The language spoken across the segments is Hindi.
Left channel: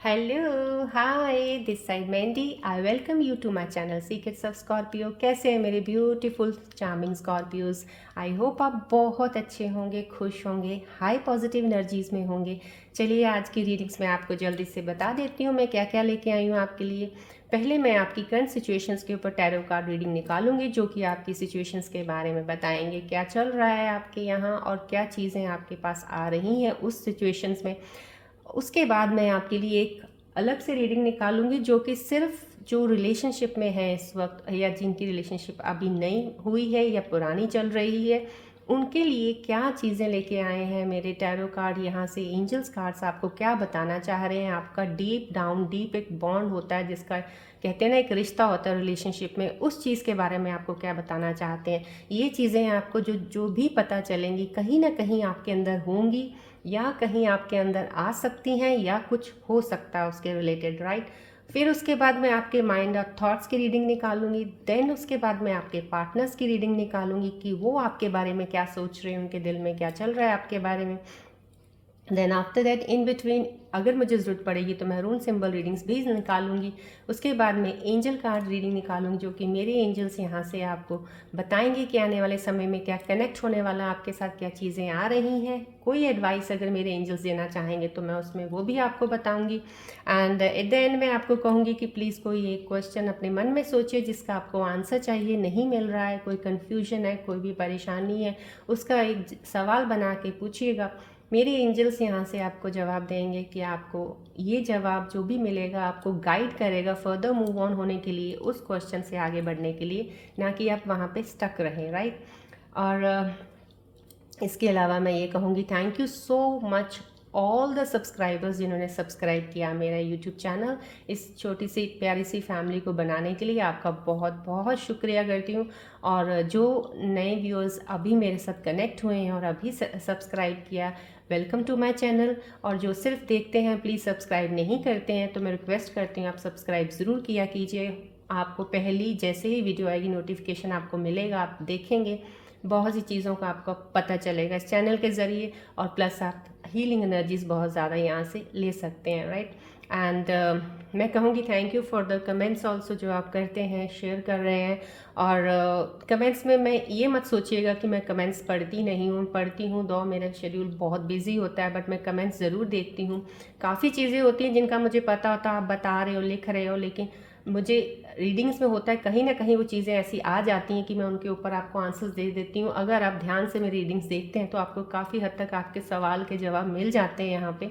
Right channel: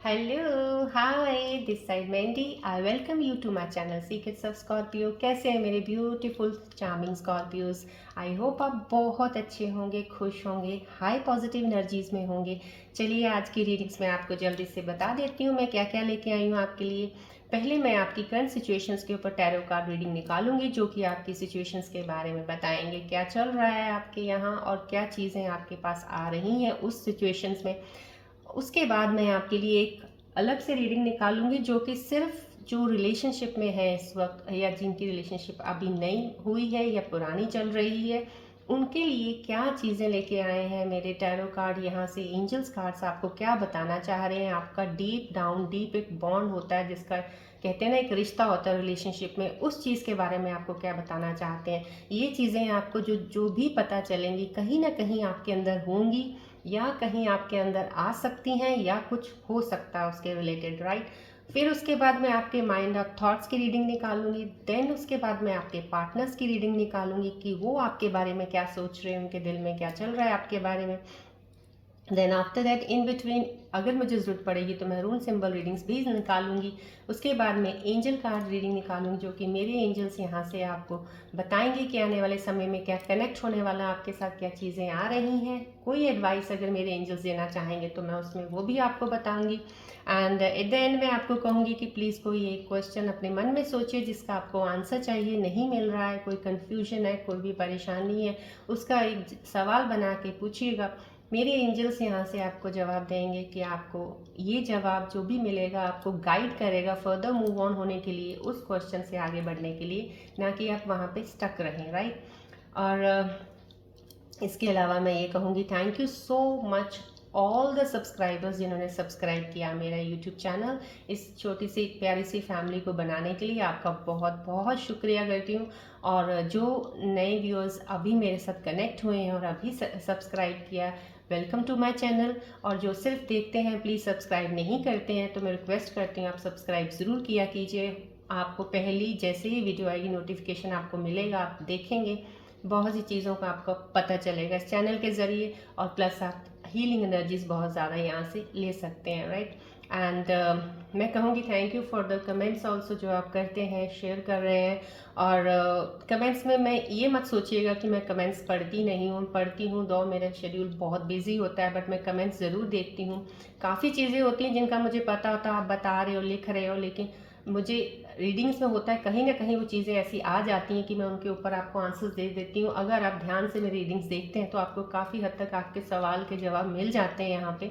Hello hi this side Mendy I welcome you to my channel secrets of Scorpio. कैसे हैं मेरे beautiful charming Scorpios. I hope आप बहुत अच्छे होंगे, खुश होंगे, हाई पॉजिटिव एनर्जीज में होंगे। चलिए आज की रीडिंग्स में आपको जल्दी से बता देती हूँ मैं क्या क्या लेके आई हूँ आपके लिए। पहले मैं आपकी करंट सिचुएशंस के ऊपर टैरो कार्ड रीडिंग निकालूंगी जो कि आपकी सिचुएशंस के बारे में बताएंगे क्या चल रहा है आपके यहाँ और क्या चीज़ें आपके पास आ रही हैं उस सिचुएशंस में। उसके बाद मैं आपके लिए एक अलग से रीडिंग निकालूंगी जो कि सिर्फ जो रिलेशनशिप में है इस वक्त या जिनकी रिलेशनशिप अभी नई हुई है या पुरानी चल रही है उनके लिए क्या चीज़ें लेके आए हैं मेरे टैरो कार्ड। यहाँ से एंजल्स कार्ड्स आपको क्या बताना चाह रहे हैं। आपका डीप डाउन डीप एक बॉन्ड होता है जिसका कहते हैं ना एक रिश्ता होता है रिलेशनशिप में, उस चीज़ के बारे में आपको क्या बताना चाहते हैं। ये चीज़ें आपको जो जो भी पता चलेंगी कहीं ना कहीं आपके अंदर होंगी या कहीं आपके अंदर आ सकती हैं या कुछ हो सकता है उसके रिलेटेड, राइट। फिर उसके बाद मैं आपके माइंड और थॉट्स की रीडिंग निकालूंगी। देन उसके बाद मैं आपके पार्टनर्स की रीडिंग निकालूंगी कि वो आपके बारे में क्या सोच रहे हैं, उनके दिल में क्या चल रहा है आपके बारे में। Then after that in between अगर मुझे ज़रूरत पड़ेगी तो मैं रून सिंबल रीडिंग्स भी निकालूंगी। उसके बाद में एंजल कार्ड रीडिंग निकालूंगी जो कि मेरे एंजल्स यहाँ से आपको बताएंगे कि आने वाले समय में क्या कनेक्ट होने वाला, आपके साथ क्या चीज़ें आ रही हैं। कोई एडवाइस अगर मेरे एंजल्स देना चाहेंगे तो मैं उसमें वो भी आपको बताऊंगी। एंड एट द एंड मैं आपको कहूँगी कि प्लीज़ कोई एक क्वेश्चन अपने मन में सोचिए जिसका आपको आंसर चाहिए, नहीं मिल रहा है, कोई कन्फ्यूजन है, कोई भी परेशानी है, उसका एक सवाल बना के पूछिएगा। मेरे एंजल्स यहाँ से आपको जवाब देंगे कि आपको ये जवाब जो भी मिलेगा आपको गाइड करेगा फर्दर मूव ऑन होने के लिए, उस क्वेश्चन से आगे बढ़ने के लिए, ना कि आप वहाँ पे स्टक रहें, राइट। और इसके अलावा मैं ये कहूँगी thank you so much all the subscribers जिन्होंने सब्सक्राइब किया मेरा यूट्यूब चैनल। इस छोटी सी प्यारी सी फैमिली को बनाने के लिए आपका बहुत बहुत शुक्रिया करती हूँ। और जो नए व्यूअर्स अभी मेरे साथ कनेक्ट हुए हैं और अभी सब्सक्राइब किया, वेलकम टू माय चैनल। और जो सिर्फ देखते हैं प्लीज़ सब्सक्राइब नहीं करते हैं तो मैं रिक्वेस्ट करती हूँ आप सब्सक्राइब ज़रूर किया कीजिए। आपको पहली जैसे ही वीडियो आएगी नोटिफिकेशन आपको मिलेगा, आप देखेंगे, बहुत सी चीज़ों का आपको पता चलेगा इस चैनल के ज़रिए। और प्लस आप हीलिंग एनर्जीज बहुत ज़्यादा यहाँ से ले सकते हैं, राइट। एंड मैं कहूँगी thank you for the comments also जो आप करते हैं, शेयर कर रहे हैं। और कमेंट्स में मैं ये मत सोचिएगा कि मैं कमेंट्स पढ़ती नहीं हूँ, पढ़ती हूँ, दो मेरा शेड्यूल बहुत बिजी होता है, बट मैं कमेंट्स ज़रूर देखती हूँ। काफ़ी चीज़ें होती हैं जिनका मुझे पता होता है, आप बता रहे हो, लिख रहे हो, लेकिन मुझे रीडिंग्स में होता है कहीं ना कहीं वो चीज़ें ऐसी आ जाती हैं कि मैं उनके ऊपर आपको आंसर्स दे देती हूँ। अगर आप ध्यान से मेरी रीडिंग्स देखते हैं तो आपको काफ़ी हद तक आपके सवाल के जवाब मिल जाते हैं यहाँ पे।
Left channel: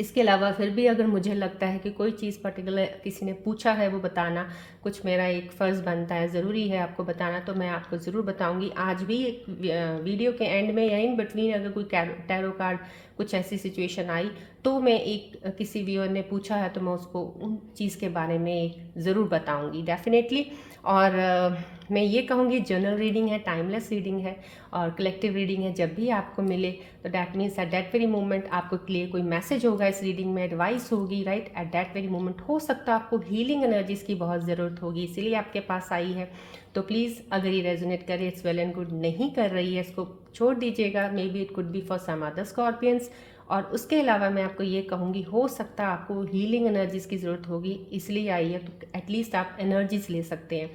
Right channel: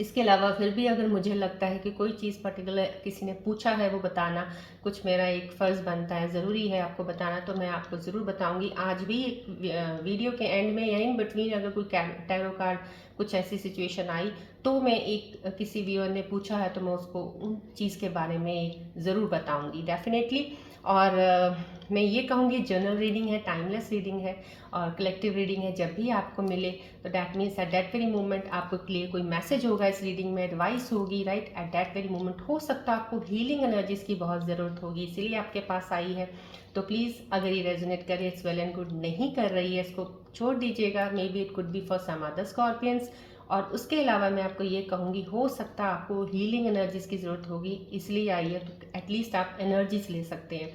इसके अलावा फिर भी अगर मुझे लगता है कि कोई चीज़ पर्टिकुलर किसी ने पूछा है वो बताना कुछ मेरा एक फ़र्ज़ बनता है, ज़रूरी है आपको बताना, तो मैं आपको ज़रूर बताऊंगी। आज भी एक वीडियो के एंड में या इन बिटवीन अगर कोई टैरो कार्ड कुछ ऐसी सिचुएशन आई तो मैं एक किसी व्यूअर ने पूछा है तो मैं उसको उन चीज़ के बारे में ज़रूर बताऊंगी डेफिनेटली। और मैं ये कहूँगी जनरल रीडिंग है, टाइमलेस रीडिंग है और कलेक्टिव रीडिंग है। जब भी आपको मिले तो that means at that very moment आपको लिए कोई मैसेज होगा इस रीडिंग में, एडवाइस होगी, right. At that very moment हो सकता है आपको हीलिंग एनर्जीज की बहुत ज़रूरत होगी इसीलिए आपके पास आई है। तो प्लीज़ अगर ये रेजोनेट करे इट्स वेल एंड गुड, नहीं कर रही है इसको छोड़ दीजिएगा। Maybe it could be for some other Scorpions. और उसके अलावा मैं आपको ये कहूँगी हो सकता है आपको हीलिंग एनर्जीज की ज़रूरत होगी इसलिए आई है, तो एटलीस्ट आप एनर्जीज ले सकते हैं।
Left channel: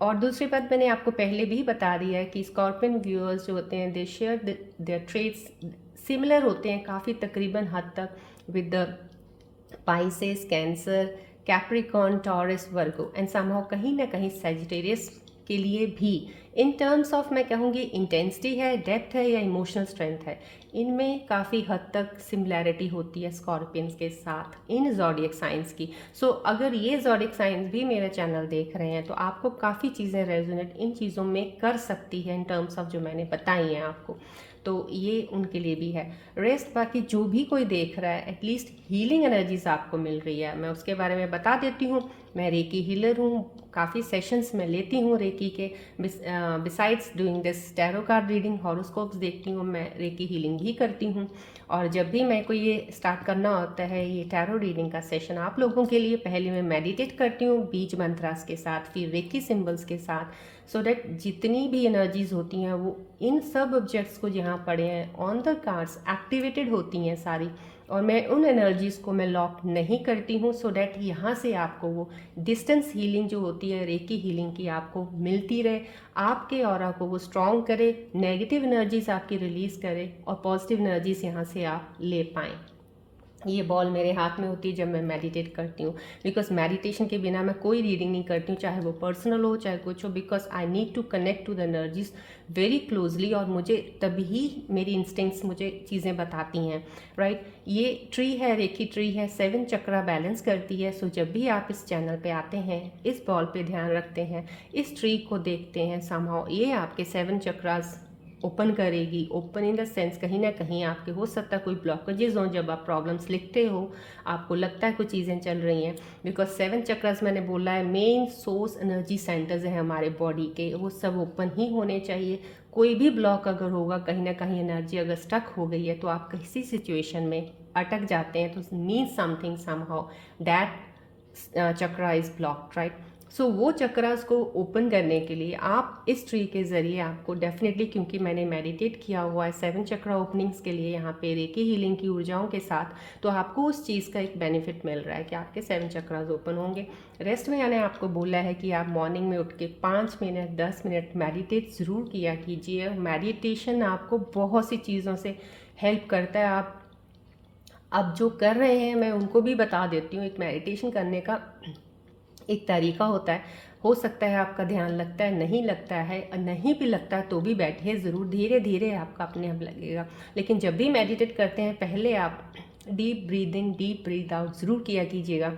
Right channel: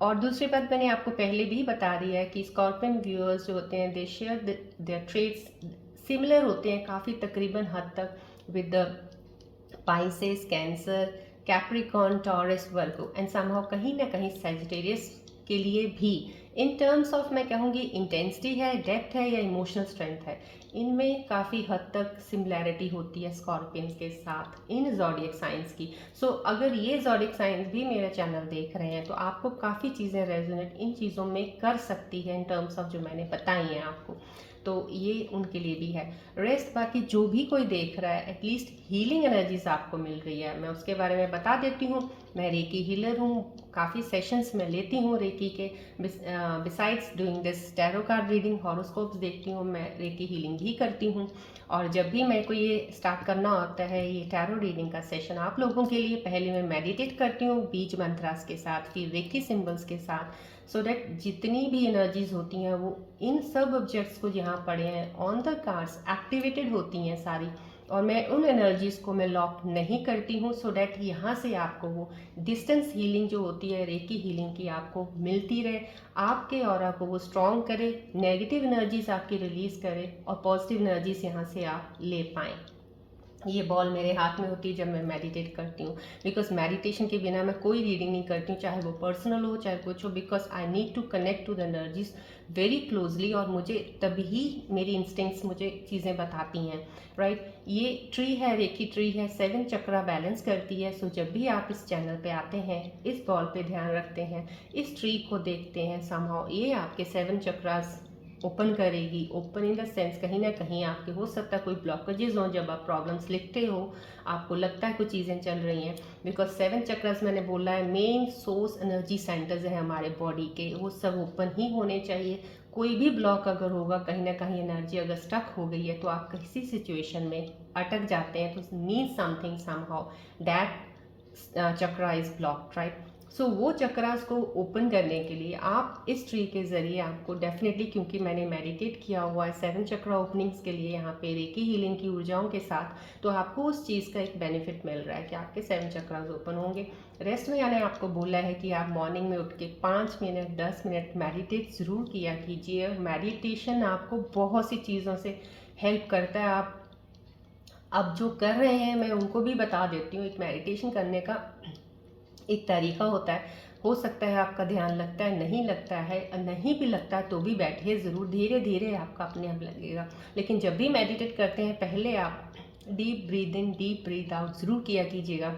और दूसरी बात मैंने आपको पहले भी बता दिया है कि स्कॉर्पियन व्यूअर्स जो होते हैं दे शेयर देयर ट्रेट्स सिमिलर होते हैं काफ़ी तकरीबन हद तक with the Pisces, cancer, Capricorn, taurus, Virgo and somehow कहीं ना कहीं सेजिटेरियस के लिए भी। इन टर्म्स ऑफ मैं कहूँगी इंटेंसिटी है, डेप्थ है या इमोशनल स्ट्रेंथ है, इनमें काफ़ी हद तक सिमिलैरिटी होती है स्कॉर्पियंस के साथ इन जॉडियक साइंस की। सो अगर ये जॉडियक साइंस भी मेरा चैनल देख रहे हैं तो आपको काफ़ी चीज़ें रेजोनेट इन चीज़ों में कर सकती है इन टर्म्स ऑफ जो मैंने बताई हैं आपको, तो ये उनके लिए भी है। रेस्ट बाकी जो भी कोई देख रहा है एटलीस्ट हीलिंग एनर्जीज आपको मिल रही है, मैं उसके बारे में बता देती हूँ। मैं रेकी हीलर हूँ, काफ़ी सेशंस मैं लेती हूँ रेकी के। Besides doing this tarot card reading, horoscopes देखती हूँ, मैं रेकी हीलिंग भी करती हूँ। और जब भी मैं को ये स्टार्ट करना होता है ये टैरो रीडिंग का सेशन आप लोगों के लिए, पहले मैं मेडिटेट करती हूँ बीज मंत्रास के साथ, फिर रेकी सिंबल्स के साथ, सो दैट जितनी भी एनर्जीज होती हैं वो इन सब ऑब्जेक्ट्स को जहाँ पड़े हैं ऑन द कार्ड्स एक्टिवेटेड होती हैं सारी, और मैं उन एनर्जीज़ को मैं लॉक नहीं करती हूँ, सो डैट यहाँ से आपको वो डिस्टेंस हीलिंग जो होती है रेकी हीलिंग की आपको मिलती रहे, आपके ऑरा को वो स्ट्रॉन्ग करे, नेगेटिव एनर्जीज आपकी रिलीज़ करे और पॉजिटिव एनर्जीज यहाँ से आप ले पाएँ। ये बॉल मेरे हाथ में होती है जब मैं मेडिटेट करती हूँ, बिकॉज मेडिटेशन के बिना मैं कोई रीडिंग नहीं करती हूँ, चाहे वो पर्सनल हो चाहे कुछ हो, because I need to connect to the energies very closely, और मुझे तभी मेरी इंस्टिंक्ट्स मुझे चीज़ें बताती हैं, राइट। ये ट्री है, रेकी ट्री है, 7 चक्रा बैलेंस करती है। सो जब भी आप इस चैनल पे आते हैं, इस बॉल पे ध्यान रखते हैं, इस ट्री को देखते हैं, समहाउ ये आपके 7 चक्रास ओपन करेगी। ओपन इन द सेंस कहीं ना कहीं आपके हो सकता है कोई ब्लॉकेजेस हों, जब आप प्रॉब्लम्स लिखते हो आपको लगता है कुछ चीज़ें चल रही हैं, बिकॉज 7 चक्रास मैंने बोला है मेन सोर्स एनर्जी सेंटर्स है हमारे बॉडी के, वो सब ओपन ही होने चाहिए। कोई भी ब्लॉक अगर होगा, कहीं ना कहीं एनर्जी अगर स्टक हो गई है तो आप किसी सिचुएशन में अटक जाते हैं, तो mean something somehow that chakra is blocked, right. So वो चक्रास को ओपन करने के लिए आप इस ट्री के ज़रिए आपको डेफिनेटली, क्योंकि मैंने मेडिटेट किया हुआ है 7 चक्रा ओपनिंग्स के लिए यहाँ पे रेकी हीलिंग की ऊर्जाओं के साथ, तो आपको उस चीज़ का एक बेनिफिट मिल रहा है कि आपके 7 चक्रास ओपन होंगे। रेस्ट में मैंने आपको बोला है कि आप मॉर्निंग में उठ के 5 मिनट 10 मिनट मेडिटेट ज़रूर किया कीजिए। मेडिटेशन आपको बहुत सी चीज़ों से हेल्प करता है। आप अब जो कर रहे हैं मैं उनको भी बता देती हूँ। एक मेडिटेशन करने का एक तरीका होता है, हो सकता है आपका ध्यान लगता है, नहीं लगता है, और नहीं भी लगता है तो भी बैठिए ज़रूर, धीरे धीरे आपका अपने आप लगेगा। लेकिन जब भी मेडिटेट करते हैं पहले आप deep breathe in deep breathe out ज़रूर किया कीजिएगा।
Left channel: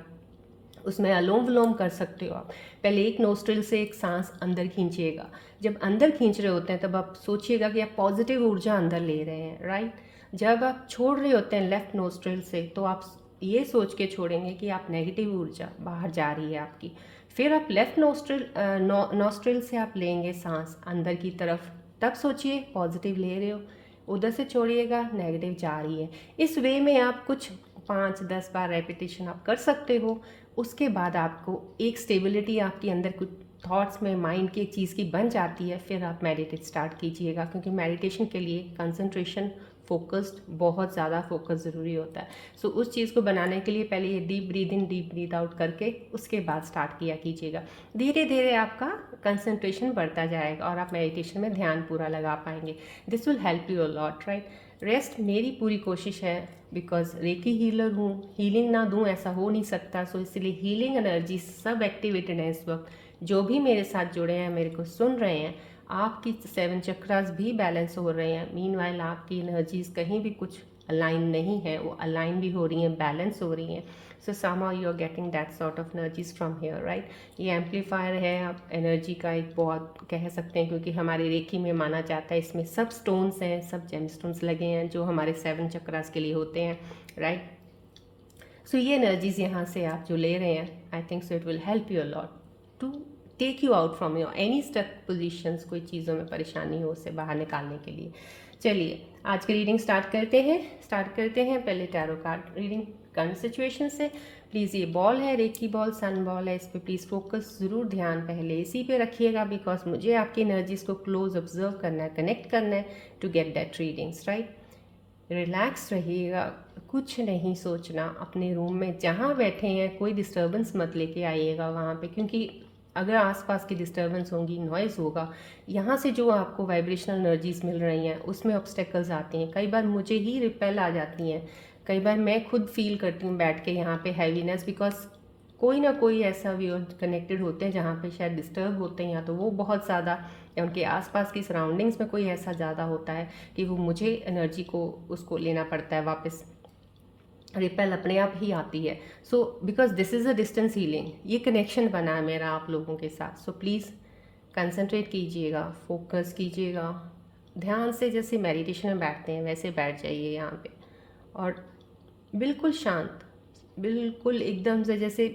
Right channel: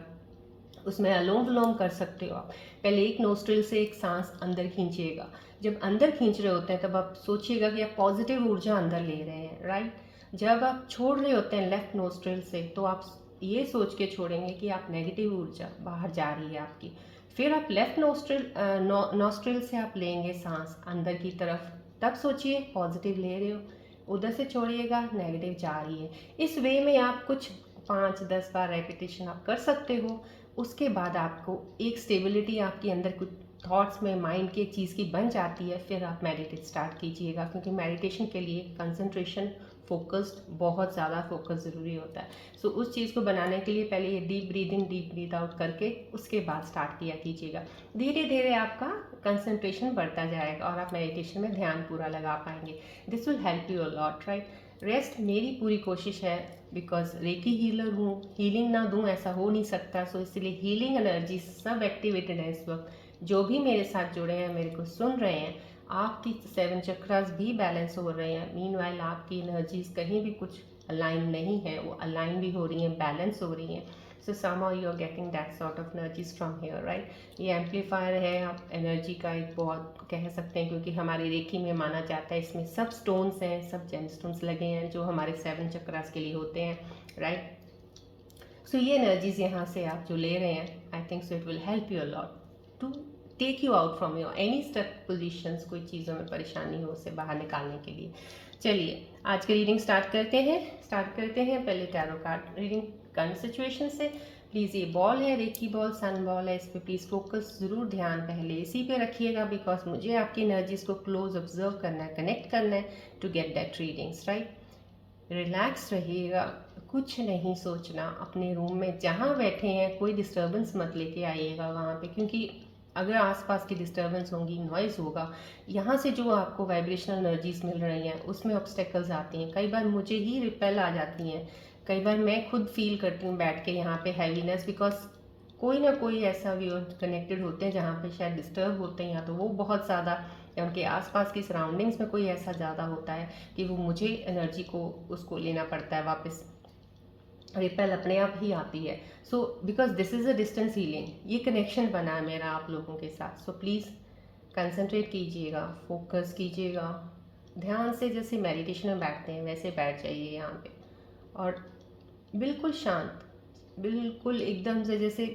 उसमें अलोम विलोम कर सकते हो आप। पहले एक नोस्ट्रिल से एक सांस अंदर खींचिएगा। जब अंदर खींच रहे होते हैं तब आप सोचिएगा कि आप पॉजिटिव ऊर्जा अंदर ले रहे हैं, राइट। जब आप छोड़ रहे होते हैं लेफ्ट नोस्ट्रिल से तो आप ये सोच के छोड़ेंगे कि आप नेगेटिव ऊर्जा बाहर जा रही है आपकी। फिर आप लेफ्ट नोस्ट्रिल से आप लेंगे सांस अंदर की तरफ, तब सोचिए पॉजिटिव ले रहे हो, उधर से छोड़िएगा नेगेटिव जा रही है। इस वे में आप कुछ 5-10 बार रेपिटेशन आप कर सकते हो। उसके बाद आपको एक स्टेबिलिटी आपके अंदर कुछ थॉट्स में माइंड की चीज़ की बन जाती है, फिर आप मेडिटेट स्टार्ट कीजिएगा, क्योंकि मेडिटेशन के लिए कंसंट्रेशन फोकस्ड, बहुत ज़्यादा फोकस ज़रूरी होता है। सो उस चीज़ को बनाने के लिए पहले ये deep breathe in deep breathe out करके उसके बाद स्टार्ट किया कीजिएगा। धीरे धीरे आपका कंसंट्रेशन बढ़ता जाएगा और आप मेडिटेशन में ध्यान पूरा लगा पाएंगे। This will help you a lot, right. Rest मेरी पूरी कोशिश है, बिकॉज रेकी हीलर हूँ, हीलिंग ना दूँ ऐसा हो नहीं सकता। सो इसलिए हीलिंग एनर्जी सब एक्टिवेटेड है इस वक्त। जो भी मेरे साथ जुड़े हैं, मेरे को सुन रहे हैं, आपकी 7 चक्रास भी बैलेंस हो रहे हैं। मीनवाइल आपकी एनर्जीज कहीं भी कुछ अलाइन नहीं है, वो अलाइन भी हो रही हैं, बैलेंस हो रही हैं। सो somehow you are getting that sort of energies from here, right। ये एम्पलीफायर है आप एनर्जी का एक, बहुत कह सकते हैं, क्योंकि हमारे रेकी में माना जाता है इसमें सब स्टोन्स हैं, सब जेम स्टोन्स लगे हैं जो हमारे 7 चक्रास के लिए होते हैं, राइट। सो ये एनर्जीज यहाँ से आप जो ले रहे हैं, I think so it will help you a lot to take you out from your any stuck positions. कोई चीज़ों में परेशानी हो उसे बाहर निकालने के लिए। चलिए आज की रीडिंग स्टार्ट करते हैं। पहले tarot card reading current situation से। प्लीज़ ये बॉल है, रेकी बॉल, सन बॉल है, इस पर प्लीज़ फोकस ज़रूर, ध्यान पहले इसी पे रखिएगा, बिकॉज मुझे आपकी एनर्जीज को क्लोज ऑब्जर्व करना है, कनेक्ट करना है to get that readings, right. Relax रहिएगा, कुछ नहीं सोचना। अपने रूम में जहाँ बैठे हैं कोई डिस्टर्बेंस मत लेके आइएगा वहाँ पे, क्योंकि अगर आसपास की डिस्टर्बेंस होगी, नॉइज़ होगा, यहाँ से जो आपको वाइब्रेशनल एनर्जीज मिल रही हैं उसमें ऑब्स्टेकल्स आती हैं। कई बार मुझे ही रिपेल आ जाती हैं, कई बार मैं खुद फील करती हूँ बैठ के यहाँ पे हैवीनेस, बिकॉज कोई ना कोई ऐसा व्यूअर कनेक्टेड होते हैं जहाँ पे शायद डिस्टर्ब होते हैं, या तो वो बहुत ज़्यादा, या उनके आसपास की सराउंडिंग्स में कोई ऐसा ज़्यादा होता है कि वो मुझे एनर्जी को उसको लेना पड़ता है वापस, रिपेल अपने आप ही आती है। So because this is a distance healing, ये कनेक्शन बना है मेरा आप लोगों के साथ। सो प्लीज़ कंसंट्रेट कीजिएगा, फोकस कीजिएगा, ध्यान से जैसे मेडिटेशन में बैठते हैं वैसे बैठ जाइए यहाँ पे, और बिल्कुल शांत, बिल्कुल एकदम से जैसे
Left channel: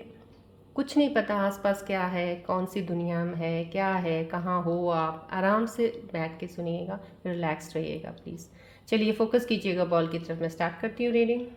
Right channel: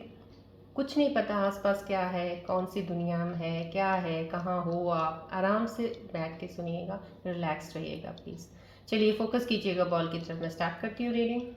कुछ नहीं पता आसपास क्या है, कौन सी दुनिया में है, क्या है, कहाँ हो, आप आराम से बैठ के सुनिएगा, रिलैक्स रहिएगा प्लीज़। चलिए फोकस कीजिएगा बॉल की तरफ। मैं स्टार्ट करती हूँ रीडिंग।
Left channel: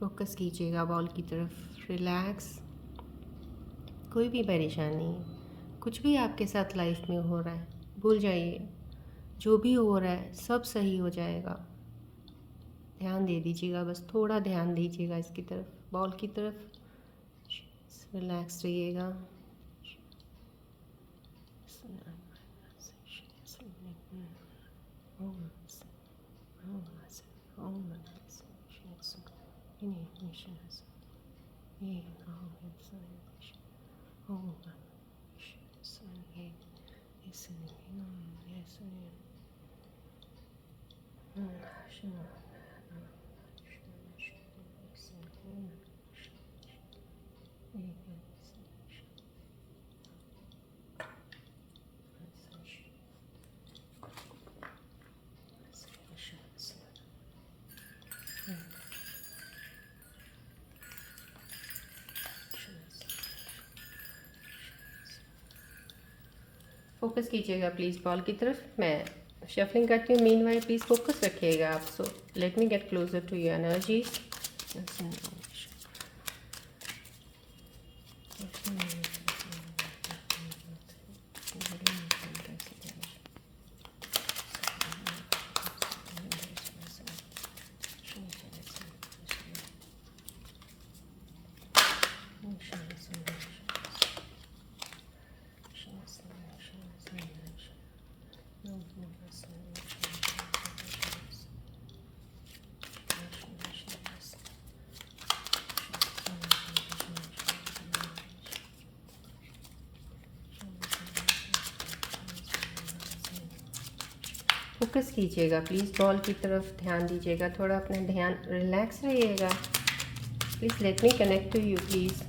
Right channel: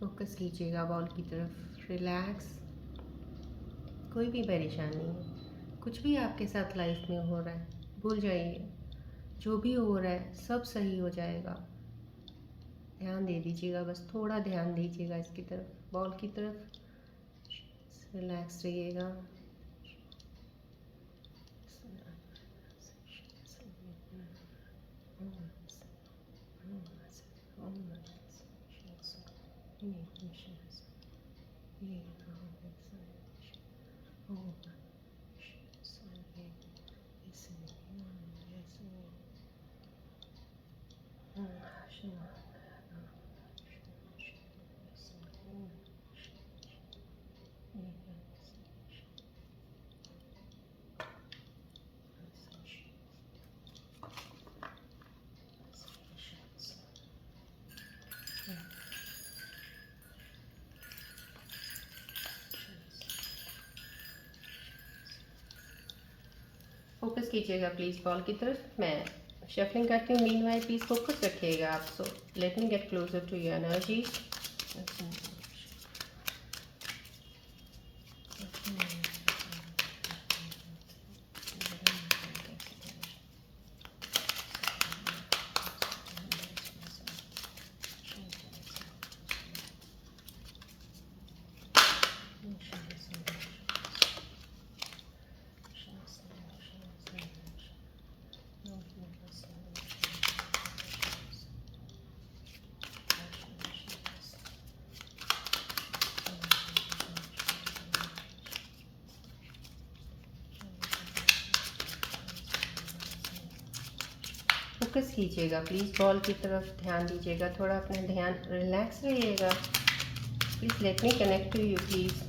फोकस कीजिएगा बॉल की तरफ, रिलैक्स। कोई भी परेशानी, कुछ भी आपके साथ लाइफ में हो रहा है, भूल जाइए। जो भी हो रहा है सब सही हो जाएगा। ध्यान दे दीजिएगा, बस थोड़ा ध्यान दीजिएगा इसकी तरफ, बॉल की तरफ। रिलैक्स रहिएगा। फोकस कीजिएगा प्लीज़ बॉल की तरफ। मैं शफलिंग करती हूँ, मीनवाइल प्लीज़ फोकस रखिएगा आप। So let me get closer to your energy. Focus कीजिएगा प्लीज़ बॉल की तरफ, ध्यान दीजिएगा, थोड़ा अपना ध्यान, रिलैक्स रहिएगा please. Let me connect to you please.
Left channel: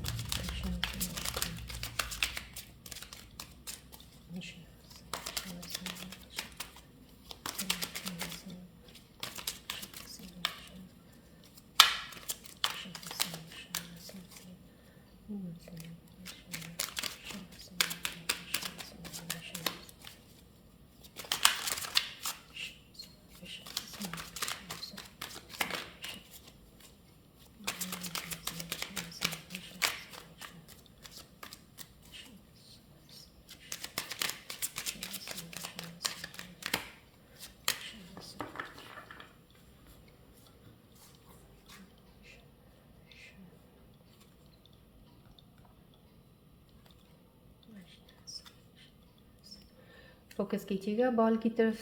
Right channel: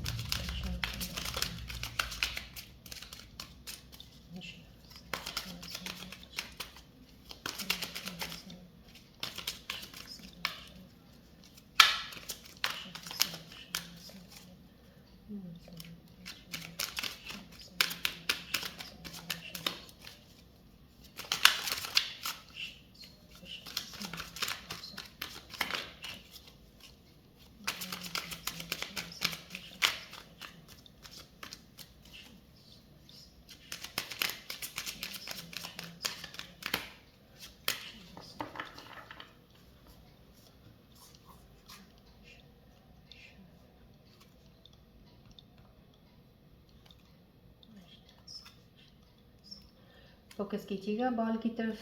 Focus कीजिएगा बॉल की तरफ।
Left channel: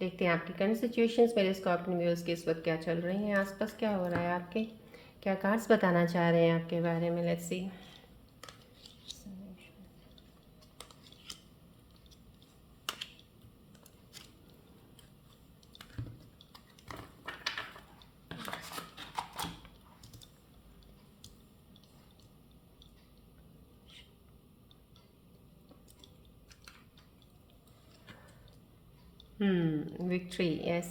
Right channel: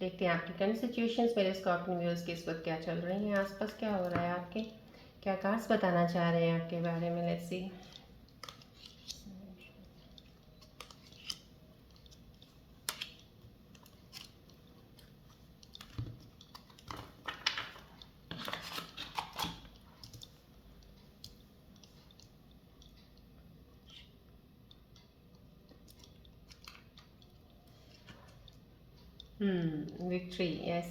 देखते हैं आपकी करंट सिचुएशंस, मेरे स्कॉर्पियन व्यूअर्स के इस वक्त क्या चल रही हैं, आसपास क्या हो रहा है, आपके क्या कार्ड्स बताना चाह रहे हैं आपके बारे में। Let's see. विक्ट्री, यस,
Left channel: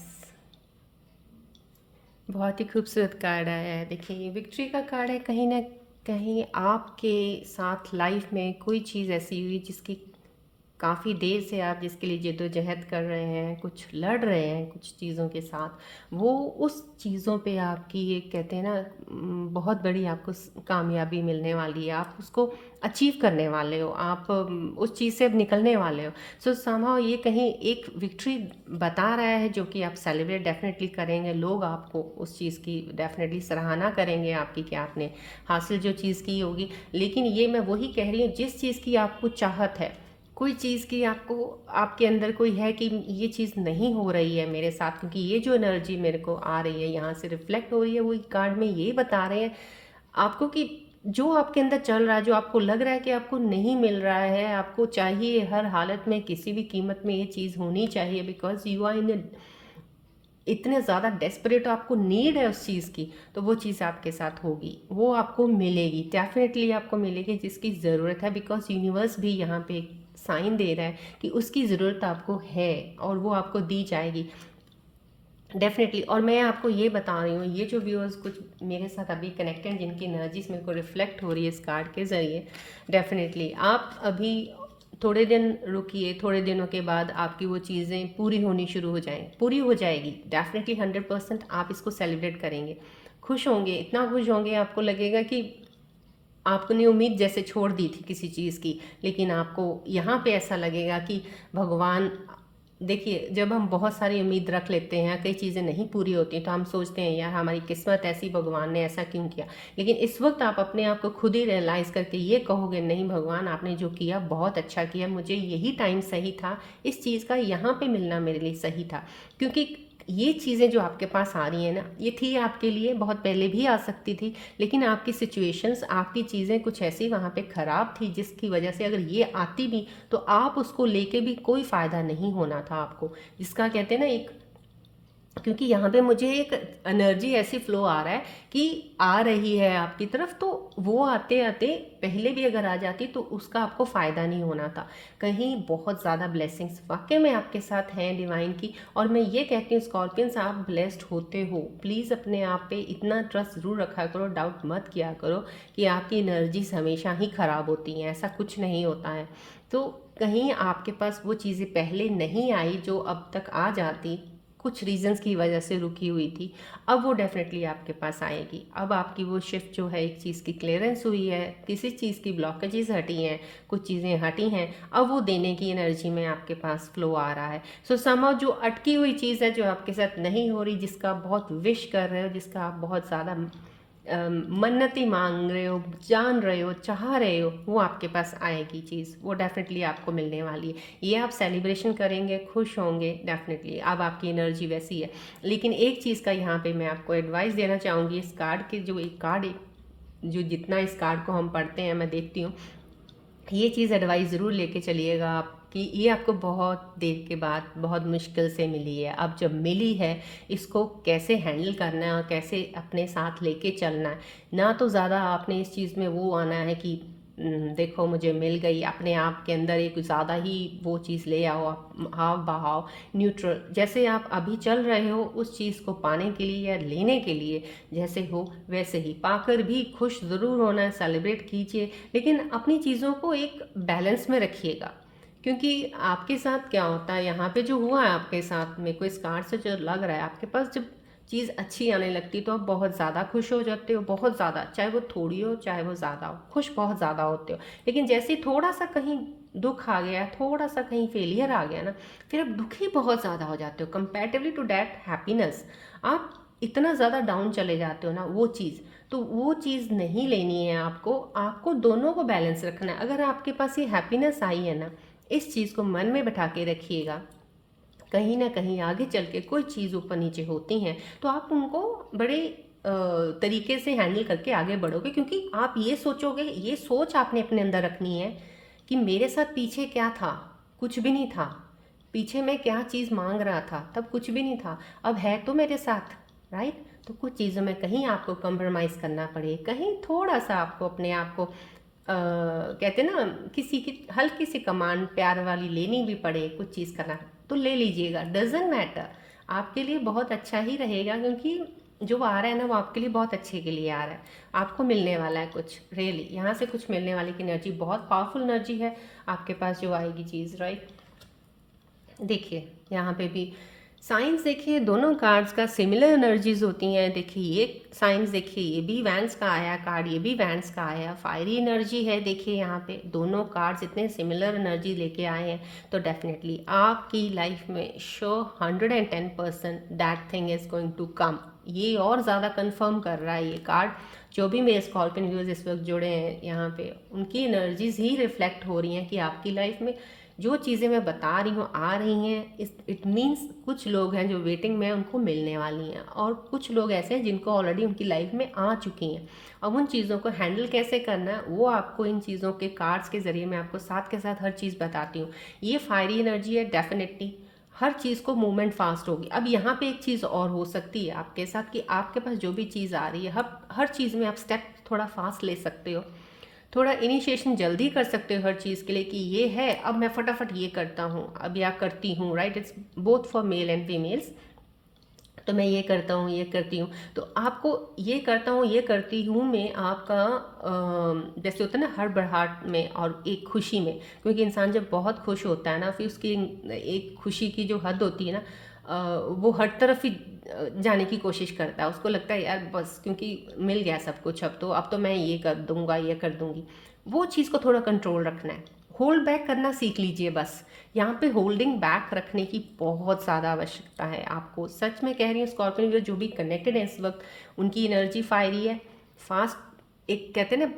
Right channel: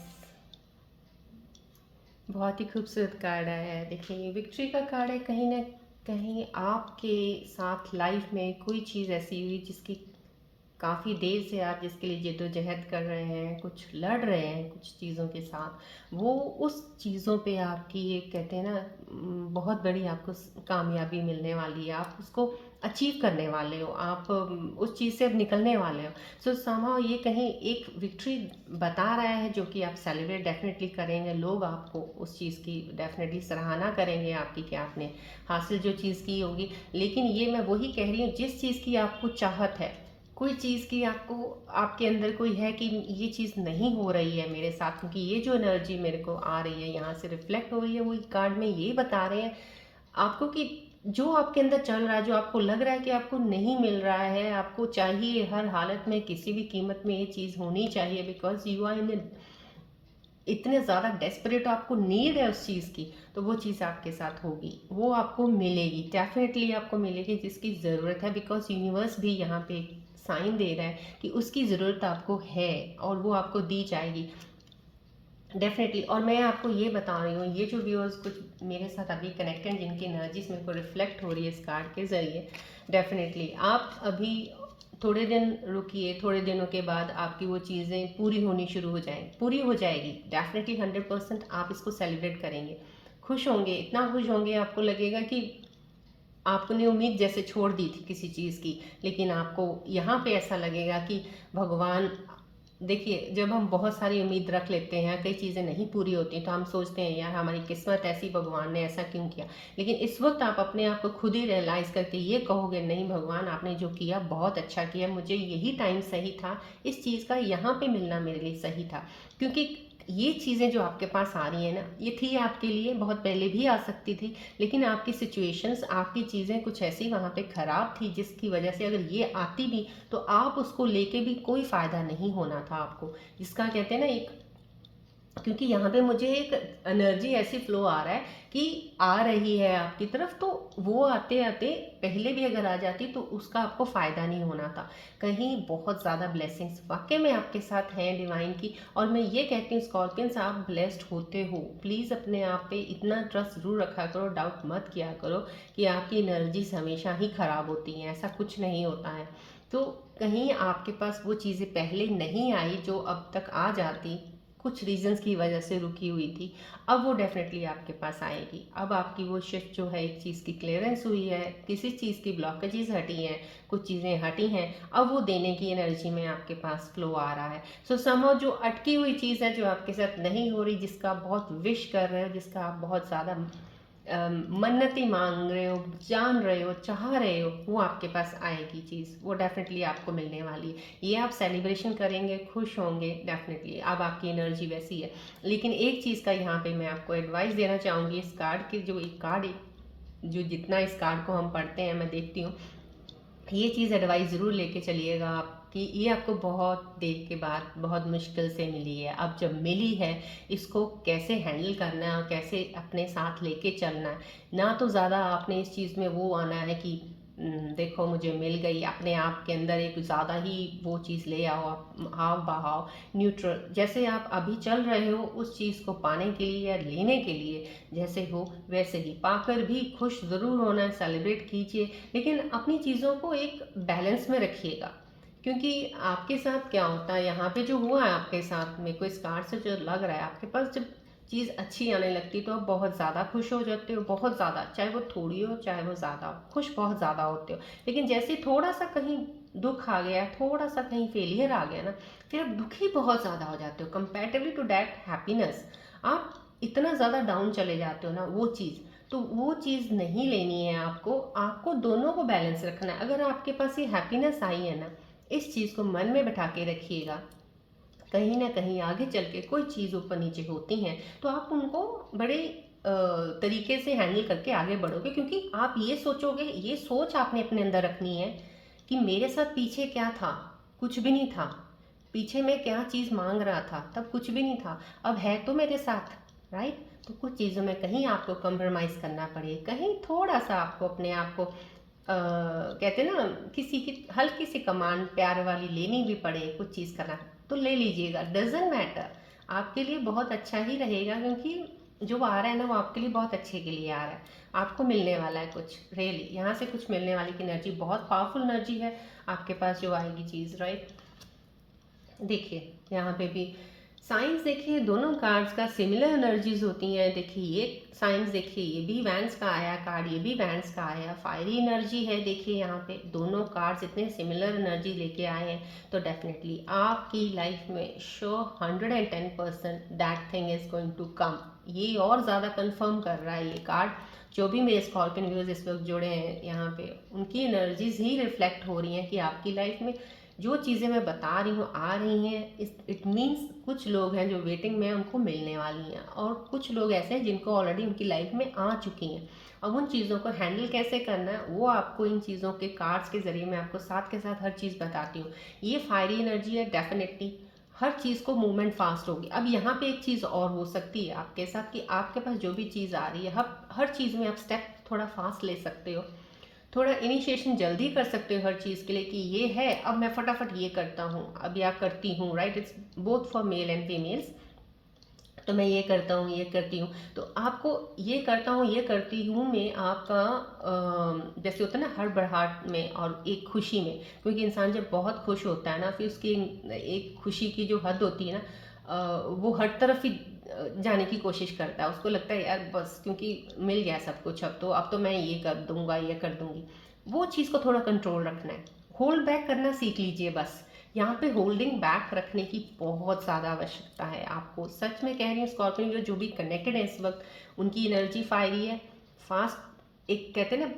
बहुत ही खूबसूरत कार्ड आया है। देखिए ये विक्ट्री का कार्ड है। कहीं ना कहीं आपके साथ लाइफ में कोई चीज़ ऐसी हुई जिसकी काफ़ी देर से आप जिसके लिए जद्दोजहद कर रहे हैं, कुछ लड़ रहे हैं कुछ चीज़ों के साथ, वो उस चीज़ों पे आपकी ये कहते हैं ना बहुत बड़ी आपको कामयाबी मिलने वाली है। आप उसको अचीव करने वाले हो, आप उस चीज़ से अब निकलने वाले हो। सो समहाउ ये कहीं एक विक्ट्री बता रहा है जो कि आप सेलिब्रेट डेफिनेटली करेंगे। लोग आपको उस चीज़ की डेफिनेटली सराहना करेंगे आपकी कि आपने हासिल जो चीज़ की होगी। लेकिन ये मैं वही कह रही हूँ, जिस चीज़ की आपको चाहत है, कोई चीज़ की आपको आपके अंदर कोई है कि ये चीज़ नहीं हो रही है मेरे साथ, क्योंकि ये जो एनर्जी मेरे को आ रही है यहाँ से रिफ्लेक्ट हो रही है, वही कार्ड में यही बता रहे हैं आपको कि जो आपके अंदर चल रहा है, जो आपको लग रहा है कि आपको नहीं मिल रहा है, आपको चाहिए हर हालत में किसी भी कीमत में ये चीज़ होनी चाहिए, बिकॉज यू आर इन इतने ज़्यादा डेस्परेट, आपको नीड है उस चीज़ की, तो वो चीज़ आपके साथ होगी, वो आपको मिलेगी, डेफिनेटली आपको मिलेगी जिसकी ज़रूरत है। बिकॉज यूनिवर्स भी यहाँ पे साइन दे रहा है कि उसकी ज़रूरत आपको है और वो आपको दी जाएगी डेफिनेटली। और मैं आपको ये बता रही हूँ, ये जो व्यूअर्स कुछ मेरे साथ अभी कनेक्टेड, जिनकी एनर्जीज मेरे को रिफ्लेक्ट हो रही है इस कार्ड के ज़रिए, डेफिनेटली आप अभी थोड़े दिन रुकिए, थोड़े दिनों के बाद आपकी वो चीज़ें पूरी होनी शुरू हो जाएं, पूरी हो जाएगी डेफिनेटली 100%। आप इसको सेलिब्रेट करेंगे, खुश होंगे, इतना खुश होंगे आपको लगेगा कि आपने उम्मीद जैसे छोड़ दी थी किसी चीज़ की, लेकिन आपको यहाँ पे ऐसा लगेगा कि भगवान, देखिए जब हम बहुत सारी उम्मीद रख लेते हैं, कई चीज़ें नहीं पूरी होती तो हम सोचते हैं यार हमारी किस्मत ऐसी, भगवान ने ऐसा क्यों किया। लेकिन इस वक्त आप अपने आप को खुद ही रियलाइज़ करके ये कहोगे, नहीं भगवान आपने जो किया बहुत अच्छा किया, मुझे यही टाइम सही था, इस चीज़ का यहाँ पे मिलना मेरे लिए सही था। क्योंकि ये चीज़ें जो आपके पास आ रही हैं ना, ये थी आपके लिए, बहुत पहले भी आ सकती थी, लेकिन आपकी सिचुएशंस, आपकी चीज़ें कुछ ऐसी वहाँ पे ख़राब थी जिसकी वजह से अगर ये आती भी तो आप उसको लेके भी कोई फ़ायदा नहीं होना था आपको, जिसका कहते हैं ना एक, क्योंकि यहाँ पे मुझे एक एनर्जी ऐसी फ्लो आ रहा है कि आ रही है आपकी तरफ, तो वो आते आते पहले भी अगर आ जाती तो उसका आपको फ़ायदा नहीं होना था। कहीं बहुत ज़्यादा ब्लेसिंग्स वाकई में आपके साथ हैं डिवाइन की। और मैं ये कहती हूँ स्कॉर्पियंस, आप ब्लेस्ड होते हो, प्लीज़ अपने आप पे इतना ट्रस्ट ज़रूर रखा करो, डाउट मत किया करो कि आपकी एनर्जीज हमेशा ही ख़राब होती हैं, ऐसा कुछ नहीं होता है। तो कहीं आपके पास वो चीज़ें पहले नहीं आई जो अब तक आ जाती, कुछ रीजंस की वजह से रुकी हुई थी, अब वो डेफिनेटली आपके पास आएगी। अब आपकी वो शिफ्ट जो है, एक चीज़ की क्लियरेंस हुई है, किसी चीज़ की ब्लॉकेजेस हटी हैं, कुछ चीज़ें हटी हैं, अब वो देने की एनर्जी में आपके पास फ्लो आ रहा है। सो समहाउ जो अटकी हुई चीज़ है, जो आपके साथ नहीं हो रही, जिसका आप बहुत विश कर रहे हो, जिसका आप बहुत ज़्यादा मन्नती मांग रहे हो, जान रहे हो, चाह रहे हो, वो आपके पास आएगी चीज़, वो डेफिनेटली आपको मिलने वाली है। ये आप सेलिब्रेशन करेंगे, खुश होंगे डेफिनेटली, अब आपकी एनर्जी वैसी है। लेकिन एक चीज़ का यहाँ पे मैं आपको एडवाइस देना चाहूँगी, इस कार्ड के जो एक कार्ड, जो जितना इस कार्ड को हम पढ़ते हैं, मैं देखती हूँ, ये चीज़ एडवाइस ज़रूर लेके चलिएगा आप कि ये आपको बहुत देर के बाद बहुत मुश्किल से मिली है, अब जब मिली है इसको कैसे हैंडल करना है और कैसे अपने साथ लेके चलना है। ना तो ज़्यादा आपने इस चीज़ में वो आना है कि देखो मुझे मिल गई, अपने आप के अंदर एक ज़्यादा ही वो चीज़ ले आओ, आप हाव बहाव न्यूट्रल, जैसे आप अभी चल रहे हो उस चीज़ को पाने के लिए या लेने के लिए, जैसे हो वैसे ही पाकर भी खुश ज़रूर होना है, सेलिब्रेट कीजिए, लेकिन अपनी चीज़ों को एक बैलेंस में रखिएगा। क्योंकि आपके साथ क्या होता है, यहाँ पे जो हुआ है आपके साथ में, कोई कार्ड से जो लग रहा है आपके पास, जब चीज़ अच्छी आने लगती तो आप बहुत ज़्यादा खुश हो जाते हो, बहुत ज़्यादा, चाहे वो थोड़ी हो चाहे वो ज़्यादा हो, खुश बहुत ज़्यादा होते हो। लेकिन जैसे थोड़ा सा कहीं दुख आ गया, थोड़ा सा कहीं फेलियर आ गया ना, फिर आप दुखी बहुत ज़्यादा हो जाते हो कंपेरेटिवली टू दैट हैप्पीनेस, आप इतना ज़्यादा डाउन चले जाते हो ना, वो चीज़, तो वो चीज़ नहीं लेनी है आपको, आपको दोनों को बैलेंस रखना है। अगर आपके पास ये हैप्पीनेस आई है ना, इस चीज़ को मन में बैठा के रखिएगा, कहीं ना कहीं आगे चल के कोई चीज़ ऊपर नीचे होती हैं तो आप उनको बड़े तरीके से हैंडल करके आगे बढ़ोगे, क्योंकि आप ये सोचोगे, ये सोच आपने अपने अंदर रखनी है कि मेरे साथ पीछे क्या था, कुछ भी नहीं था, पीछे मैं क्या चीज़ मांग रहा था तब कुछ भी नहीं था, अब है तो मेरे साथ, राइट। तो कुछ चीज़ों में कहीं आपको कंप्रोमाइज़ करना पड़े, कहीं थोड़ा सा आपको अपने आप को कहते ना, किसी की हल्की सी कमांड प्यार वाली लेनी भी पड़े, कुछ चीज़ करना तो ले लीजिएगा, डजेंट मैटर, आपके लिए बहुत अच्छा ही रहेगा। क्योंकि जो आ रहा है ना वो आपके लिए बहुत अच्छे के लिए आ रहा है। आपको मिलने वाला है कुछ, रियली यहाँ से कुछ मिलने वाली की एनर्जी बहुत पावरफुल एनर्जी है आपके पास जो आएगी चीज़, राइट। देखिए यहाँ पे भी साइंस, देखिए दोनों कार्ड्स का सिमिलर एनर्जीज होती हैं। देखिए ये साइंस, देखिए ये भी वैंस का आया कार्ड, ये भी वैंस का आया, फायरी एनर्जी है। देखिए यहाँ पे दोनों कार्ड्स इतने सिमिलर एनर्जी लेके आए हैं, तो डेफिनेटली आपकी लाइफ में sure 110% that thing is going to come. ये और ज़्यादा कंफर्म कर रहा है ये कार्ड। जो भी मेरे स्कॉर्पियन व्यूअर्स इस वक्त जुड़े हैं यहाँ पे, उनकी एनर्जीज ही रिफ्लेक्ट हो रही हैं कि आपकी लाइफ में जो चीज़ें मैं बता रही हूँ आ रही हैं। इट मीन्स कुछ लोग हैं जो वेटिंग में उनको मिलने वाली हैं, और कुछ लोग ऐसे हैं जिनको ऑलरेडी उनकी लाइफ में आ चुकी हैं। अब उन चीज़ों को हैंडल कैसे करना है वो आपको इन चीज़ों के कार्ड्स के ज़रिए मैं आपको साथ के साथ हर चीज़ बताती हूँ। ये फायरी एनर्जी है, डेफिनेटली हर चीज़ को मूवमेंट फास्ट होगी। अब यहाँ पे एक चीज़ और हो सकती है आपके साथ कि आपके पास जो भी चीज़ आ रही है, हर चीज़ में आप स्टेप थोड़ा फास्ट ले सकते हो, थोड़ा इनिशिएशन जल्दी कर सकते हो हर चीज़ के लिए कि ये है अब मैं फटाफट ये करता हूँ अब या करती हूँ, right. It's both for male and females. तो मैं ये करता हूँ ये करती हूँ, तो आपको ये करता हूँ ये करती हूँ में आपका जैसे होता है ना हड़बड़ाहट में और एक खुशी में, क्योंकि इंसान जब बहुत खुश होता है ना फिर उसकी एक खुशी की जो हद होती है ना, वो हर तरफ ही जाने की कोशिश करता है। उसको लगता है यार बस क्योंकि मिल गया सब कुछ, अब तो मैं ये कर दूंगा ये कर दूंगी। वो चीज़ को थोड़ा कंट्रोल रखना है, होल्ड बैक करना सीख लीजिए बस। यहाँ पे होल्डिंग बैक रखने की बहुत ज़्यादा आवश्यकता है आपको, सच में कह रही हूँ। स्कॉर्पियन जो भी कनेक्टेड है इस वक्त, उनकी एनर्जी फायरी है, फास्ट, एक कहते हैं ना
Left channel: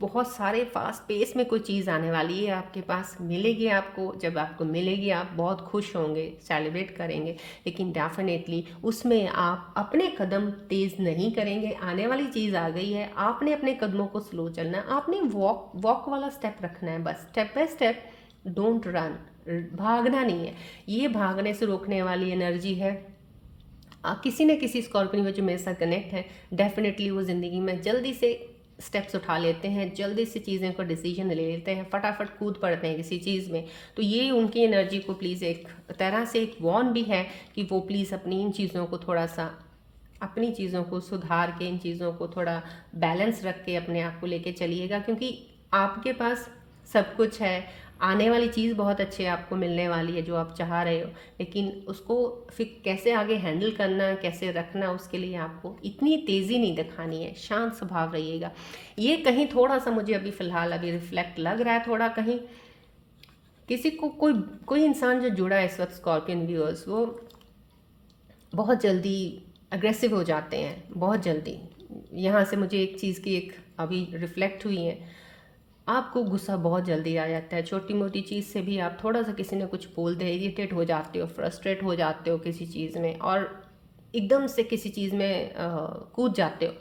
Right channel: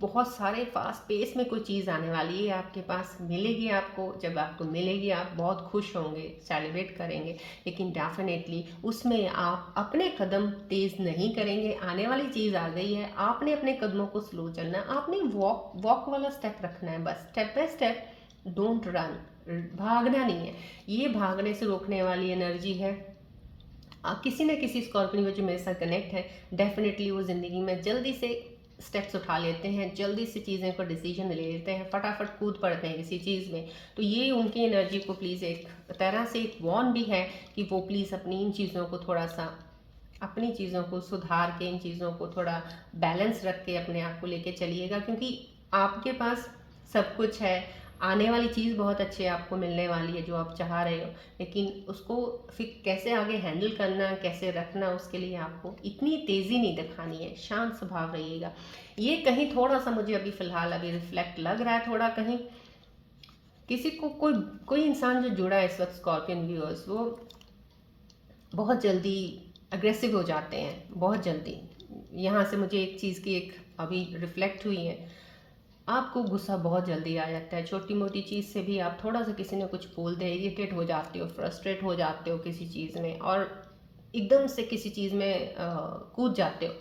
बहुत सारे फास्ट पेस में कोई चीज़ आने वाली है आपके पास, मिलेगी आपको। जब आपको मिलेगी आप बहुत खुश होंगे, सेलिब्रेट करेंगे, लेकिन डेफिनेटली उसमें आप अपने कदम तेज़ नहीं करेंगे। आने वाली चीज़ आ गई है, आपने अपने कदमों को स्लो चलना है, आपने वॉक वॉक वाला स्टेप रखना है बस, step by step, don't run. भागना नहीं है, ये भागने से रोकने वाली एनर्जी है। किसी न किसी स्कॉर्पियन में जो मेरे साथ कनेक्ट है, डेफिनेटली वो ज़िंदगी में जल्दी से स्टेप्स उठा लेते हैं, जल्दी से चीज़ें को डिसीजन ले लेते हैं, फटाफट कूद पड़ते हैं किसी चीज़ में। तो ये उनकी एनर्जी को प्लीज़ एक तरह से एक वॉर्न भी है कि वो प्लीज़ अपनी इन चीज़ों को थोड़ा सा, अपनी चीज़ों को सुधार के, इन चीज़ों को थोड़ा बैलेंस रख के अपने आप को लेके चलिएगा, क्योंकि आपके पास सब कुछ है। आने वाली चीज़ बहुत अच्छी आपको मिलने वाली है जो आप चाह रहे हो, लेकिन उसको फिर कैसे आगे हैंडल करना है, कैसे रखना, उसके लिए आपको इतनी तेज़ी नहीं दिखानी है, शांत स्वभाव रहिएगा। ये कहीं थोड़ा सा मुझे अभी फ़िलहाल अभी रिफ्लेक्ट लग रहा है, थोड़ा कहीं किसी को कोई कोई इंसान जो जुड़ा है इस वक्त स्कॉर्पियन व्यूअर्स, वो बहुत जल्दी अग्रेसिव हो जाते हैं, बहुत जल्दी। यहाँ से मुझे एक चीज़ की एक अभी रिफ्लेक्ट हुई है, आपको गुस्सा बहुत जल्दी आ जाता है, छोटी मोटी चीज़ से भी आप थोड़ा सा किसी ने कुछ बोल दे इरिटेट हो जाते हो, फ्रस्ट्रेट हो जाते हो किसी चीज़ में, और एकदम से किसी चीज़ में कूद जाते हो।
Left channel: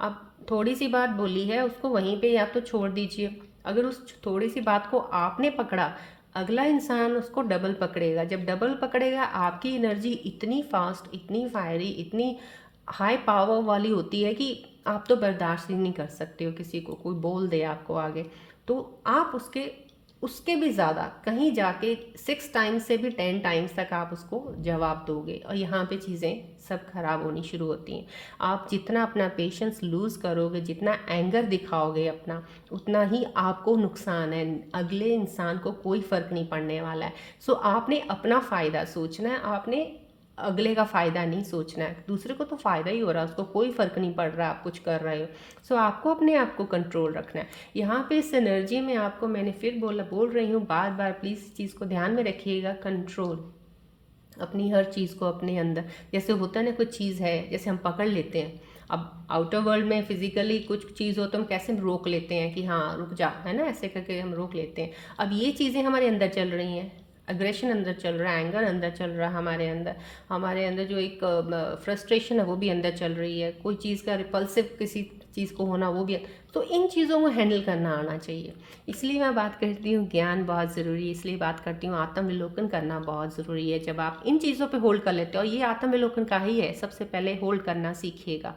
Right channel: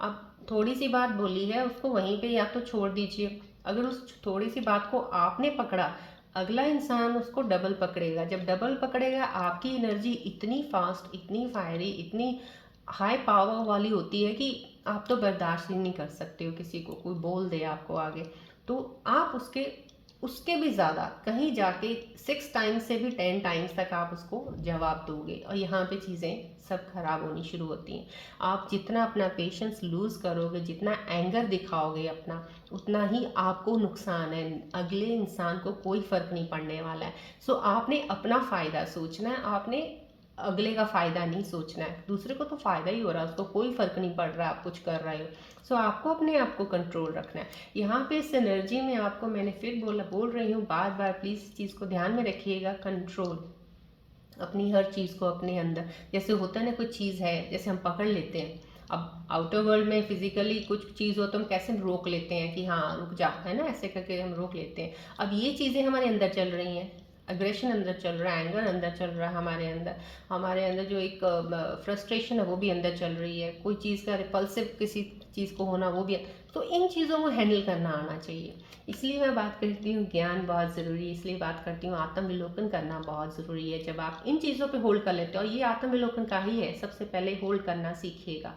आप थोड़ी सी बात बोली है उसको वहीं पे या तो छोड़ दीजिए, अगर उस थोड़ी सी बात को आपने पकड़ा, अगला इंसान उसको डबल पकड़ेगा। जब डबल पकड़ेगा आपकी एनर्जी इतनी फास्ट, इतनी फायरी, इतनी हाई पावर वाली होती है कि आप तो बर्दाश्त ही नहीं कर सकते हो किसी को कोई बोल दे आपको आगे, तो आप उसके उसके भी ज़्यादा कहीं जाके 6 टाइम्स से भी 10 टाइम्स तक आप उसको जवाब दोगे, और यहाँ पे चीज़ें सब खराब होनी शुरू होती हैं। आप जितना अपना पेशेंस लूज़ करोगे, जितना एंगर दिखाओगे अपना, उतना ही आपको नुकसान है, अगले इंसान को कोई फ़र्क नहीं पड़ने वाला है। सो आपने अपना फ़ायदा सोचना है, आपने अगले का फ़ायदा नहीं सोचना है। दूसरे को तो फ़ायदा ही हो रहा है, उसको कोई फ़र्क नहीं पड़ रहा आप कुछ कर रहे हो। सो आपको अपने आप को कंट्रोल रखना है। यहाँ पे इस एनर्जी में आपको मैंने फिर बोल रही हूँ बार बार, प्लीज़ इस चीज़ को ध्यान में रखिएगा, कंट्रोल अपनी हर चीज़ को अपने अंदर। जैसे होता है ना कोई चीज़ है, जैसे हम पकड़ लेते हैं, अब आउटर वर्ल्ड में फिजिकली कुछ चीज़ हो तो हम कैसे रोक लेते हैं कि हाँ रुक जा, है ना, ऐसे करके हम रोक लेते हैं। अब ये चीज़ें हमारे अंदर चल रही हैं, अग्रेशन अंदर चल रहा है, एंगर अंदर चल रहा है हमारे अंदर जो एक फ्रस्ट्रेशन है वो भी अंदर चल रही है, कोई चीज़ का रिपल्सिव किसी चीज़ को होना वो भी। तो इन चीज़ों को हैंडल करना आना चाहिए। इसलिए मैं बात करती हूँ ज्ञान बहुत ज़रूरी है, इसलिए बात करती हूँ आत्मविलोकन करना बहुत ज़रूरी है। जब आप इन चीज़ों पे होल्ड कर लेते हो, और ये आत्मविलोकन का ही है, सबसे पहले होल्ड करना सीखिएगा,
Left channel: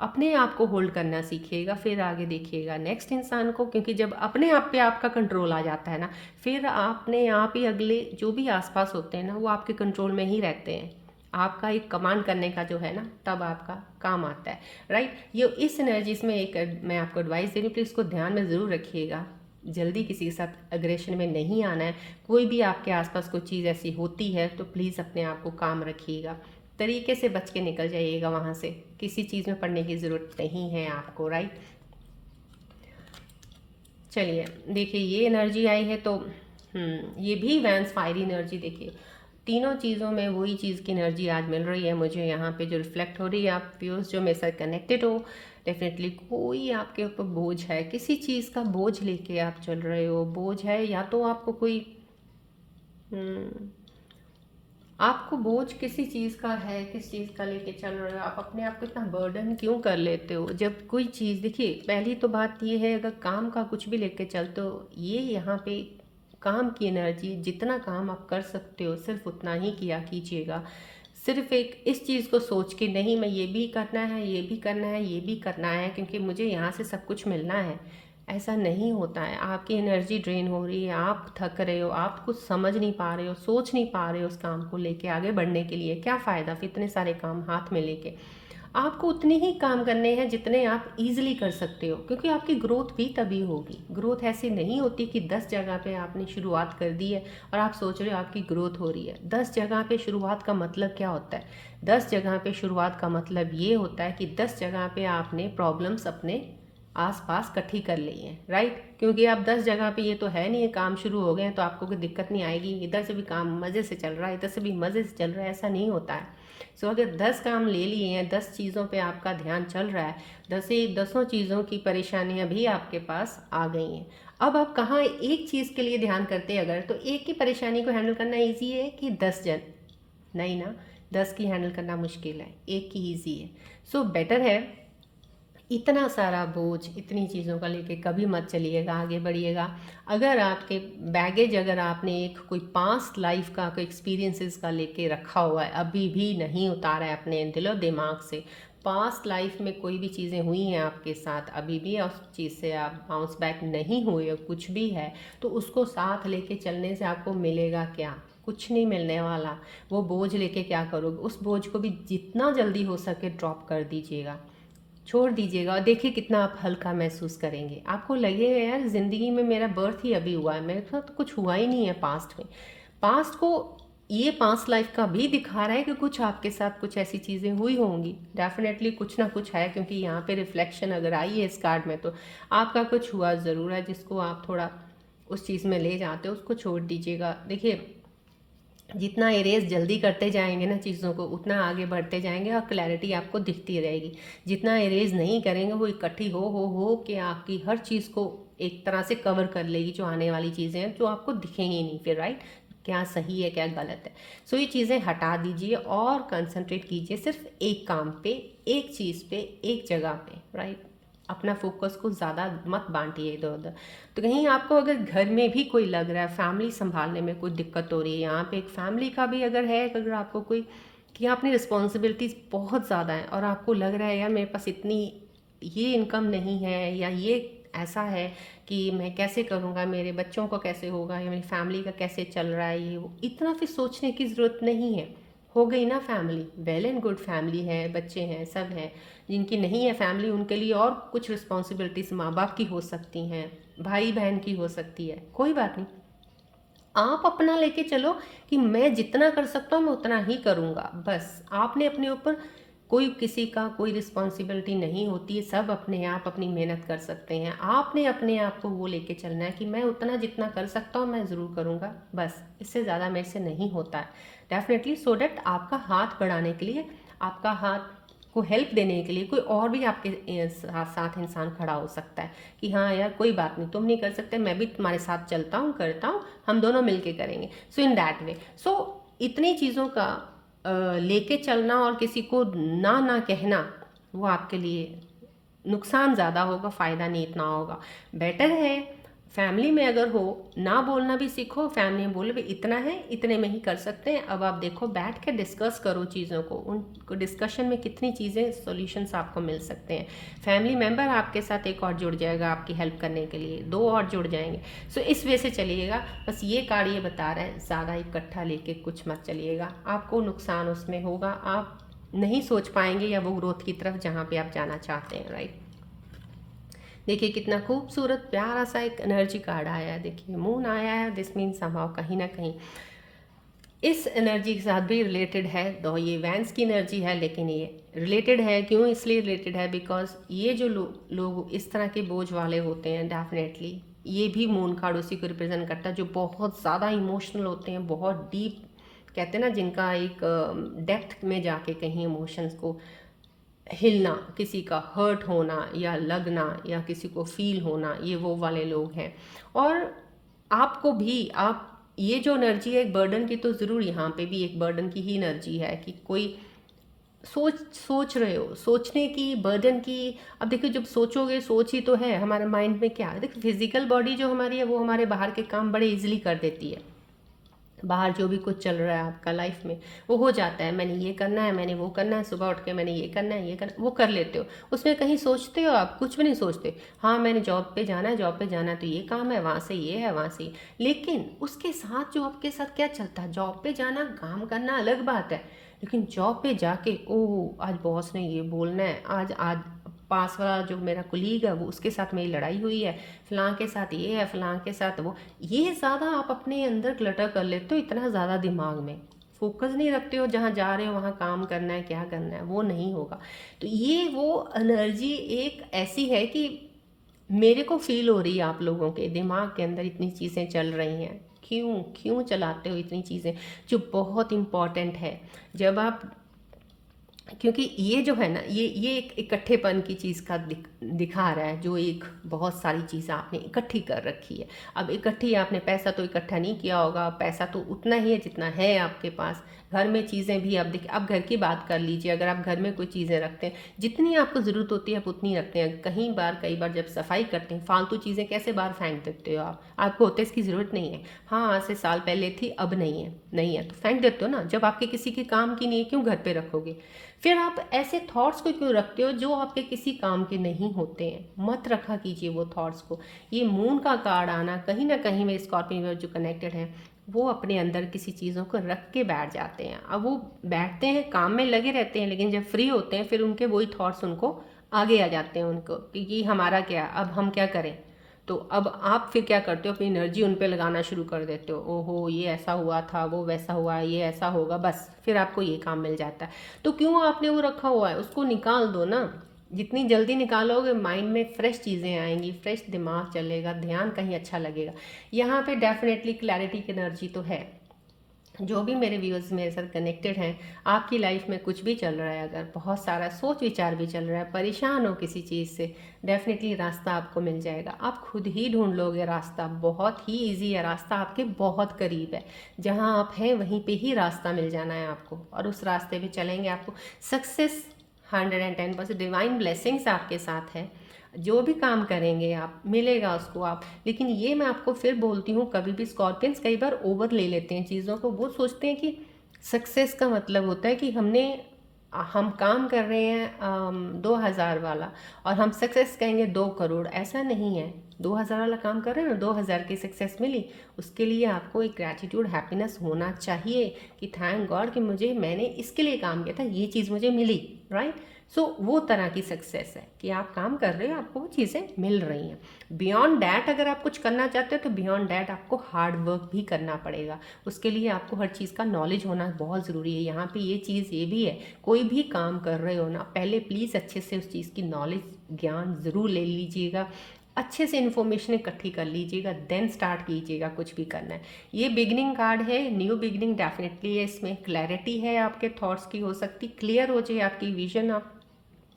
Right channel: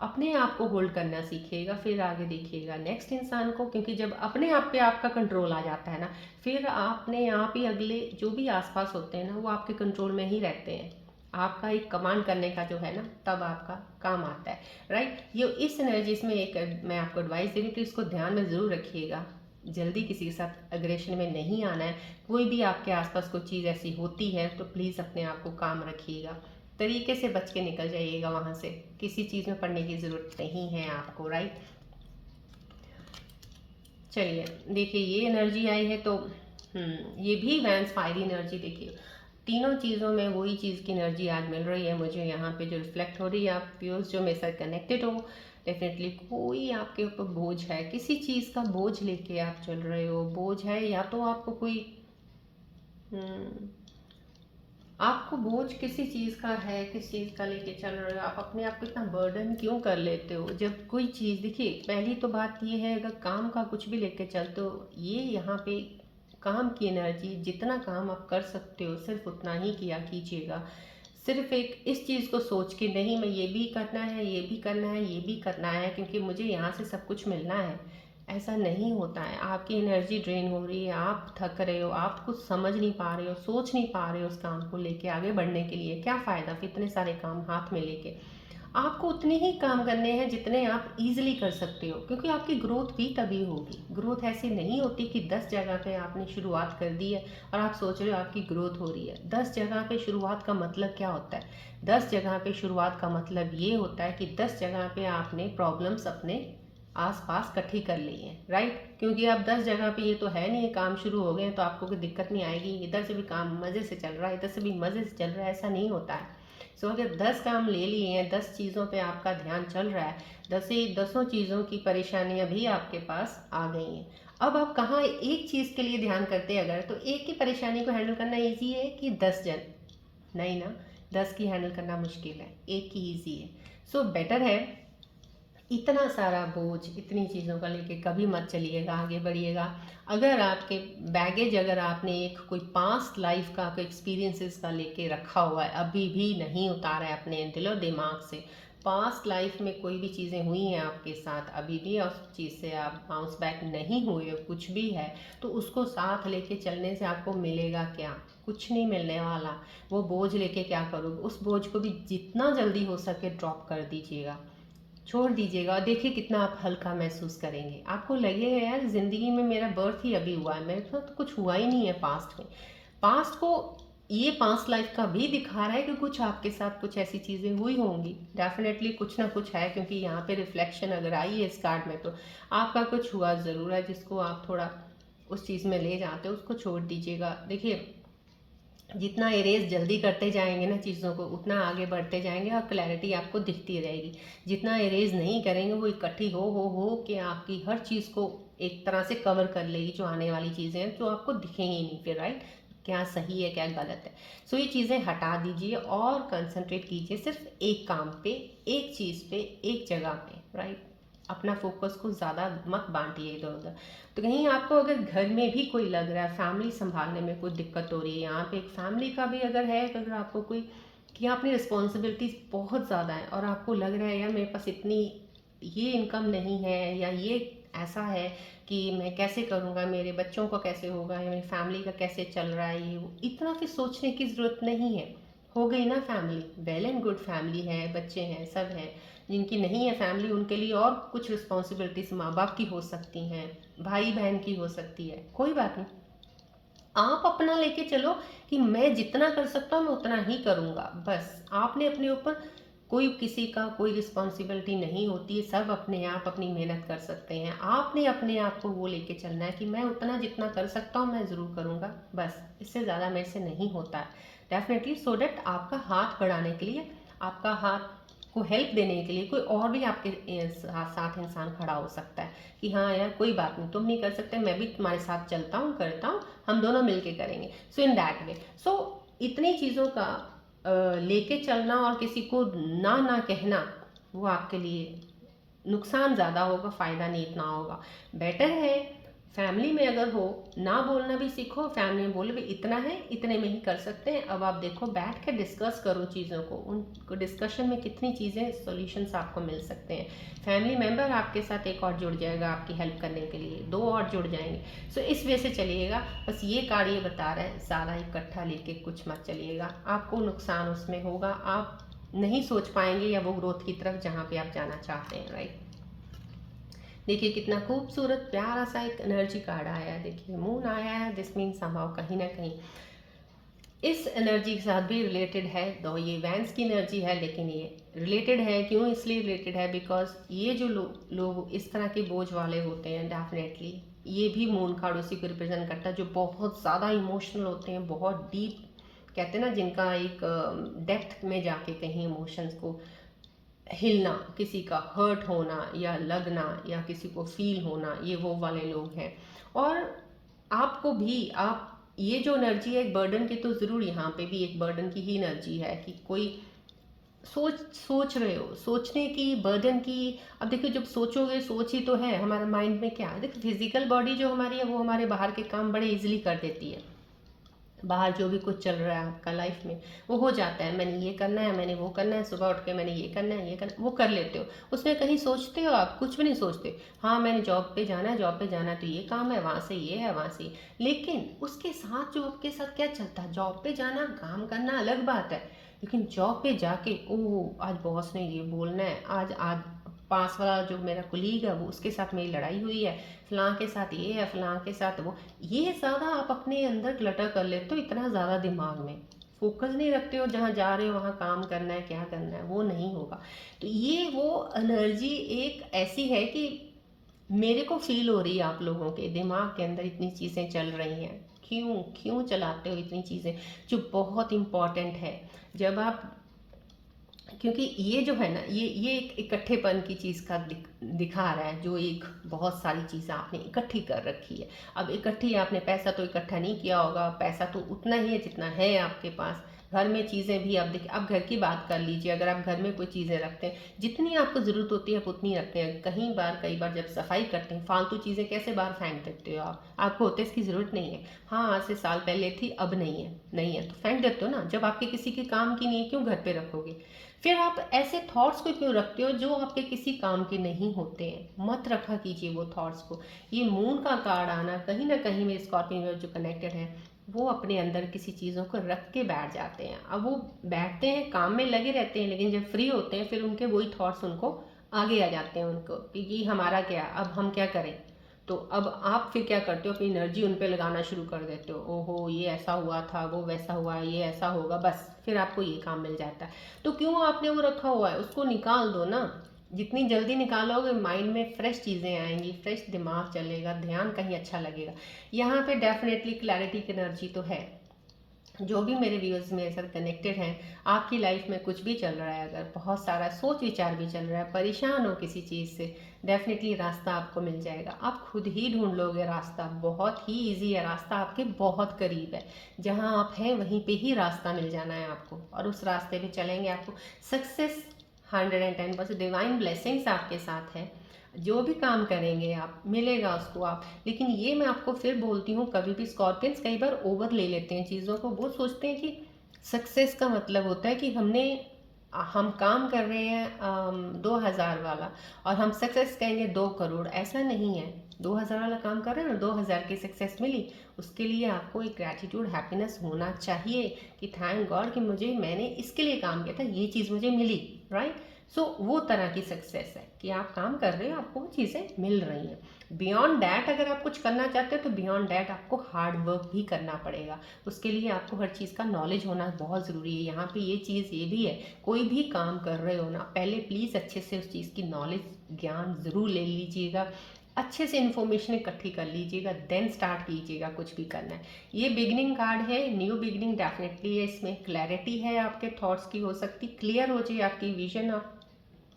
अपने आप को होल्ड करना सीखिएगा, फिर आगे देखिएगा नेक्स्ट इंसान को। क्योंकि जब अपने आप पे आपका कंट्रोल आ जाता है ना, फिर आपने आप ही अगले जो भी आसपास होते हैं ना वो आपके कंट्रोल में ही रहते हैं, आपका एक कमांड करने का जो है ना, तब आपका काम आता है, राइट। ये इस एनर्जीज में एक मैं आपको एडवाइस दे रही हूँ, प्लीज़ इसको ध्यान में ज़रूर रखिएगा। जल्दी किसी के साथ अग्रेशन में नहीं आना है। कोई भी आपके आसपास कोई चीज़ ऐसी होती है तो प्लीज़ अपने आप को काम रखिएगा, तरीके से बच के निकल जाइएगा वहाँ से। किसी चीज़ में पड़ने की ज़रूरत नहीं है आपको, राइट। चलिए देखिए, ये एनर्जी आई है तो ये भी वैंस फायरी एनर्जी। देखिए तीनों चीज़ों में वही चीज़ की एनर्जी आज मिल रही है मुझे यहाँ पे, जो रिफ्लेक्ट हो रही है। आप व्यूअर्स जो मेरे साथ कनेक्टेड हो, डेफिनेटली कोई आपके ऊपर बोझ है, किसी चीज़ का बोझ लेके आप चल रहे हो। बोझ है या तो आपको कोई आपको बोझ किसी चीज़ का है, किस चीज़ का लेके चल रहे हो। आप अपने आप को इतना बर्डन क्यों कर लेते हो जब कोई चीज़। देखिए पहली तो बात ये है, अगर काम का कुछ भी लेके चलते हो, ये यहाँ पे काम की एनर्जी, जितना काम आप कर सकते हो सिर्फ उतना ही किया कीजिएगा। सिर्फ एक इस चीज़ को सोच के नहीं, मैं ये भी करना है, ये भी करना है, ये भी करना है क्योंकि मुझे यहाँ से सब कुछ मिलना है, ऐसा नहीं होता है। आपकी एनर्जी ड्रेन हो रही है, आप थक रहे हो, आप कुछ समझ नहीं पा रहे हो, सोच नहीं पा रहे हो उस काम को लेके आगे बढ़ने के लिए। क्या फ़ायदा फिर इतने सारे काम हाथ में लेके। आपको उतने ही काम करने हैं जितने आप इजीली कर सकते हो, क्योंकि आपकी ग्रोथ भी तभी होगी। ग्रोथ ऐसे नहीं होती कि 10 जगह पे आपने शुरुआत कर दी है और आप सोच रहे हो आपकी ग्रोथ हो रही है। 10 जगह पे शुरुआत का मतलब क्या होता है? 10 जगह पे शुरुआत का मतलब ये होता है कि 10 जगह पे आपने प्रॉब्लम्स अपने आसपास इकट्ठी कर ली है, राइट। क्योंकि आप 10 जगह पे, ये तो है नहीं, काम शुरू हो गए तो आपको कोई दिक्कत नहीं आएगी, इधर से भी काम मज़े से चल रहा है, इधर से भी मज़े से चल रहा है, ऐसा नहीं होता है। सो अगर 10 काम ले लिए हैं, 10 चीज़ों पे आपका ध्यान चल रहा है, 10 चीज़ों की परेशानियां भी आपके पास आ गई हैं। अब आप कहाँ एक चीज़ के लिए ध्यान करते हैं अगर, तो एक की परेशानी को हैंडल करना ईजी है कि 10 जन, नहीं ना, 10 की हैंडल करना मुश्किल है, एक की ईजी है। सो बेटर है इतना सारा बोझ इतनी चीज़ों का लेके कभी मत चलिएगा, आगे बढ़िएगा। अगर आपके बैगेज, अगर आपने एक कोई पास्ट लाइफ का कोई एक्सपीरियंसेस का लेके रखा हुआ है, अभी भी नहीं उतारा है अपने दिलो दिमाग से, पास्ट लाइफ में कोई भी चीज़ें हुई हैं आपके साथ, अभी भी उस चीज़ से आप बाउंस बैक नहीं हुए, कुछ भी है तो उसको साथ लेके चलने से आपको मिलेगा क्या? कुछ नहीं मिलने वाला। वो बोझ लेके क्या करोगे? उस बोझ को भी जितना जल्दी हो सके ड्रॉप कर दीजिएगा, छोड़ दीजिएगा, और देखिए कितना आप हल्का महसूस करेंगे। आपको लगेगा यार ज़िंदगी में मेरा बर्थ ही अभी हुआ है, मेरे साथ तो कुछ हुआ ही नहीं है पास्ट में। पास्ट को ये पास्ट लाइफ का भी दिखा रहा है कि कुछ आपके साथ कुछ ऐसी चीज़ें हुई होंगी, डेफिनेटली कुछ ना कुछ है, क्योंकि यहाँ पे रिफ्लेक्शन अगर आई है इस कार्ड में तो आपका कुछ हुआ ज़रूर है, जिसको आप थोड़ा उस चीज़ में ले जाते हो, उसको छोड़ दीजिएगा। देखिए जितना इरेज जल्दी करते जाएंगे ना चीज़ों को, उतना आगे बढ़ते जाएंगे और क्लैरिटी आपको दिखती रहेगी। जितना इरेज नहीं करेंगे, वो इकट्ठी हो कि आपकी हर चीज़ को एक तरह से कवर कर लेगी, जो आने वाली चीज़ें हैं जो आपको दिखेंगी नहीं फिर, राइट। क्या सही है क्या गलत है। सो ये चीज़ें हटा दीजिए और कंसंट्रेट कीजिए सिर्फ एक काम पे, एक चीज़ पे, एक जगह पे, राइट। अपना फोकस को ज़्यादा मत बांटिए इधर उधर। तो कहीं आपको अगर घर में भी कोई लग रहा है, फैमिली संभालने में कोई दिक्कत हो रही है, यहाँ पे एक फैमिली का भी अगर है, अगर आपको कोई कि अपनी रिस्पॉन्सिबिलिटीज़ बहुत ज़्यादा है और आपको लग रहा है यार मेरे पास इतनी ये इनकम नहीं है, या ये ऐसा है कि मैं कैसे करूँगा, मेरे बच्चों को कैसे होगा, या मेरी फैमिली का कैसे चल रहा है, ये वो इतना फिर सोचने की ज़रूरत नहीं है। हो गई ना family, well and good, family है, बच्चे हैं, सब हैं। जिनकी नहीं है फैमिली, उनके लिए और कुछ रिस्पॉन्सिबिलिटीज माँ बाप की हो सकती हैं, भाई बहन की हो सकती है, कोई बात नहीं। आप अपना लेके चलो कि मैं जितना कर सकता हूँ मैं उतना ही करूँगा, बस। आपने अपने ऊपर कोई किसी का कोई रिस्पॉन्सिबिलिटी नहीं होती है, सब अपने आप अपनी मेहनत कर सकते हैं। आपने अपने आप को वो लेके चलना है कि मैं उतना जितना कर सकता हूँ मैं ज़रूर करूँगा, बस। इससे ज़्यादा मेरे से नहीं होता है डेफिनेटली। सो डैट आपका हाथ बढ़ाने के लिए, आपका हाथ को हेल्प देने के लिए कोई और भी आपके साथ इंसान खड़ा हो सकता है कि हाँ यार कोई बात नहीं, तुम नहीं कर सकते, मैं भी तुम्हारे साथ चलता हूँ, करता हूँ, हम दोनों मिलके करेंगे। सो इन दैट वे, सो इतनी चीज़ों का लेके चलना और किसी को ना ना कहना, वो आपके लिए नुकसान ज़्यादा होगा, फ़ायदा नहीं इतना होगा। बेटर है फैमिली में अगर हो, ना बोलना भी सीखो, फैमिली में बोले भाई इतना है, इतने में ही कर सकते हैं। अब आप देखो, बैठ के डिस्कस करो चीज़ों को, उनको डिस्कशन में कितनी चीज़ें सॉल्यूशंस आपको मिल सकते हैं। फैमिली मेम्बर आपके साथ एक और जुड़ जाएगा आपकी हेल्प करने के लिए, 2 और जुड़ जाएंगे। सो इस वे से चलिएगा। बस ये कार्ड ये बता रहा है, ज़्यादा इकट्ठा लेके कुछ मत चलिएगा, आपको नुकसान उसमें होगा, आप नहीं सोच पाएंगे या वो ग्रोथ की तरफ जहाँ पे आप जाना चाहते हैं, राइट। देखिए कितना खूबसूरत प्यारा सा एक एनर्जी कार्ड आया है। देखिए मून आया है, दिस मीन समहाउ कहीं ना कहीं इस एनर्जी के साथ भी रिलेटेड है। तो ये वैंस की एनर्जी है, लेकिन ये रिलेटेड है, क्यों इसलिए रिलेटेड है, बिकॉज ये जो लोग इस तरह के बोझ वाले होते हैं, डेफिनेटली ये भी मून कार्ड उसी को रिप्रेजेंट करता है, जो बहुत ज़्यादा इमोशनल होते हैं, बहुत डीप कहते हैं ना, जिनका एक डेप्थ में जाके कहीं इमोशंस को हिलना, किसी का हर्ट होना या लगना या किसी को फील होना, ये वो वाले लोग हैं। और आपको भी, आप ये जो एनर्जी है एक बर्डन की, तो ज़रूर यहाँ पे भी एक बर्डन की ही एनर्जी है कि कोई सोच रहे हो, सोचने की, बर्डन की। अब देखिए जब सोचोगे, सोच ही तो है, हमारे माइंड में क्या है, देखिए फिजिकल बॉडी जो हमारी है वो हमारे बाहर के काम बड़े इजीली कर देती है। बाहर जो भी कुछ चल रहा है आपका लाइफ में वो हो जाता है, मैंने ये करना है, मैंने वो करना है, सुबह उठ के मैंने ये करना है, ये करना, वो कर लेते हो। उसमें कहीं सोचते हो आप? कुछ भी नहीं सोचते। हाँ मैंने जॉब पे जाना है, जॉब पे जाना है तो ये काम है, वहाँ से ये है, वहाँ से लेकिन उसके साथ जो आपके साथ क्या चलता है, जॉब पे जाना काम करना अलग बात है, लेकिन जॉब पे जाके ओह आज बॉस ने ये बोलना है, आज आज पास वाला जो मेरा कुलीग है वो उसके साथ मेरी लड़ाई हुई है, फलां के साथ ये है, फलां के साथ वो, ये ज़्यादा आप अपने अंदर क्लटर कर लेते हो, इतना ज़्यादा दिमाग में फोकस नहीं रखते हो, जहाँ जा रहे हो वहाँ काम करना है, क्या करना है, वो नहीं होगा। तो ये वो एनर्जी एक ऐसी है कि मेरे को फील हो रही है आप लोगों के दिमाग के अंदर इतनी चीज़ें चल रही हैं, क्यों क्यों चलाते हो इतनी चीज़ें जो बहुत इम्पॉर्टेंट है। जब आप, क्योंकि ये जो है ना, ये एक इकट्ठेपन की चीज़ का दिखा रहा है, जो एक बहुत सारी चीज़ें आपने इकट्ठी कर रखी है। अब इकट्ठी आपने पैसा तो इकट्ठा नहीं किया होगा, पैसा तो उतना ही है जितना है आपके पास। घर में चीज़ें भी आप देखिए, आप घर की बात कर लीजिए, अगर आप घर में कोई चीज़ें रखते हैं, जितनी आपको ज़रूरत होती है आप उतनी रखते हैं। कई बार जब सफाई करते हैं, फालतू चीज़ें कैसे बाहर फेंक देते हो आप, आपको होते इसकी ज़रूरत नहीं है, हाँ आज से साल पहले थी अब नहीं है तो फेंक देते हो ना। जब आपके किसी के काम की नहीं है, क्यों घर पे रखोगे? फिर आप ऐसे थॉट्स को क्यों रखते हो जो आपके किसी काम के नहीं होते हैं? मत रखा कीजिए वो थॉट्स को। ये मून का कार्ड आना कहीं ना कहीं में स्कॉर्पियो जो कनेक्टेड है, वो अपने अंदर किसी चीज़ों को रख के बैठ जाते हैं। अब वो बैठते हैं, काम में लगे रहते हैं, लेकिन जब फ्री होते हैं फिर उनके वही थॉट्स उनको आगे आ जाते हैं उनको कि ये हमारा क्या, अब हम क्या करें। तो अब आप फिर क्या करते हो, अपनी एनर्जी उन पे लगाना शुरू कर देते हो, ओहो ये ऐसा हुआ था, वो वैसा हुआ, ये ऐसा होगा, बस फिर आपको ये काम मिल जाता है। तो क्यों आपने वो रखा हुआ है, उसको निकाल दो ना। जितनी जल्दी निकालोगे माइंड में फ्रेश चीज़ें आएंगी, फ्रेश दिमाग चलेगा, ध्यान कहीं अच्छा लगेगा। यहाँ पे डेफिनेटली क्लैरिटी की एनर्जी तो है। जो भी मेरे व्यूअर्स मेरे साथ कनेक्टेड हैं, आपकी लाइफ में कुछ भी चल रहा है, अगर बहुत सारा सोच विचार भी चल रहा है, परेशान हो किसी चीज़ से, डेफिनेटली रास्ता आपको मिल जाएगा। आप खुद ही ढूंढ लोगे रास्ता, बहुत ही इजी है, रास्ता आपके बहुत करीब है। जहां आप हैं वहीं पे ही रास्ता मिल जाना है आपको, और उस रास्ते पे चलेंगे आपको सक्सेस 110% डिवाइन ब्लेसिंग्स आपके साथ है। जो भी काम करेंगे आप, मिलेगा उसको आप। लेकिन ये मैं आपको फिर बोलती हूँ, कभी भी स्कॉर्पियंस कई बार ओवर ले लेते हैं चीज़ों को। वो सोचते हैं कि सक्सेस का मतलब होता है कि हम काम कर रहे हैं 2000 वाला और हम सक्सेस कहेंगे 2 करोड़, ऐसा नहीं है। 2000 वाला काम कर रहे हैं ना, 2000 की सक्सेस मिली, उसके लिए आपको एक ग्रैटिट्यूड, हैप्पीनेस होना चाहिए कि थैंक गॉड कि मैंने इसके लिए काम किया था, ये चीज़ मुझे मिली, राइट। सो वो तरह की सक्सेस है कि आप काम कर रहे हो, आपको वो चीज़ें मिल रही हैं। बियॉन्ड डैट अगर आप कुछ करना चाहते हो तो बियॉन्ड डैट आपको हार्ड वर्क भी करना पड़ेगा। उसके लिए आपको हर चीज़ का नॉलेज होना बहुत ज़रूरी है। यहाँ पे ये चीज़ ये भी है, कोई भी काम कर रहे हो ना, पहले प्लीज़ अच्छे से उस चीज़ की नॉलेज, ज्ञान ज़रूर ले लीजिएगा, अच्छे से इन्फॉर्मेशन इकट्ठी कर लीजिएगा, देन स्टार्ट कीजिएगा कुछ भी करना है। ये बिगनिंग कार्ड है, न्यू बिगनिंग डेफिनेटली है, इसमें क्लैरिटी है आपके थॉट्स की, हो सकती क्लियर हो जाए आपकी विजन, आप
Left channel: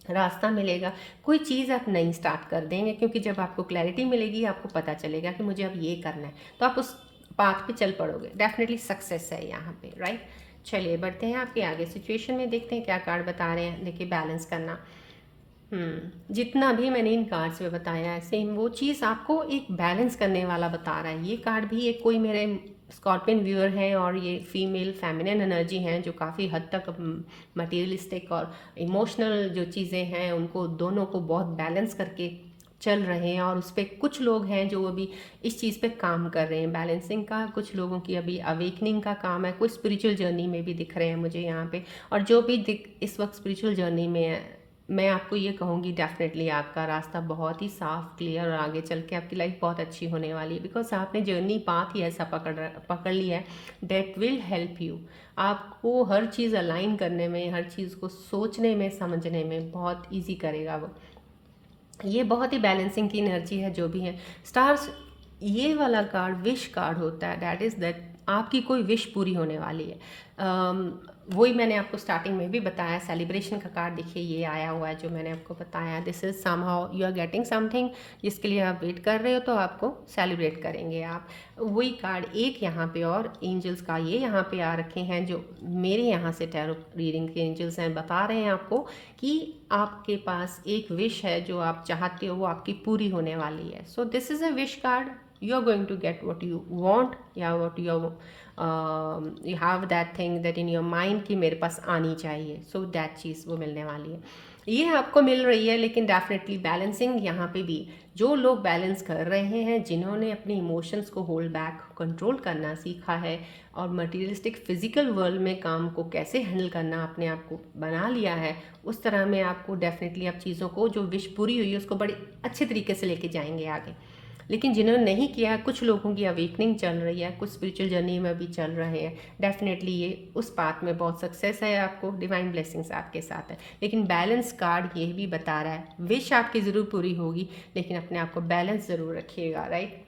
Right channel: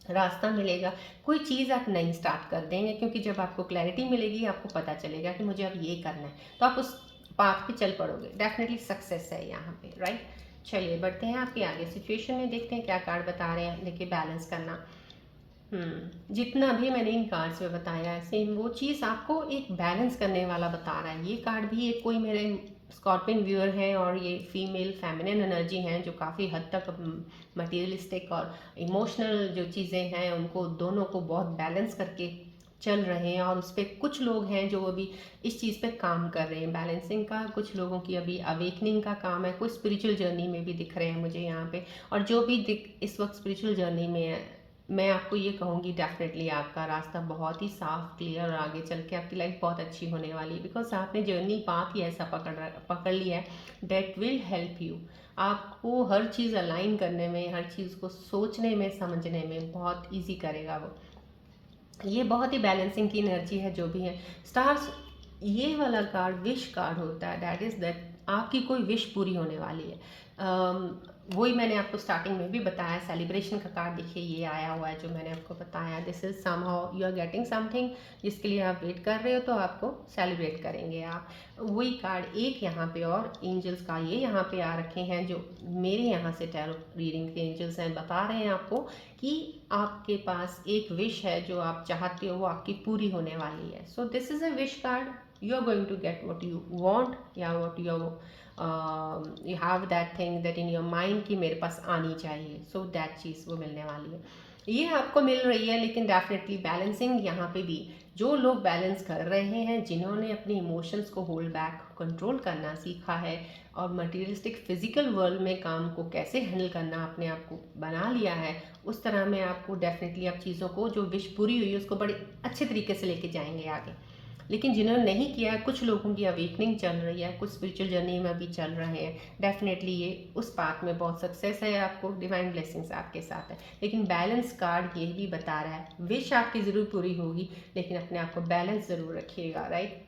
रास्ता मिलेगा, कोई चीज़ आप नई स्टार्ट कर देंगे, क्योंकि जब आपको क्लैरिटी मिलेगी आपको पता चलेगा कि मुझे अब ये करना है, तो आप उस पाथ पे चल पड़ोगे, डेफिनेटली सक्सेस है यहाँ पे, राइट। चलिए बढ़ते हैं आपके आगे सिचुएशन में, देखते हैं क्या कार्ड बता रहे हैं। देखिए बैलेंस करना, जितना भी मैंने इन कार्ड्स में बताया है सेम वो चीज़ आपको एक बैलेंस करने वाला बता रहा है। ये कार्ड भी एक कोई मेरे स्कॉर्पियन व्यूअर हैं और ये फीमेल फेमिनिन एनर्जी हैं जो काफ़ी हद तक मटेरियलिस्टिक और इमोशनल जो चीज़ें हैं उनको दोनों को बहुत बैलेंस करके चल रहे हैं। और उस पर कुछ लोग हैं जो अभी इस चीज़ पे काम कर रहे हैं बैलेंसिंग का, कुछ लोगों की अभी अवेकनिंग का काम है, कुछ स्पिरिचुअल जर्नी में भी दिख रहे हैं मुझे यहाँ पे। और जो भी इस वक्त स्पिरिचुअल जर्नी में है, मैं आपको ये कहूँगी डेफिनेटली आपका रास्ता बहुत ही साफ क्लियर और आगे चल के आपकी लाइफ बहुत अच्छी होने वाली है। बिकॉज आपने जर्नी पाथ ही ऐसा पकड़ लिया है दैट विल हेल्प यू। आपको हर चीज़ अलाइन करने में, हर चीज़ को सोचने में, समझने में बहुत ईजी करेगा वो। ये बहुत ही बैलेंसिंग की एनर्जी है जो भी है। स्टार्स, ये वाला कार्ड विश कार्ड होता है, दैट इज़ दैट आपकी कोई विश पूरी होने वाली है। वही मैंने आपको स्टार्टिंग में भी बताया, सेलिब्रेशन का कार्ड देखिए ये आया हुआ है जो मैंने आपको बताया। This is somehow you are getting something जिसके लिए आप वेट कर रहे हो, तो आपको सेलिब्रेट करेंगे आप। वही कार्ड एक यहाँ पे और एंजल्स का ये यहाँ पे आ रखे हैं जो मेरे यहाँ से टैरो रीडिंग के एंजल्स हैं, बता रहे हैं आपको कि आपके पास एक विश है जो आप चाहते हो वो आपकी पूरी होने वाली है। So this is a wish card, you are going to get what you want या what you have that thing that in your mind कि मेरे पास आनी चाहिए। सो दैट चीज़ वो मिलने वाली है, ये आपको मिल रही है। लेकिन डेफिनेटली बैलेंसिंग यहाँ पे भी जो लोग बैलेंस कर रहे हैं, जिन्होंने अपने इमोशंस को होल्ड बैक, कंट्रोल करना सीखा है और मटेरियलिस्टिक फिजिकल वर्ल्ड में काम को कैसे हैंडल करना अपने आप को बना लिया है, उस तरह में आपको डेफिनेटली आप चीज़ों को जो विश पूरी हुई है उसको बड़े अच्छे तरीके से लेके जाएंगे आगे। लेकिन जिन्होंने नहीं किया, कुछ लोगों की अवेकनिंग चल रही है, कुछ स्पिरिचुअल जर्नी में भी चल रहे हैं, डेफिनेटली ये उस पाथ में बहुत सक्सेस है, आपको डिवाइन ब्लेसिंग्स आपके साथ है। लेकिन बैलेंस कार्ड ये भी बता रहा है विश आपकी ज़रूर पूरी होगी, लेकिन अपने आप को बैलेंस ज़रूर रखिएगा, राइट।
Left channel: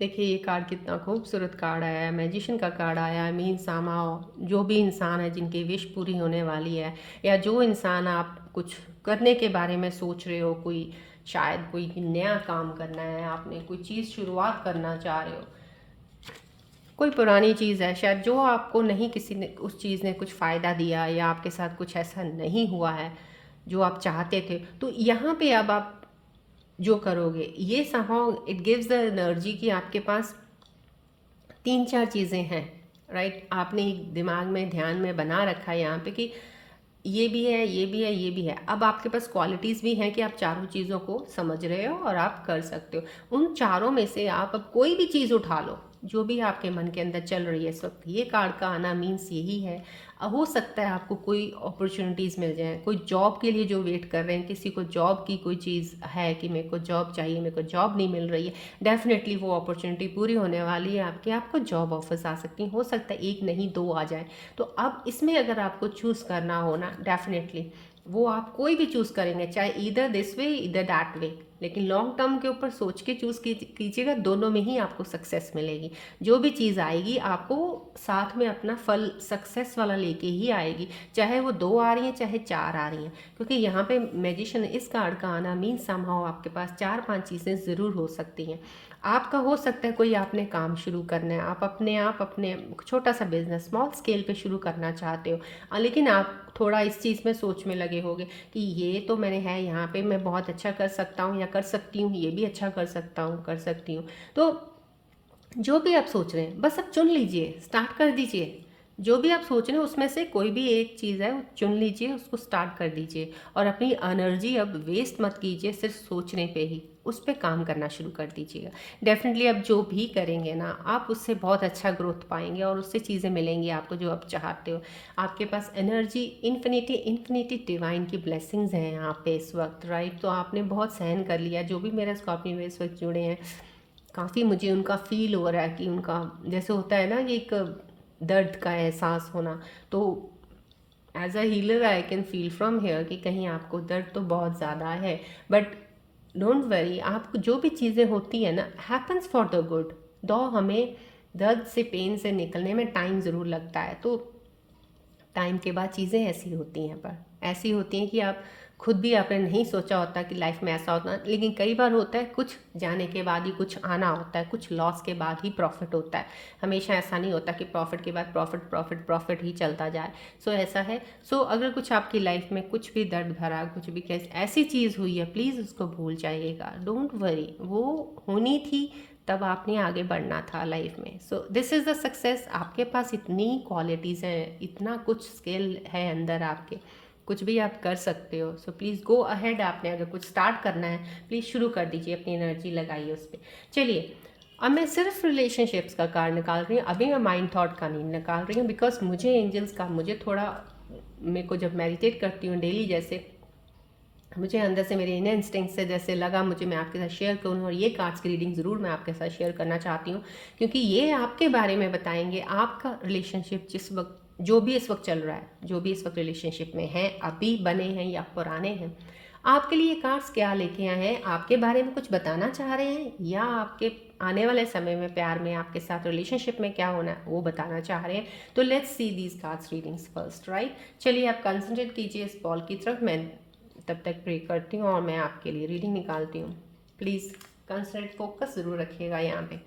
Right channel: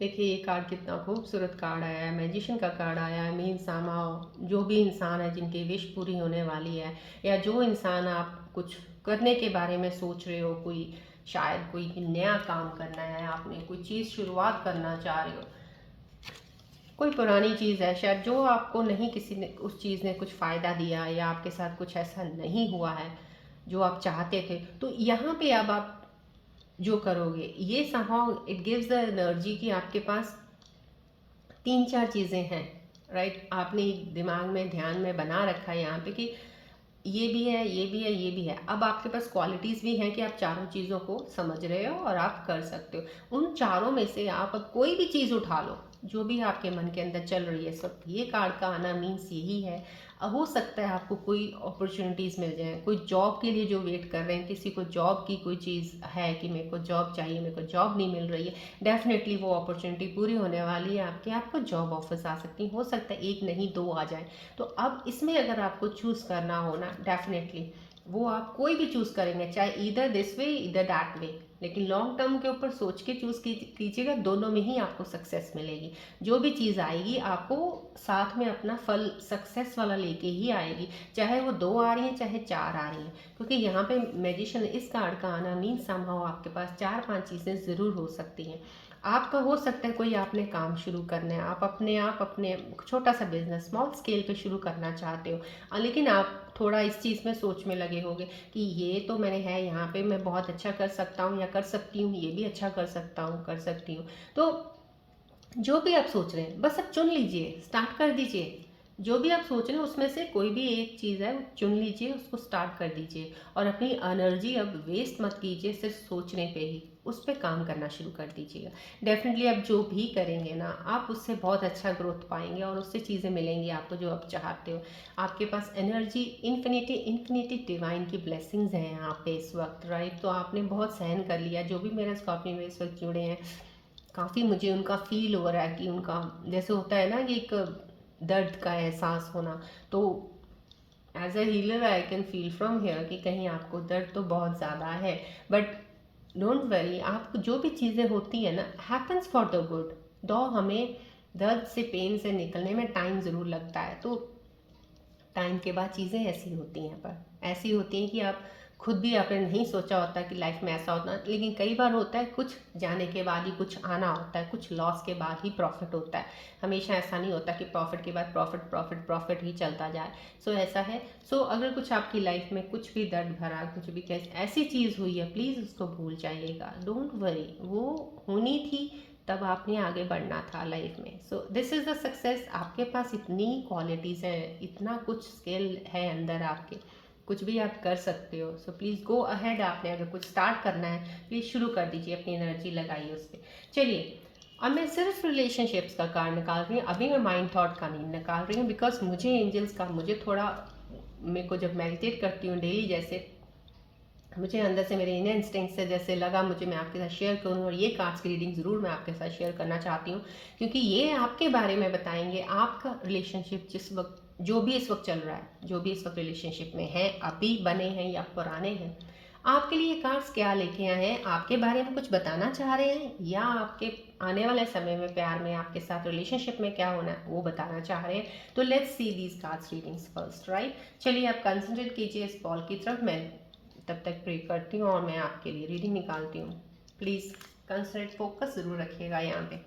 देखिए ये कार्ड कितना खूबसूरत कार्ड आया है, मैजिशियन का कार्ड आया है। मीन सामाओ जो भी इंसान है जिनकी विश पूरी होने वाली है, या जो इंसान आप कुछ करने के बारे में सोच रहे हो, कोई शायद कोई नया काम करना है, आपने कोई चीज़ शुरुआत करना चाह रहे हो, कोई पुरानी चीज़ है शायद जो आपको नहीं किसी ने उस चीज़ ने कुछ फ़ायदा दिया, या आपके साथ कुछ ऐसा नहीं हुआ है जो आप चाहते थे, तो यहाँ पे अब आप जो करोगे ये somehow it gives the energy कि आपके पास 3-4 चीज़ें हैं, राइट। आपने दिमाग में ध्यान में बना रखा है यहाँ पे कि ये भी है, ये भी है, ये भी है। अब आपके पास क्वालिटीज़ भी हैं कि आप चारों चीज़ों को समझ रहे हो और आप कर सकते हो। उन चारों में से आप अब कोई भी चीज़ उठा लो जो भी आपके मन के अंदर चल रही है इस वक्त। ये कार्ड का आना मीन्स यही है। हो सकता है आपको कोई अपॉर्चुनिटीज़ मिल जाए, कोई जॉब के लिए जो वेट कर रहे हैं, किसी को जॉब की कोई चीज़ है कि मेरे को जॉब चाहिए, मेरे को जॉब नहीं मिल रही है, डेफिनेटली वो अपॉर्चुनिटी पूरी होने वाली है आपकी। आपको जॉब ऑफर्स आ सकती हैं, हो सकता है 1 नहीं 2 आ जाए। तो अब इसमें अगर आपको चूज़ करना हो ना, डेफिनेटली वो आप कोई भी चूज़ करेंगे, चाहे इधर दिस वे इधर दैट वे, लेकिन लॉन्ग टर्म के ऊपर सोच के चूज़ कीजिएगा, दोनों में ही आपको सक्सेस मिलेगी। जो भी चीज़ आएगी आपको साथ में अपना फल सक्सेस वाला लेके ही आएगी, चाहे वो 2 आ रही है चाहे 4 आ रही हैं। क्योंकि यहाँ पे मैजिशियन इस कार्ड का आना मीन समहाउ आपके पास 4-5 चीज़ें ज़रूर हो सकती हैं। आपका हो सकता है कोई आपने काम शुरू करना है, आप अपने छोटा सा बिजनेस स्मॉल स्केल पे शुरू करना चाहते हो, लेकिन आप थोड़ा इस चीज़ में सोच में लगे होगे कि ये तो मैंने है यहाँ पे मैं बहुत अच्छा कर सकता हूँ या कर सकती हूँ, ये भी अच्छा कर सकता हूँ, कर सकती हूँ। तो जो भी आप सोच रहे हैं बस अब चुन लीजिए, स्टार्ट कर दीजिए। जो भी आप सोच रहे हैं उसमें से कोई भी एक चीज़ है वो चुन लीजिए, उसको स्टार्ट कर दीजिए और अपनी एनर्जी अब वेस्ट मत कीजिए सिर्फ सोचने पे ही, उस पर काम करना शुरू कर दीजिएगा। डेफिनेटली अब जो भी करेंगे ना आप उससे बहुत अच्छा ग्रोथ पाएंगे और उससे चीज़ें मिलेंगी आपको जो आप चाहते हो। आपके पास एनर्जी इन्फिनिटी डिवाइन की ब्लेसिंग्स हैं यहाँ पे इस वक्त, राइट। तो आपने बहुत सहन कर लिया। जो भी मेरे स्कॉर्पियो में इस वक्त जुड़े हैं, काफ़ी मुझे उनका फील हो रहा है कि उनका जैसे होता है ना ये एक दर्द का एहसास होना, तो as a healer I can feel from here कि कहीं आपको दर्द तो बहुत ज़्यादा है, बट डोंट वरी। आपको जो भी चीज़ें होती हैं ना हैपन्स फॉर द गुड। दो हमें दर्द से, पेन से निकलने में टाइम ज़रूर लगता है, तो टाइम के बाद चीज़ें ऐसी होती हैं, पर ऐसी होती हैं कि आप खुद भी आपने नहीं सोचा होता कि लाइफ में ऐसा होता है, लेकिन कई बार होता है कुछ जाने के बाद ही कुछ आना होता है, कुछ लॉस के बाद ही प्रॉफिट होता है। हमेशा ऐसा नहीं होता कि प्रॉफिट के बाद प्रॉफिट प्रॉफिट प्रॉफिट ही चलता जाए। सो ऐसा है। सो अगर कुछ आपकी लाइफ में कुछ भी दर्द भरा, कुछ भी कैसे ऐसी चीज़ हुई है, प्लीज़ उसको भूल जाइएगा। डोंट वरी, वो होनी थी, तब आपने आगे बढ़ना था लाइफ में। सो दिस इज़ द सक्सेस। आपके पास इतनी क्वालिटीज़ हैं, इतना कुछ स्किल है अंदर आपके, कुछ भी आप कर सकते हो। So please go ahead. आपने अगर कुछ स्टार्ट करना है, प्लीज़ शुरू कर दीजिए, अपनी एनर्जी लगाइए उस पर। चलिए, अब मैं सिर्फ रिलेशनशिप्स का कार्ड निकाल रही हूँ, अभी मैं माइंड थॉट का नहीं निकाल रही हूँ, बिकॉज मुझे एंजल्स का, मुझे थोड़ा, मेरे को जब मेडिटेट करती हूँ डेली, जैसे मुझे अंदर से मेरे इनर इंस्टिंक्ट से जैसे लगा मुझे मैं आपके साथ शेयर करूँ, और ये कार्ड्स की रीडिंग ज़रूर मैं आपके साथ शेयर करना चाहती हूँ, क्योंकि ये आपके बारे में बताएंगे। आपका रिलेशनशिप जिस वक्त, जो भी इस वक्त चल रहा है, जो भी इस वक्त रिलेशनशिप में है, अभी बने हैं या पुराने हैं, आपके लिए कार्ड्स क्या लेके आए हैं, आपके बारे में कुछ बताना चाह रहे हैं, या आपके आने वाले समय में प्यार में आपके साथ रिलेशनशिप में क्या होना है वो बताना चाह रहे हैं। तो let's see these cards readings first, right. चलिए, आप कंसंट्रेट कीजिए इस बॉल की तरफ। मैं तब तक प्रे करती हूँ और मैं आपके लिए रीडिंग निकालती हूँ। प्लीज़ कंसंट्रेट, फोकस ज़रूर रखिएगा यहाँ पे।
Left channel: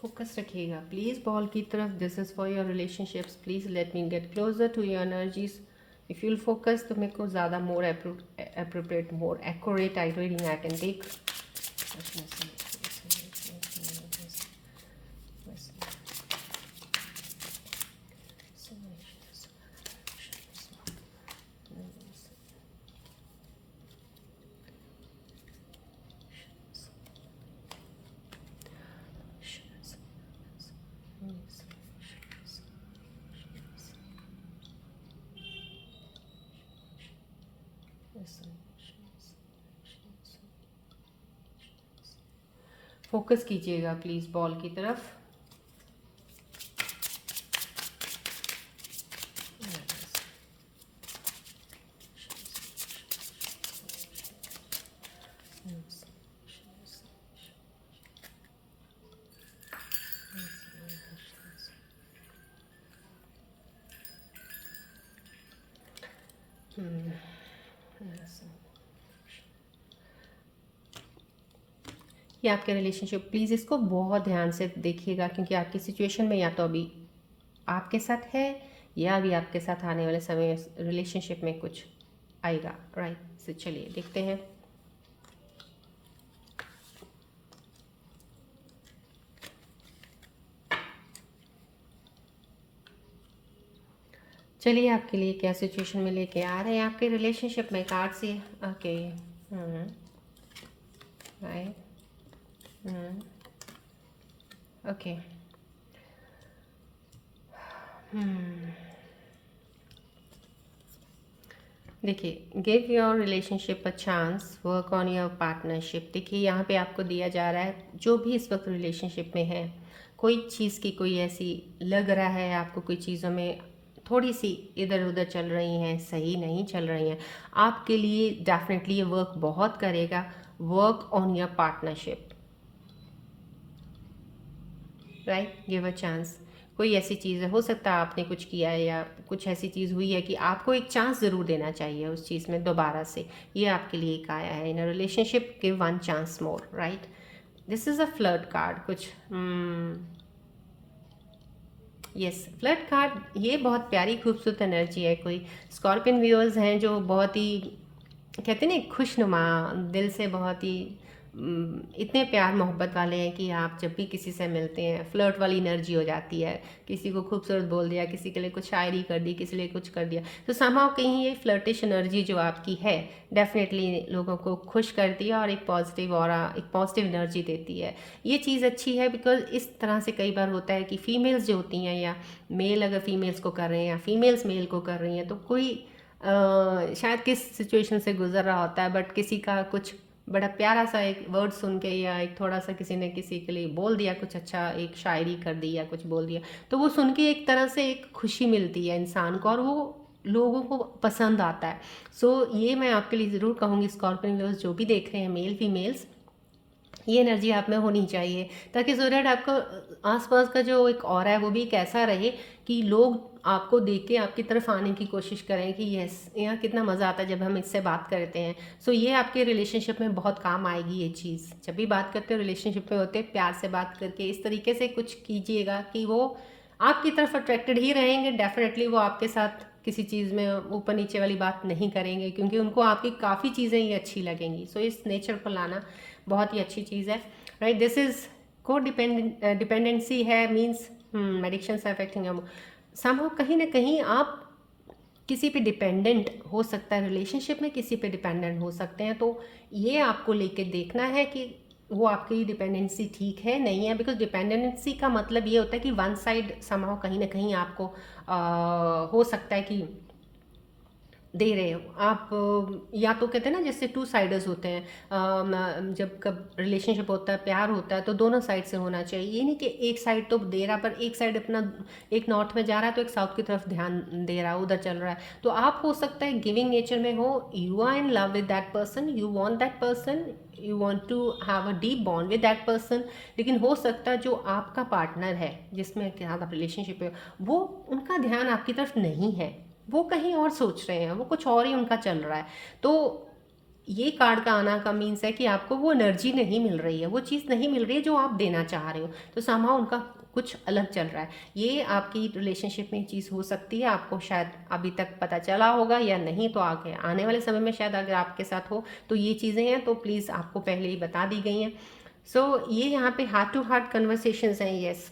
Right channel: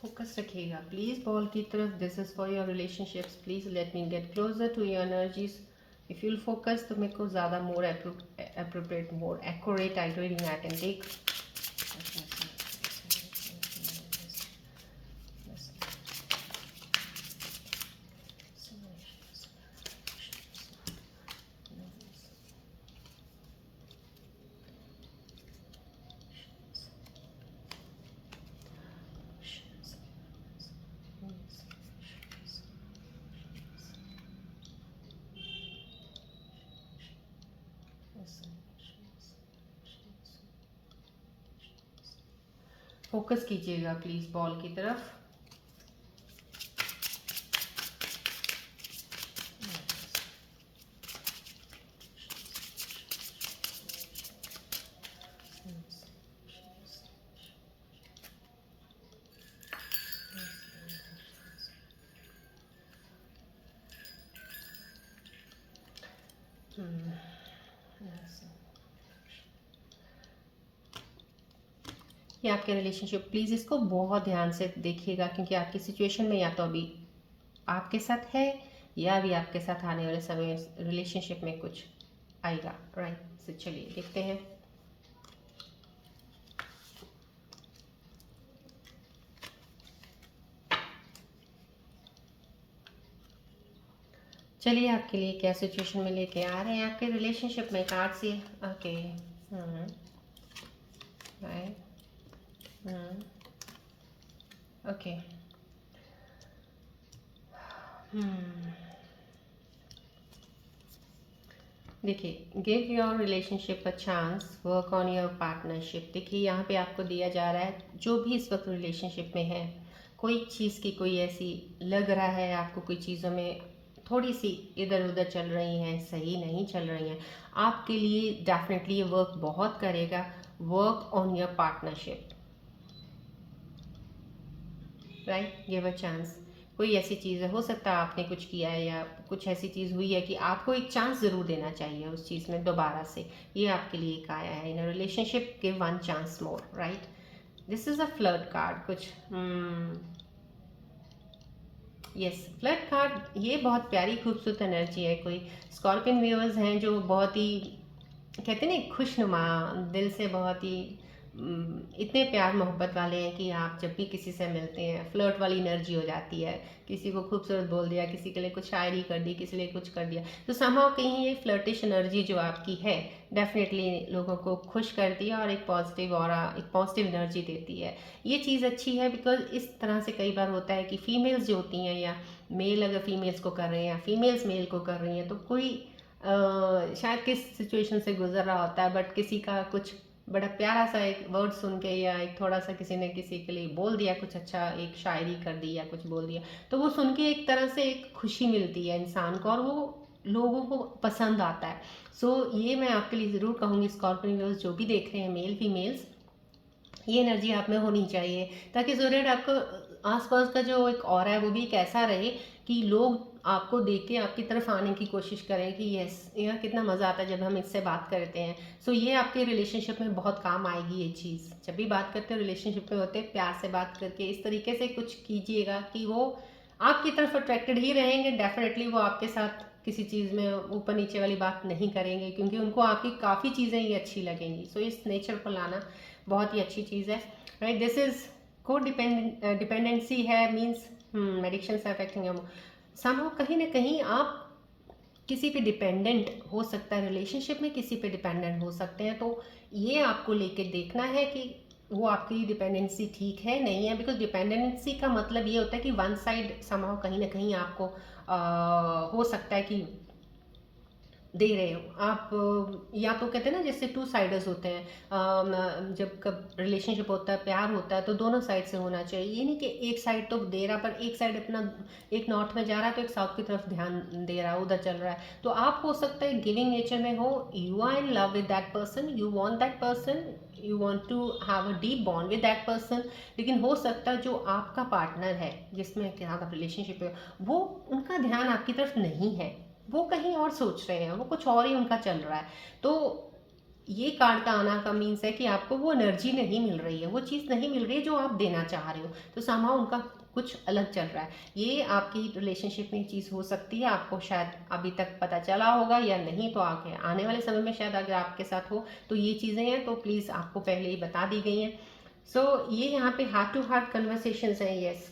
फोकस रखिएगा प्लीज़ बॉल की तरफ। This is for your relationships. Please let me get closer to your energies. If you'll focus तो मेरे को ज़्यादा more appropriate, more accurate I reading I can take. Focus कीजिएगा प्लीज़ बॉल की तरफ। ये आपके रिलेशनशिप, प्लीज़ इसको बहुत ध्यान से देखिएगा, क्योंकि आपकी सिचुएशन में या तो अभी आपके साथ है, या अभी आपके साथ आने वाले समय रिलेशनशिप में कुछ आएगा, राइट। तो चलिए देखते हैं। चलिए, आपके लिए क्या सिचुएशन में लेके आ रहे हैं आपके रिलेशनशिप में कार्ड से। ओके, राइट, ओके, देखिए, give your relationship a chance, work on your partnership. देखिए, यहाँ पे आपको दिया जा रहा है, जो भी इस वक्त रिलेशनशिप में है, कोई चीज़ की कोई ऐसी लग रहा है आपको, कोई चीज़ों में थोड़ी सी इधर उधर चल रही हैं, सही नहीं चल रही हैं, आपके लिए डेफिनेटली ये वर्क बहुत करेगा। Work on your partnership, right. Give a chance. कोई ऐसी चीज़ है, हो सकता है आपने कुछ किया है, या कुछ ऐसी चीज़ हुई है कि आपको एक चांस ज़रूर देना चाहिए उस चीज़ में दोबारा से। ये आपके लिए एक आया है। In a relationship give one chance more, right. This is a flirt card. कुछ यस, फ्लर्ट कार्ड, ये बहुत प्यारी खूबसूरत एनर्जी है। कोई स्कॉर्पियन व्यूअर्स हैं जो बहुत ही, कहते हैं ना, खुशनुमा दिल से, बहुत ही इतने प्यार मोहब्बत वाले हैं कि आप जब भी किसी से मिलते हैं, फ्लर्ट वाली एनर्जी हो जाती है। किसी को खूबसूरत बोल दिया, किसी के लिए कुछ शायरी कर दी, किसी लिए कुछ कर दिया, तो समहाउ कहीं ये फ्लर्टिश एनर्जी जो आपकी है, डेफिनेटली लोगों को खुश करती है और एक पॉजिटिव और एक पॉजिटिव एनर्जी देती है। ये चीज़ अच्छी है, बिकॉज इस तरह से कई बार होता है कि फीमेल्स जो होती हैं, या मेल अगर फीमेल्स को कर रहे हैं, या फीमेल्स मेल को कर रही हैं, तो कोई शायद किस सिचुएशन से गुजर रहा होता है, बट किसी का कुछ बड़ा प्यारा सा एक वर्ड सुन के या एक थोड़ा सा किसी ने किसी के लिए बोल दिया कुछ अच्छा, एक शायरी कर दी या कुछ बोल दिया, तो वो सुन के एक तरह से एक खुशी मिलती है इंसान को और वो लोगों को पसंद आता है। सो ये मैं आपके लिए ज़रूर कहूँगी स्कॉर्पियन लवर्स जो भी देख रहे हैं, मेल फीमेल्स, ये एनर्जी आप में होनी चाहिए ताकि सो दैट आपको आसपास का जो एक ऑरा है वो भी एक ऐसा रहे कि लोग आपको देख के आपकी तरफ आने की कोशिश करें कि यस, यहाँ कितना मज़ा आता है जब हम इससे बात करते हैं। सो ये आपके रिलेशनशिप में बहुत काम आएगी ये चीज़। जब भी बात करते हो रिलेशनशिप में होते प्यार से बात करके इस तरीके से कुछ कीजिएगा कि वो आपकी तरफ अट्रैक्टेड ही रहेंगे। डेफिनेटली वो आपके साथ किसी चीज़ में ऊपर नीचे वाली बात नहीं करेंगे क्योंकि उनको आपकी काफ़ी चीज़ें ही अच्छी लगेंगी। सो इस नेचर को लाना बहुत ही अच्छी चीज़ है, राइट। दिस इज को डिपेंडेंसी है, मीन्स एडिक्शन से अफेक्टिंग समहाउ कहीं ना कहीं आप किसी पे डिपेंडेंट हो सकता है, रिलेशनशिप में किसी पे डिपेंडेंट हो सकते हैं। तो ये आपको लेके देखना है कि वो आपकी डिपेंडेंसी ठीक है नहीं है, बिकॉज डिपेंडेंसी का मतलब ये होता है कि वन साइड समहाउ कहीं ना कहीं आपको हो सकता है कि दे रहे हो आप, या तो कहते हैं ना जैसे टू साइडर्स होते हैं, जब कब रिलेशनशिप होता है, प्यार होता है, तो दोनों साइड से होना चाहिए। ये नहीं कि एक साइड तो दे रहा पर एक साइड अपना एक नॉर्थ में जा रहा है तो एक साउथ की तरफ ध्यान दे रहा है, उधर चल रहा है। तो आप हो सकता है गिविंग नेचर में हो, you are in love with that person, you want that person, you want to have a deep bond with that person, लेकिन हो सकता है जो आपका पार्टनर है जिसमें क्या आप रिलेशनशिप है वो उनका ध्यान आपकी तरफ नहीं है, वो कहीं और सोच रहे हैं, वो कुछ और ही उनका चल रहा है। तो ये कार्ड का आना का मीन्स है कि आपको वो एनर्जी नहीं मिल रही है, वो चीज़ नहीं मिल रही है जो आप देना चाह रहे हो, तो समहाउ उनका कुछ अलग चल रहा है। ये आपकी रिलेशनशिप में चीज़ हो सकती है, आपको शायद अभी तक पता चला होगा या नहीं, तो आगे आने वाले समय में शायद अगर आपके साथ हो तो ये चीज़ें हैं तो प्लीज़ आपको पहले ही बता दी गई हैं। सो ये यहाँ पे हार्ट टू हार्ट कन्वर्सेशंस हैं। यस,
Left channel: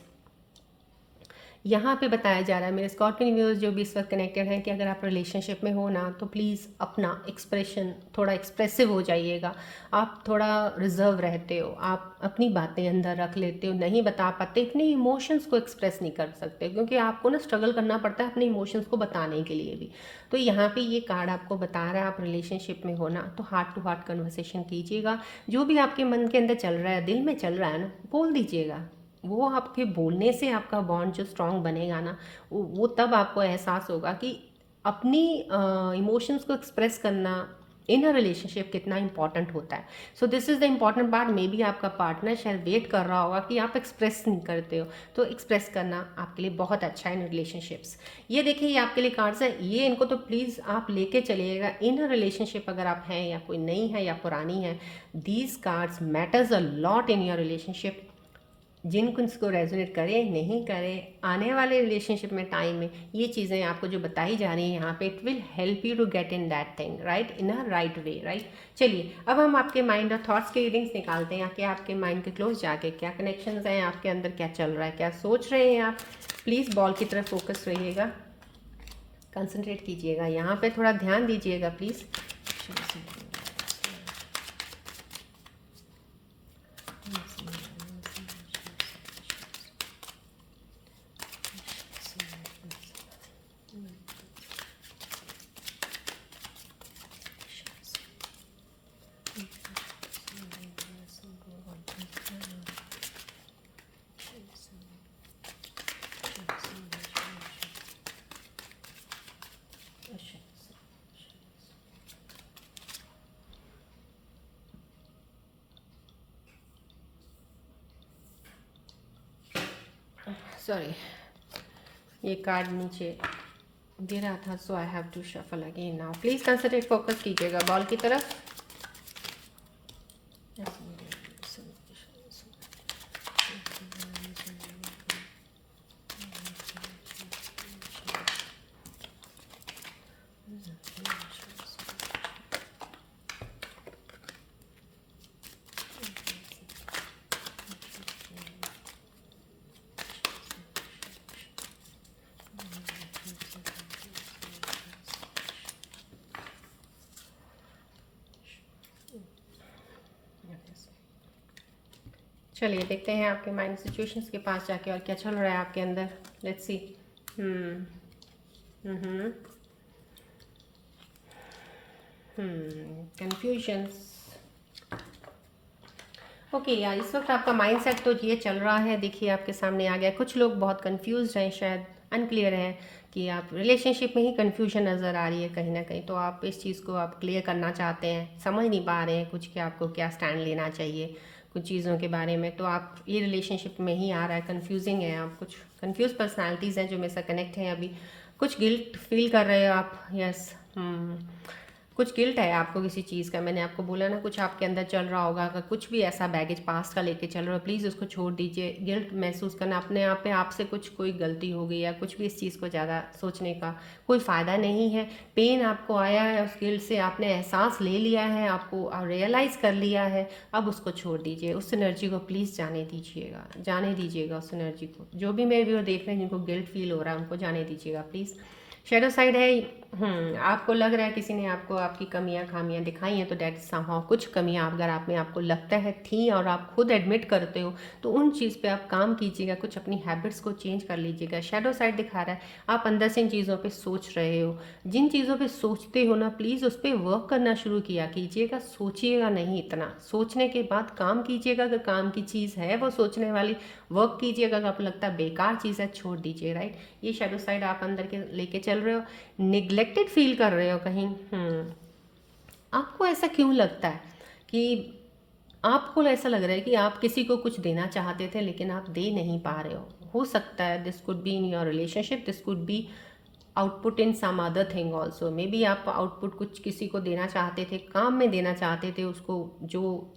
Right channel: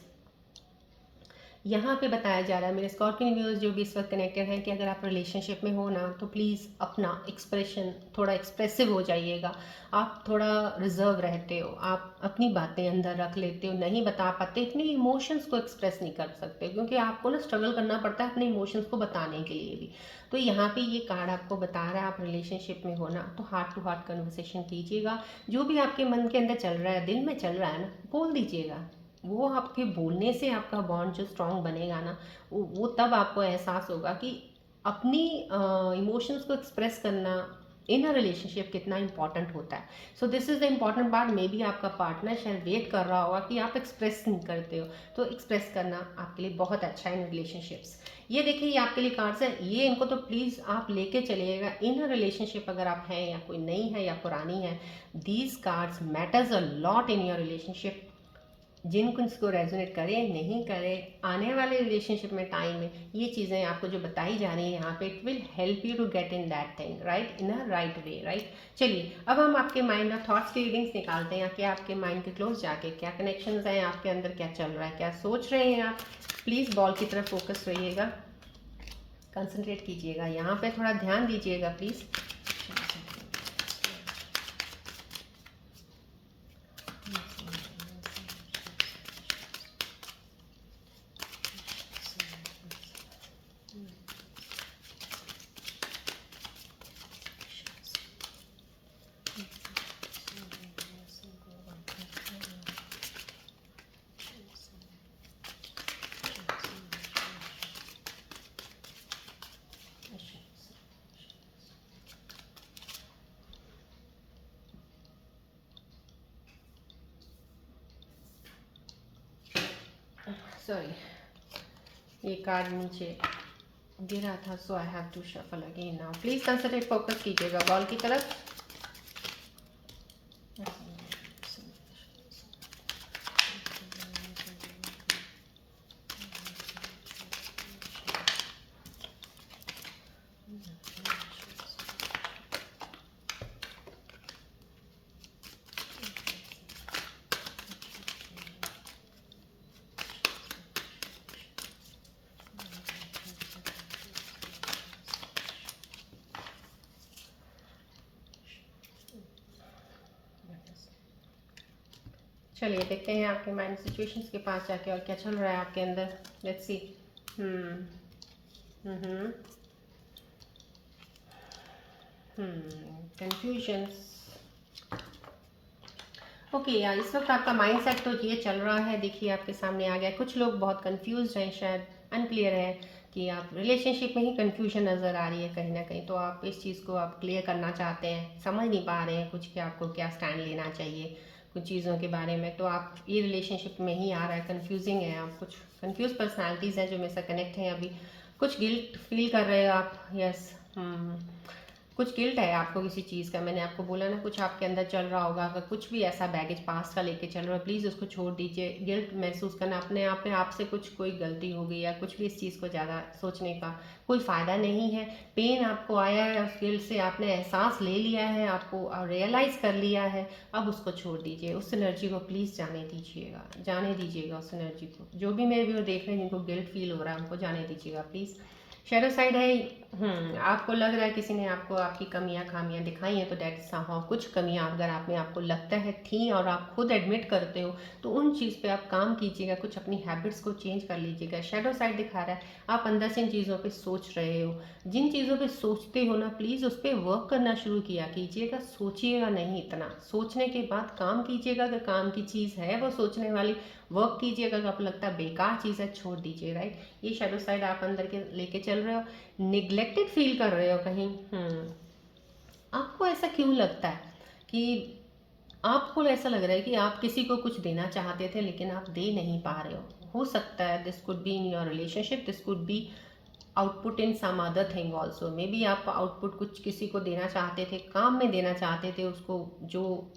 यहाँ पे बताया जा रहा है मेरे स्कॉर्पियन व्यूअर्स जो भी इस वक्त कनेक्टेड हैं कि अगर आप रिलेशनशिप में हो ना तो प्लीज़ अपना एक्सप्रेशन थोड़ा एक्सप्रेसिव हो जाइएगा। आप थोड़ा रिजर्व रहते हो, आप अपनी बातें अंदर रख लेते हो, नहीं बता पाते, अपने इमोशंस को एक्सप्रेस नहीं कर सकते क्योंकि आपको ना स्ट्रगल करना पड़ता है अपने इमोशंस को बताने के लिए भी। तो यहाँ पे ये कार्ड आपको बता रहा है आप रिलेशनशिप में हो ना तो हार्ट टू हार्ट कन्वर्सेशन कीजिएगा। जो भी आपके मन के अंदर चल रहा है, दिल में चल रहा है ना, बोल दीजिएगा। वो आपके बोलने से आपका बॉन्ड जो स्ट्रांग बनेगा ना, वो तब आपको एहसास होगा कि अपनी इमोशंस को एक्सप्रेस करना इन अ रिलेशनशिप कितना इंपॉर्टेंट होता है। So this is the important part. May be आपका पार्टनर शायद वेट कर रहा होगा कि आप एक्सप्रेस नहीं करते हो, तो एक्सप्रेस करना आपके लिए बहुत अच्छा है इन रिलेशनशिप्स। ये देखिए ये आपके लिए कार्ड्स है, ये इनको तो प्लीज़ आप लेके चलिएगा इन अ रिलेशनशिप अगर आप हैं या कोई नई है या पुरानी है। These cards matters a lot in your relationship. जिनको इसको रेजोनेट करे नहीं करे, आने वाले रिलेशनशिप में टाइम में ये चीज़ें आपको जो बताई जा रही है यहाँ पे, it will help you to get in that thing right, in a right way, right. चलिए अब हम आपके माइंड और थॉट्स के रीडिंग्स निकालते हैं कि आपके माइंड के क्लोज जाके क्या कनेक्शंस हैं, आपके अंदर क्या चल रहा है, क्या सोच रहे हैं आप। प्लीज़ बॉल की तरफ फोकस रहिएगा, कंसंट्रेट कीजिएगा, यहाँ पे थोड़ा ध्यान दीजिएगा प्लीज़। सॉरी, ये कार्ड नीचे गिरा था, so I have to shuffle again now. Please concentrate, focus कीजिएगा बॉल की तरफ। चलिए देखते हैं आपके माइंड सिचुएशंस के पास जाके और क्या चल रहा है आपके अंदर। Let's see. कंफ्यूजन्स, ओके यार, इस वक्त आपका माइंडसेट तो ये चल रहा है, देखिए आपके सामने आ गया। कुछ लोग बहुत कंफ्यूज हैं, शायद अनक्लियर हैं कि आप रिलेशनशिप में ही कंफ्यूजन नज़र आ रही है कहीं ना कहीं, तो आप इस चीज़ को आप क्लियर करना चाहते हैं, समझ नहीं पा रहे हैं कुछ कि आपको क्या स्टैंड लेना चाहिए कुछ चीज़ों के बारे में। तो आप ये रिलेशनशिप में ही आ रहा है, कंफ्यूजिंग है, आप कुछ कंफ्यूज पर्सनैलिटीज़ हैं जो मेरे साथ कनेक्ट हैं अभी। कुछ गिल्ट फील कर रहे हो आप, यस। कुछ गिल्ट है आपको किसी चीज़ का, मैंने आपको बोला ना, कुछ आपके अंदर चल रहा होगा। अगर कुछ भी ऐसा बैगेज पास्ट का लेके चल रहा हो, प्लीज़ उसको छोड़ दीजिए। गिल्ट महसूस करना अपने आप पे, आपसे कुछ कोई गलती हो गई या कुछ भी, इस चीज़ को ज़्यादा सोचने का कोई फ़ायदा नहीं है। पेन आपको आया है, उस गिल्ट से आपने एहसास ले लिया है, आपको रियलाइज़ कर लिया है, अब उसको छोड़ दीजिए। उस एनर्जी को प्लीज़ जाने दीजिएगा, जाने दीजिएगा उस एनर्जी को। जो भी मेरे व्यूअर देख रहे हैं जिनको गिल्ट फील हो रहा है, उनको जाने दीजिएगा प्लीज़। शेडो साइड है, आपको लग रहा है किसी ने आपको आपकी कमियां खामियां दिखाई हैं, तो डेट समहाउ कुछ कमियां अगर आप में आपको लगता है थी और आप खुद एडमिट करते हो, तो उन चीज़ पे आप काम कीजिएगा, कुछ अपनी हैबिट्स को चेंज कर लीजिएगा। शेडो साइड दिखा रहा है आप अंदर से इन चीज़ों पे सोच रहे हो, जिन चीज़ों पे सोचते हो ना, प्लीज़ उस पर वर्क करना शुरू किया कीजिएगा। सोचिएगा नहीं, इतना सोचने के बाद काम कीजिएगा। अगर काम की चीज़ है वो सोचने वाली, वर्क कीजिएगा। अगर आपको लगता है बेकार चीज़ है, छोड़ दीजिए। राइट, ये शेडो साइड आप अंदर के लेके चल रहे हो, निग्लेक्टेड फील कर रहे हो कहीं। आपको ऐसा क्यों लगता है कि आपको ऐसा लग रहा है कि आप किसी को कुछ देना चाहते थे लेकिन आप दे नहीं पा रहे हो सकता है this could be in your relationship, this could be output in some other thing also. Maybe आप आउटपुट कुछ किसी को देना चाहते थे, काम में देना चाहते थे उसको, जो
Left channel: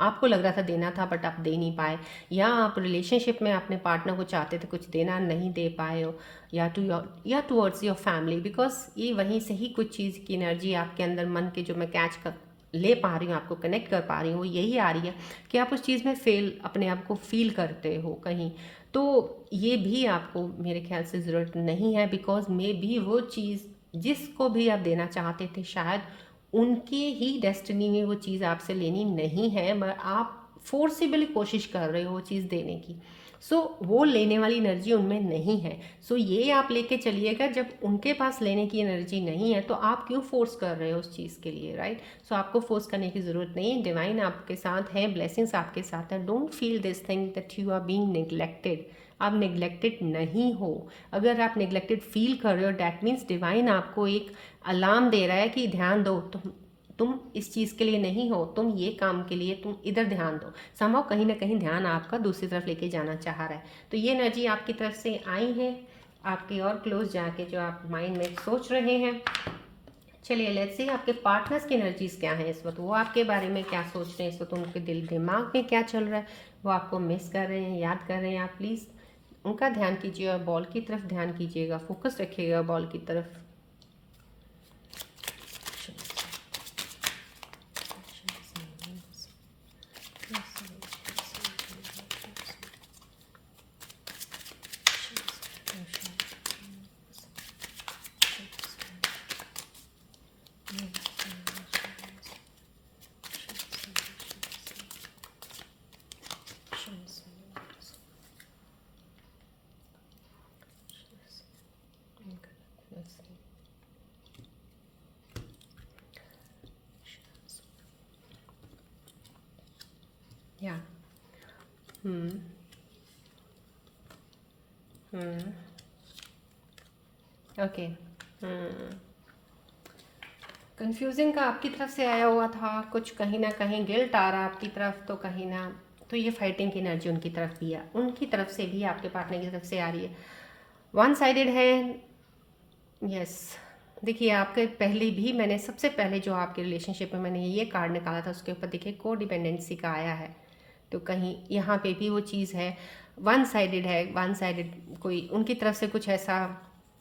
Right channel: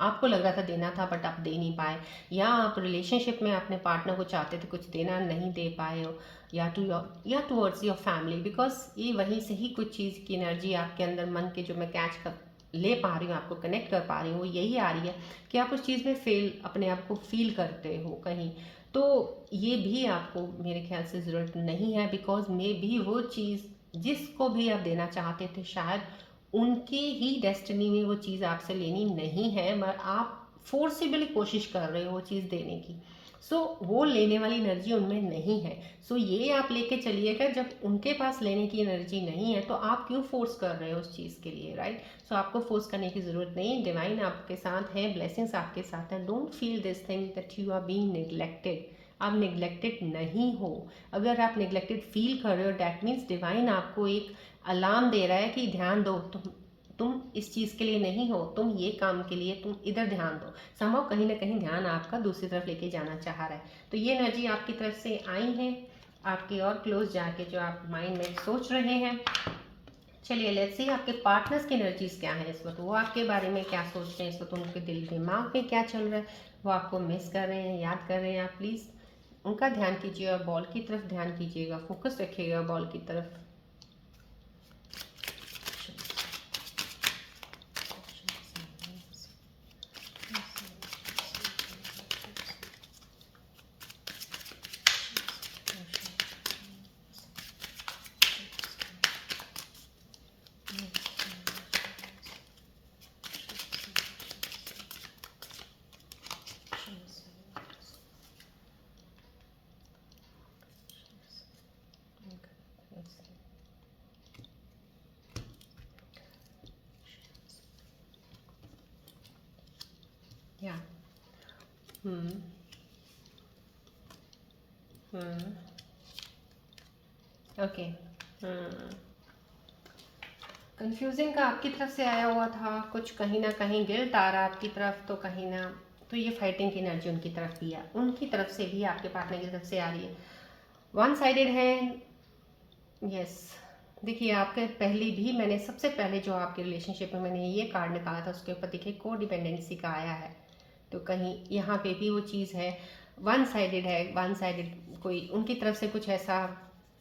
आपको लग रहा था देना था बट आप दे नहीं पाए, या आप रिलेशनशिप में अपने पार्टनर को चाहते थे कुछ देना, नहीं दे पाए हो, या टूवर्ड्स योर फैमिली, बिकॉज ये वहीं से ही कुछ चीज़ की एनर्जी आपके अंदर मन के जो मैं कैच कर ले पा रही हूँ, आपको कनेक्ट कर पा रही हूँ, वो यही आ रही है कि आप उस चीज़ में फेल अपने आप को फील करते हो कहीं। तो ये भी आपको मेरे ख्याल से ज़रूरत नहीं है, बिकॉज मे भी वो चीज़ जिसको भी आप देना चाहते थे, शायद उनके ही डेस्टिनी में वो चीज़ आपसे लेनी नहीं है, बट आप फोर्सिबली कोशिश कर रहे हो वो चीज़ देने की। सो वो लेने वाली एनर्जी उनमें नहीं है। सो ये आप लेके चलिएगा, जब उनके पास लेने की एनर्जी नहीं है तो आप क्यों फोर्स कर रहे हो उस चीज़ के लिए। राइट, सो आपको फोर्स करने की ज़रूरत नहीं है। डिवाइन आपके साथ है, ब्लेसिंग्स आपके साथ हैं। Don't feel this thing that you are being neglected. आप नेग्लेक्टेड नहीं हो। अगर आप नेग्लेक्टेड फील कर रहे हो, डैट मीन्स डिवाइन आपको एक अलार्म दे रहा है कि ध्यान दो, तुम इस चीज़ के लिए नहीं हो, तुम ये काम के लिए तुम इधर ध्यान दो। संभव कहीं ना कहीं ध्यान आपका दूसरी तरफ लेके जाना चाह रहा है। तो ये एनर्जी आपकी तरफ से आई है, आपके और क्लोज जाके जो आप माइंड में सोच रहे हैं। चलिए लेट्स सी आपके पार्टनर्स की एनर्जीज क्या है इस वक्त, वो आपके बारे में क्या सोच रहे हैं इस वक्त, उनके दिल दिमाग में क्या चल रहा है, वो आपको मिस कर रहे हैं, याद कर रहे हैं। आप प्लीज़ उनका ध्यान कीजिए और बॉल की तरफ ध्यान कीजिएगा, फोकस रखिएगा बॉल की तरफ। या ओके, कंफ्यूजिंग का आपकी तरफ से आया हुआ था, कुछ कहीं ना कहीं गिल्ट आ रहा आपकी तरफ, तो कहीं ना तो ये फाइटिंग की एनर्जी उनकी तरफ भी है, उनकी तरफ से भी आपके पार्टनर की तरफ से आ रही है। वन साइडेड है, यस। देखिए आपके पहले भी मैंने सबसे पहले जो आपके रिलेशनशिप में मैंने ये कार्ड निकाला था, उसके ऊपर देखिए को डिपेंडेंसी का आया है, तो कहीं यहाँ पे भी वो चीज़ है, वन साइडेड है। वन साइडेड कोई उनकी तरफ से कुछ ऐसा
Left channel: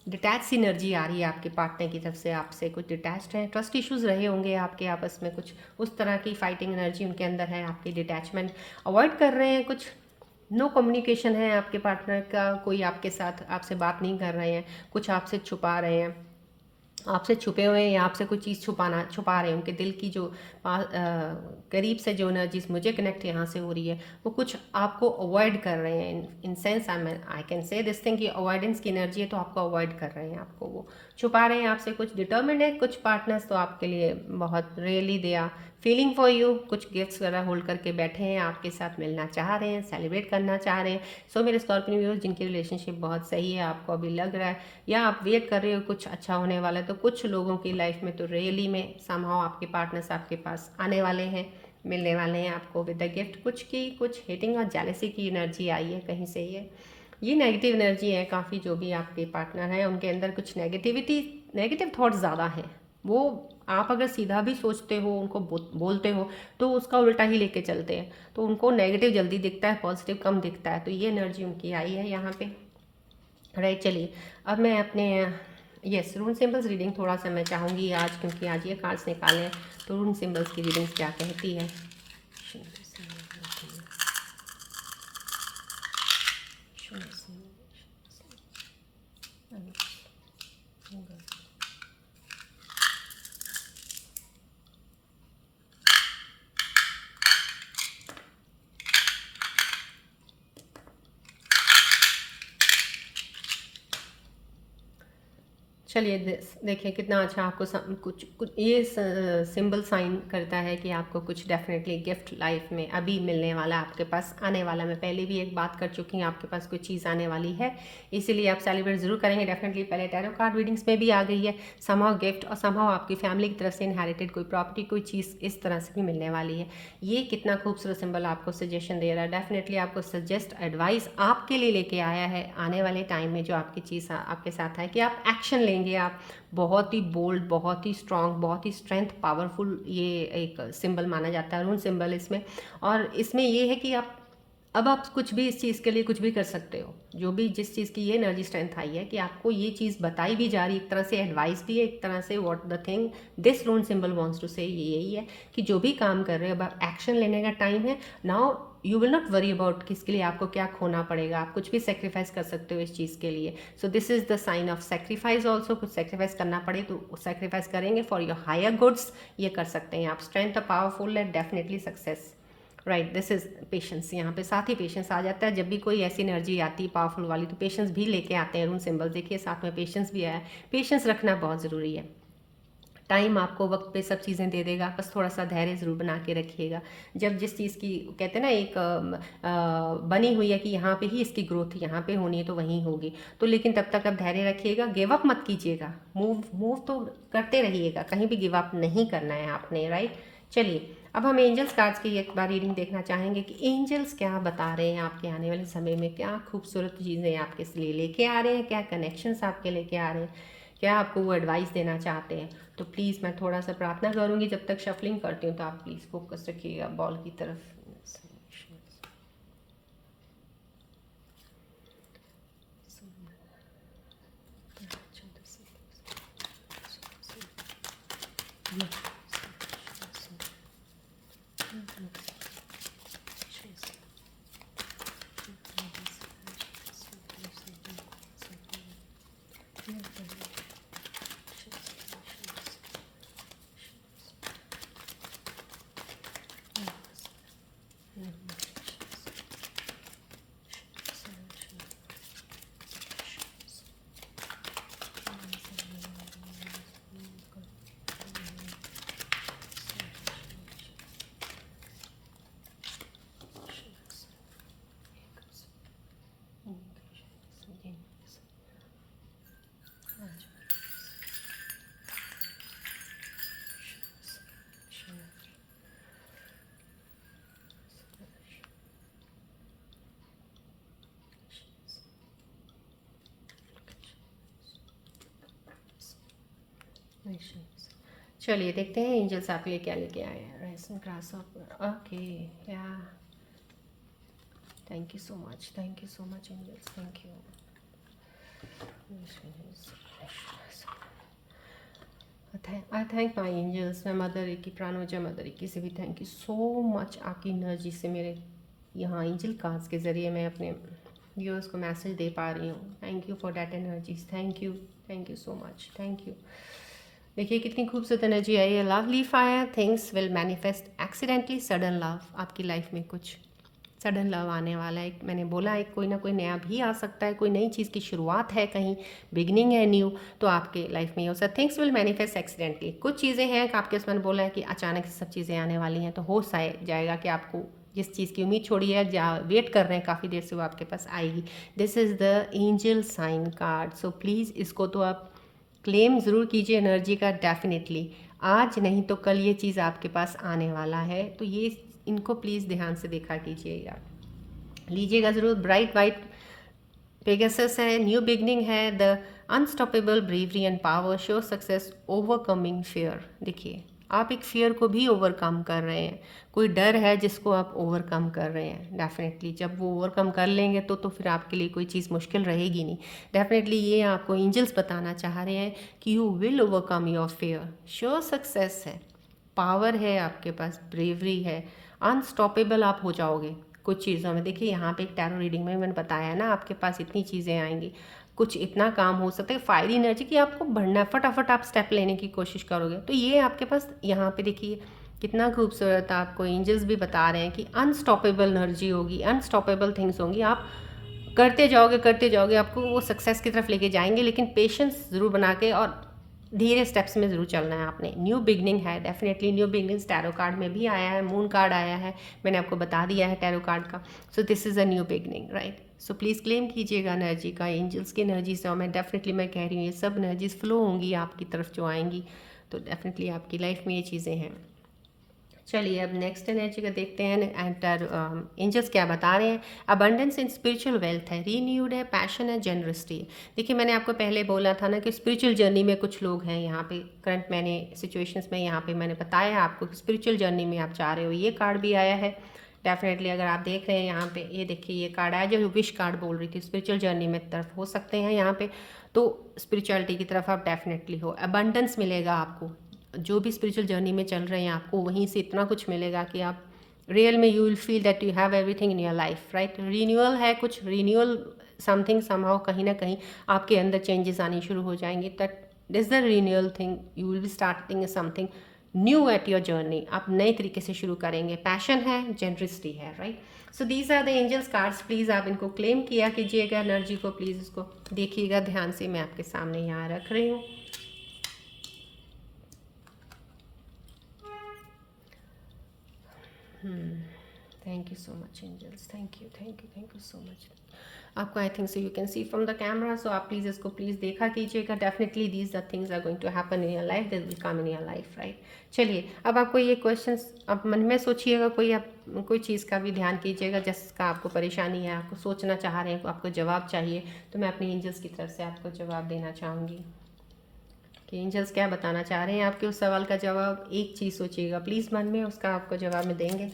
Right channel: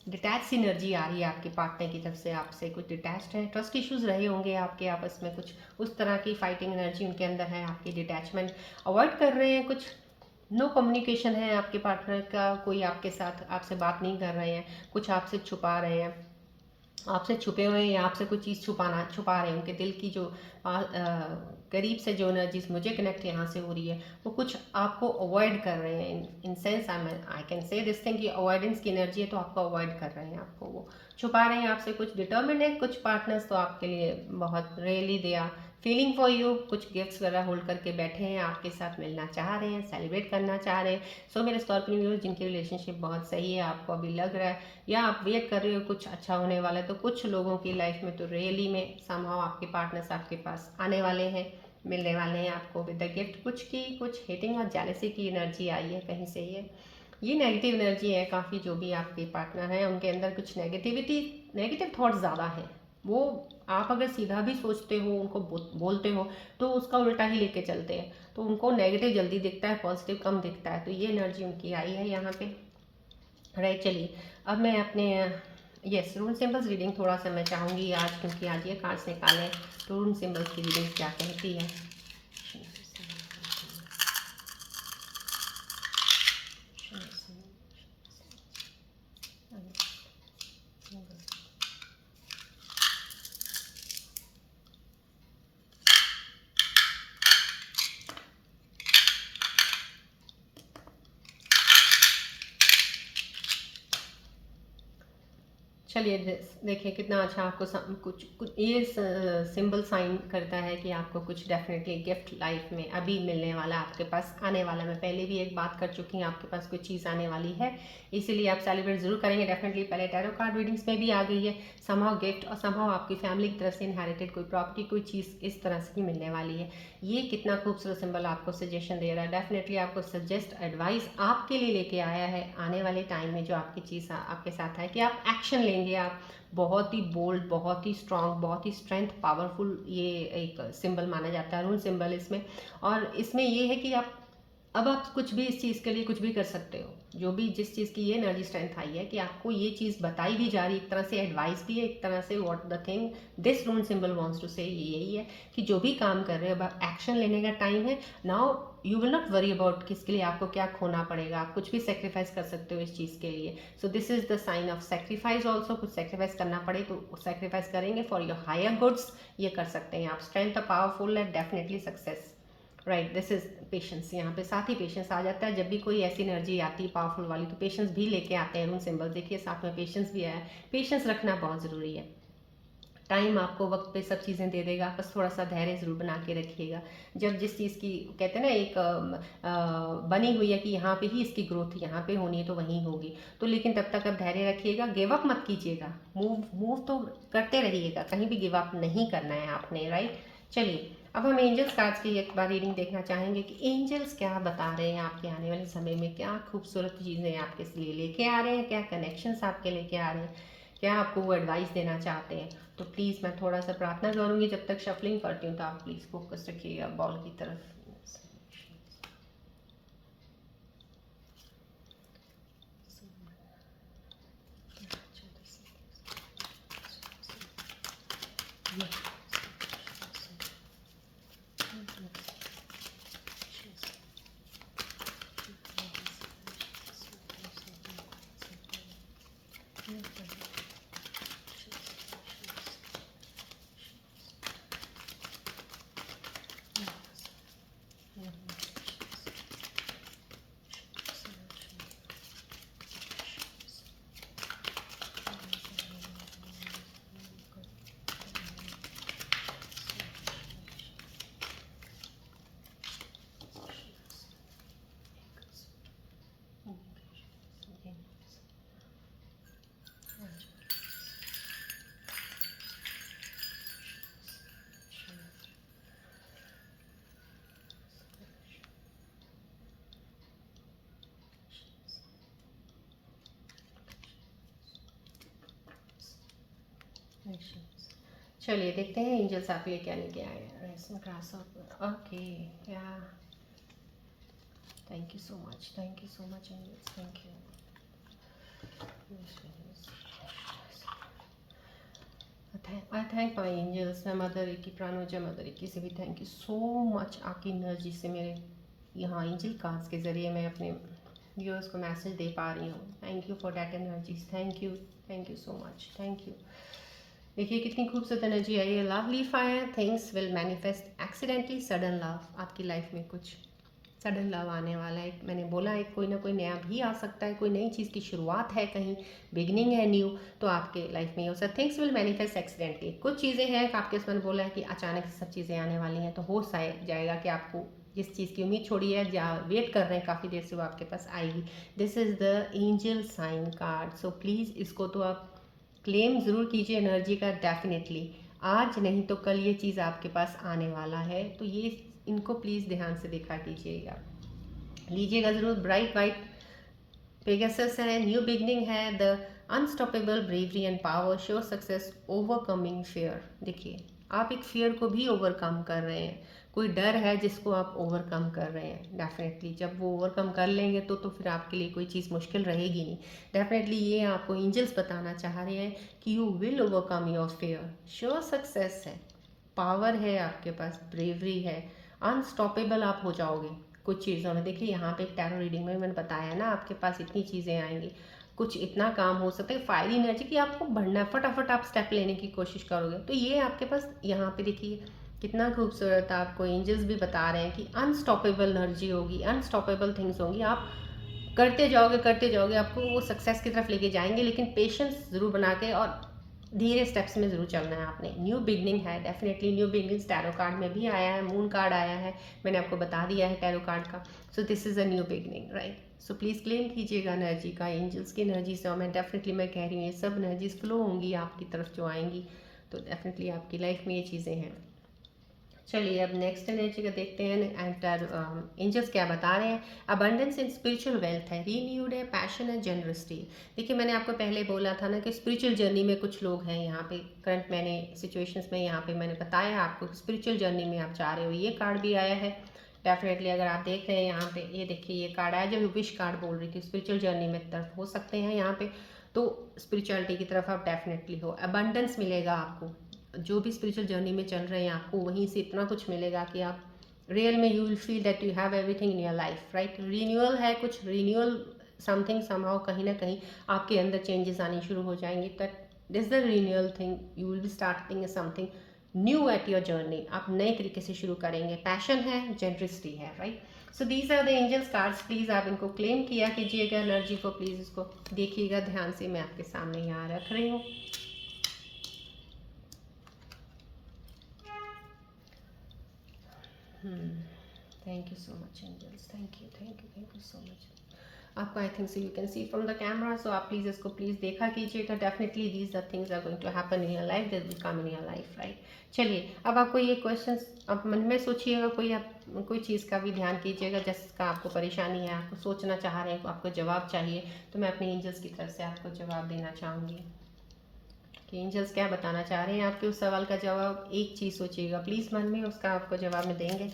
डिटैच सी एनर्जी आ रही है आपके पार्टनर की तरफ से, आपसे कुछ डिटैच्ड है, ट्रस्ट इश्यूज रहे होंगे आपके आपस में, कुछ उस तरह की फाइटिंग एनर्जी उनके अंदर है, आपकी डिटैचमेंट अवॉइड कर रहे हैं, कुछ नो कम्युनिकेशन है आपके पार्टनर का, कोई आपके साथ आपसे बात नहीं कर रहे हैं, कुछ आपसे छुपा रहे हैं, आपसे छुपे हुए हैं या आपसे कोई चीज़ छुपा रहे हैं। उनके दिल की जो करीब से जो एनर्जीज मुझे कनेक्ट यहाँ से हो रही है, वो कुछ आपको अवॉइड कर रहे हैं। In sense I can say this thing कि अवॉइडेंस की एनर्जी है, तो आपको अवॉइड कर रहे हैं, आपको वो छुपा रहे हैं आपसे, कुछ डिटर्मिन्ड है कुछ पार्टनर्स, तो आपके लिए बहुत really they are feeling for you, कुछ गिफ्ट्स वगैरह होल्ड करके बैठे हैं, आपके साथ मिलना चाह रहे हैं, सेलिब्रेट करना चाह रहे हैं। सो मेरे स्कॉर्पियो व्यूअर्स जिनकी रिलेशनशिप बहुत सही है, आपको अभी लग रहा है या आप वेट कर रहे हो कुछ अच्छा होने वाला है, तो कुछ लोगों की लाइफ में तो रियली में समहाउ आपके पार्टनर्स आपके पास आने वाले हैं, मिलने वाले हैं आपको विद द गिफ्ट। कुछ हेटिंग और जेलसी की एनर्जी आई है कहीं से, ये नेगेटिव एनर्जी है काफ़ी। जो भी आपके पार्टनर हैं उनके अंदर कुछ नेगेटिव थॉट्स ज़्यादा हैं। वो आप अगर सीधा भी सोचते हो, उनको बोलते हो, तो उसका उल्टा ही लेके चलते हैं, तो उनको नेगेटिव जल्दी दिखता है, पॉजिटिव कम दिखता है। तो ये एनर्जी उनकी आई है यहाँ पे। राइट, चलिए अब मैं अपने यस रून सिंबल्स रीडिंग थोड़ा सा मैं चाहूँगी आज, क्योंकि आज ये कार्ड्स निकालें तो रून सिंबल्स की रीडिंग क्या कहती है। चलिए देखिए कितना अच्छा आपको कुछ ये सिंबल साइन करता है कि आपको कुछ डेफिनेटली गिफ्ट लाइफ में अभी मिलने वाला, आपके पास आने वाला। मैं पहले भी एक बात कर चुकी हूँ, आपके पास कोई चीज़ आने वाली है, इसीलिए आप सेलिब्रेट जरूर करेंगे डेफिनेटली। पहले टैरो कार्ड रीडिंग्स में भी आ गई है समहाउ गिफ्ट, और समहाउ आपकी फैमिली की तरफ से इनहेरिटेड कोई प्रॉपर्टी, कोई चीज़ इस तरह से ही मिलने वाली है। ये कितना खूबसूरत सिंबल आपको सजेशन दे रहा है, डेफिनेटली आपको सजेस्ट एडवाइस आपके लिए लेके आया है आने वाले टाइम में जो आपकी चीज़ आपके साथ है, कि आप एक्शन लेंगे। आप बहुत ही बोल्ड, बहुत ही स्ट्रांग, बहुत ही स्ट्रेंथ पावरफुल ये एक सिंबल माना जाता है, रून सिंबल इसमें। और इसमें ये है कि अब आप कुछ भी इस चीज़ के लिए कुछ भी कर सकते हो। जो भी जिस चीज़ की ये एनर्जी स्ट्रेंथ आई है कि आपको ये चीज़ बताई भी जा रही है, एक तरह से एडवाइस भी है, एक तरह से what the thing this rune symbol wants to say यही है कि जो भी काम कर रहे हो अब एक्शन लेने का टाइम है। Now you will not worry about किसके लिए आपको क्या खोना पड़ेगा, आप कुछ भी सेक्रीफाइस कर सकते हो इस चीज़ के लिए। So this is the sign of sacrifice also. कुछ सेक्रीफाइस करना पड़े तो सेक्रीफाइस करेंगे फॉर योर हायर गुड्स, ये कर सकते हैं आप। स्ट्रेंथ पावरफुल है, definitely success. Right, this is patience. यहाँ पे साथ ही पेशेंस आ जाता है। जब भी कोई ऐसी एनर्जी आती है पावरफुल वाली, तो पेशेंस भी लेके आते हैं रून सिंबल। देखिए साथ में पेशेंस भी आया है। पेशेंस रखना बहुत ज़रूरी है। टाइम आपको वक्त पे सब चीज़ें दे देगा, बस थोड़ा सा धैर्य ज़रूर बना के रखिएगा। जब जिस चीज़ की कहते हैं ना एक बनी हुई है कि यहाँ पे ही इसकी ग्रोथ यहाँ पे होनी है तो वहीं होगी, तो लेकिन तब तक आप धैर्य रखिएगा, गिव अप मत कीजिएगा। मूव तो करते रहिएगा, कहीं भी गिव अप नहीं करना है आपने। राइट, चलिए अब हम एंजल्स कार्ड्स की एक बार रीडिंग देखना चाहेंगे कि एंजल्स क्या बता रहे हैं आपके आने वाले समय में, क्या खूबसूरत चीज़ें आपके लिए लेके आ रहे हैं, क्या कनेक्शंस आपके लेके आ रहे हैं, क्या आपको वो एडवाइस देना चाहते हैं। तो प्लीज़ मैं थोड़ा सा प्रार्थना करूँगी जब तक शफलिंग करती हूँ, तो आप प्लीज़ फोकस रखिएगा बॉल की तरफ। चलिए देखते हैं एंजल्स आप ये क्या लेके आए हैं। राइजिंग ग्रास ऑफ, ओके, या thank you so much angels, thank you. I thank my angels. मैं मदर की प्राणोजा मदर की से भी थैंक यू सो मच। आपकी एनर्जी से मेरे यहाँ एंजल कार्ड्स के ज़रिए मैं अपने व्यूअर्स को मैसेज दे पा रही हूँ। Thank you for that energies, thank you so much, thank you. देखिए कितनी खूबसूरत एनर्जी आई है। Lovely fire, things will manifest accidentally, sudden love. आपकी लाइफ में कुछ सडन लव आने वाला है। मैंने बोला है कोई ना कोई नया भी आ सकता है, कोई नई चीज़ की शुरुआत है, कहीं बिगनिंग है न्यू, तो आपके लाइफ में ये हो सकता है। Things will manifest accidentally. कुछ चीज़ें हैं कि आपके उसमें बोला है कि अचानक से सब चीज़ें आने वाली हैं, तो हो जाएगा कि आपको जिस चीज़ की उम्मीद छोड़ी है या वेट कर रहे हैं काफ़ी देर से, वो आपके पास आएगी। This is the angel sign card. So please इसको तो आप क्लेम ज़रूर कीजिए एनर्जी का, डेफिनेटली। आज नहीं तो कल ये चीज़ आपके पास आने वाला है, तो ये इनको प्लीज़ ध्यान से देखा कीजिएगा, लीजिएगा ज़रूर। ब्राइट वाइट पेगासस है, न्यू बिगनिंग है, the unstoppable bravery and power show success overcoming fear. देखिए आप एक फियर को भी ओवरकम कर रहे हैं, कोई डर है जिसको आप ओवरकम कर रहे हैं। डेफिनेटली जब वो ओवरकम कर लेंगे तो फिर आपके लिए कोई चीज़ मुश्किल रहेगी नहीं। डेफिनेटली ये आपको एंजल्स बताना चाह रहे हैं कि you will overcome your fear. Sure success है, पावर है आपके पास, ब्रेवरी है, अनस्टॉपेबल आप हो जाओगे कुछ चीज़ों में। देखिए यहाँ पे एक टैरो रीडिंग में मैंने बताया ना, आपके पास इतनी चीज़ें आएंगी, कुछ इतना काम हो सकता है फायरी एनर्जी की आपको बढ़ना, फटाफट आप स्टेप लेने की कोशिश करोगे। तो ये आपके पास यहाँ पे देखिए कितना खूबसूरत आपको एंजल्स भी बता रहे हैं कि अनस्टॉपेबल एनर्जी होगी, अनस्टॉपेबल थिंग्स होंगी। आप करते जाओगे, आपको वो सक्सेस की तरफ लेके जाएंगे, लेकिन पेशेंस ज़रूर बना के और धीरे स्टेप्स में ज़रूर चलना है आपने। न्यू बिगनिंग है, definitely new beginnings tarot card में भी आया है, मून कार्ड आया है, मैंने आपको बता दिया है टैरो कार्ड का। सो this is a new beginning, right. So please claim कीजिएगा एनर्जी का, एंजल्स की एनर्जी से। और मैं डेफिनेटली मैं कह रही हूँ ये सब एनर्जीज फ्लो होंगी आपकी तरफ जो आएंगी, तो डेफिनेटली आपकी लाइफ में ये चीज़ें हैं। चलिए अब नेक्स्ट एनर्जी का देखते हैं, एंजल्स क्या बता रहे हैं। अबंडेंस इन स्पिरिचुअल वेल्थ है, रीन्यूड है, पैशन है, जेनरसिटी। देखिए मैंने आपको पहले बोला था ना कि स्पिरिचुअल जर्नी में कुछ लोग हैं यहाँ पे करंट, मैंने सिचुएशंस में यहाँ पे मैंने बताया आपको स्पिरिचुअल जर्नी में आप जा रहे हो। ये कार्ड भी आया है डेफिनेटली, अगर आप देख रहे हैं यहाँ पे, ये देखिए ये कार्ड आया जो विश कार्ड बोल रही थी, स्पिरिचुअल जर्नी में तरफ हो सकते हैं यहाँ पे, तो स्पिरिचुअलिटी की तरफ आप डेफिनेटली हो। अबंडेंस मिलेगा आपको, जो भी स्पिरिचुअल जर्नी में चल रहे हैं आपको वहीं से इतना कुछ मिलेगा कि आप रियल में you will feel that you have everything in your life, right. Renewal है, कुछ रीन्यूअल समथिंग समहाउ, कहीं ना कहीं आपके अंदर चेंजेस आनी शुरू हो जाएंगे। That is the renewal thing, you will be starting something new at your journey, आप नए तरीके से शुरू करेंगे। पैशन है, जेनरसिटी है, right. So these are the angels cards. Please आप इनको क्लेम किया कीजिएगा एनर्जी को, प्लीज़ इसको देखिएगा ध्यान से, मैं आपके सामने यहाँ रख रही हूँ। Thank you so much angels, thank you so much. आपको I think so you can see from the camera, so आप प्लीज़ इसको प्लीज़ देखा कीजिएगा। Definitely these the things are going to happen in your life, this will come in your life, right. चलिए अब आपको ये क्वेश्चंस आप मन में सोचिएगा, कोई चीज़ का भी ध्यान कीजिएगा जिसका आपको परेशानी है, आपको सोचना चाह रहे हैं, आपको जवाब चाहिए, तो मैं अपने एंजल्स की तरफ से आपको जवाब देना चाहूँगी कि एंजल्स क्या बताना चाह रहे हैं। आपके उस सवाल का जवाब एक चीज़ सोचिएगा प्लीज़ मन में, उसका आपको जवाब में देंगे।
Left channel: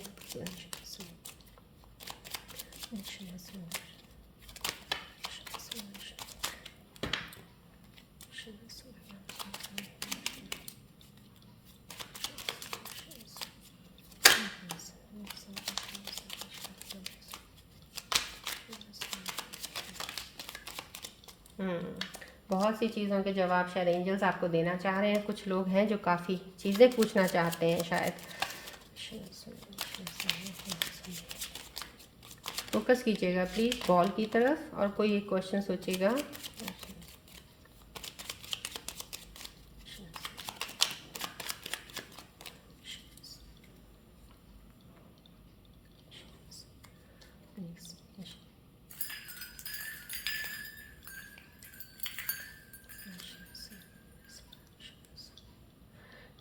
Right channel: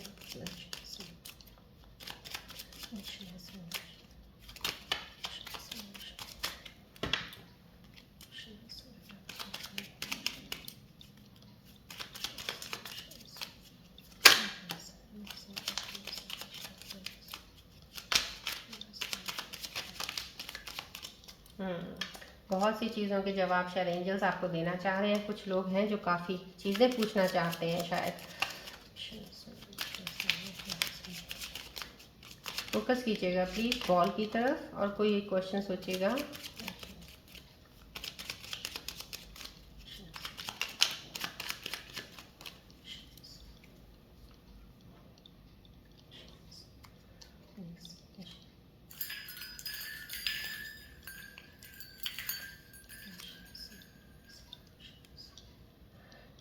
बहुत सी चीज़ों के जवाब शायद एंजल्स आपको देना चाह रहे हैं। कुछ लोग हैं जो काफ़ी चीज़ें पूछना चाहते हैं शायद। फोकस कीजिएगा प्लीज़ बॉल की तरफ और कोई एक क्वेश्चन सोचिएगा।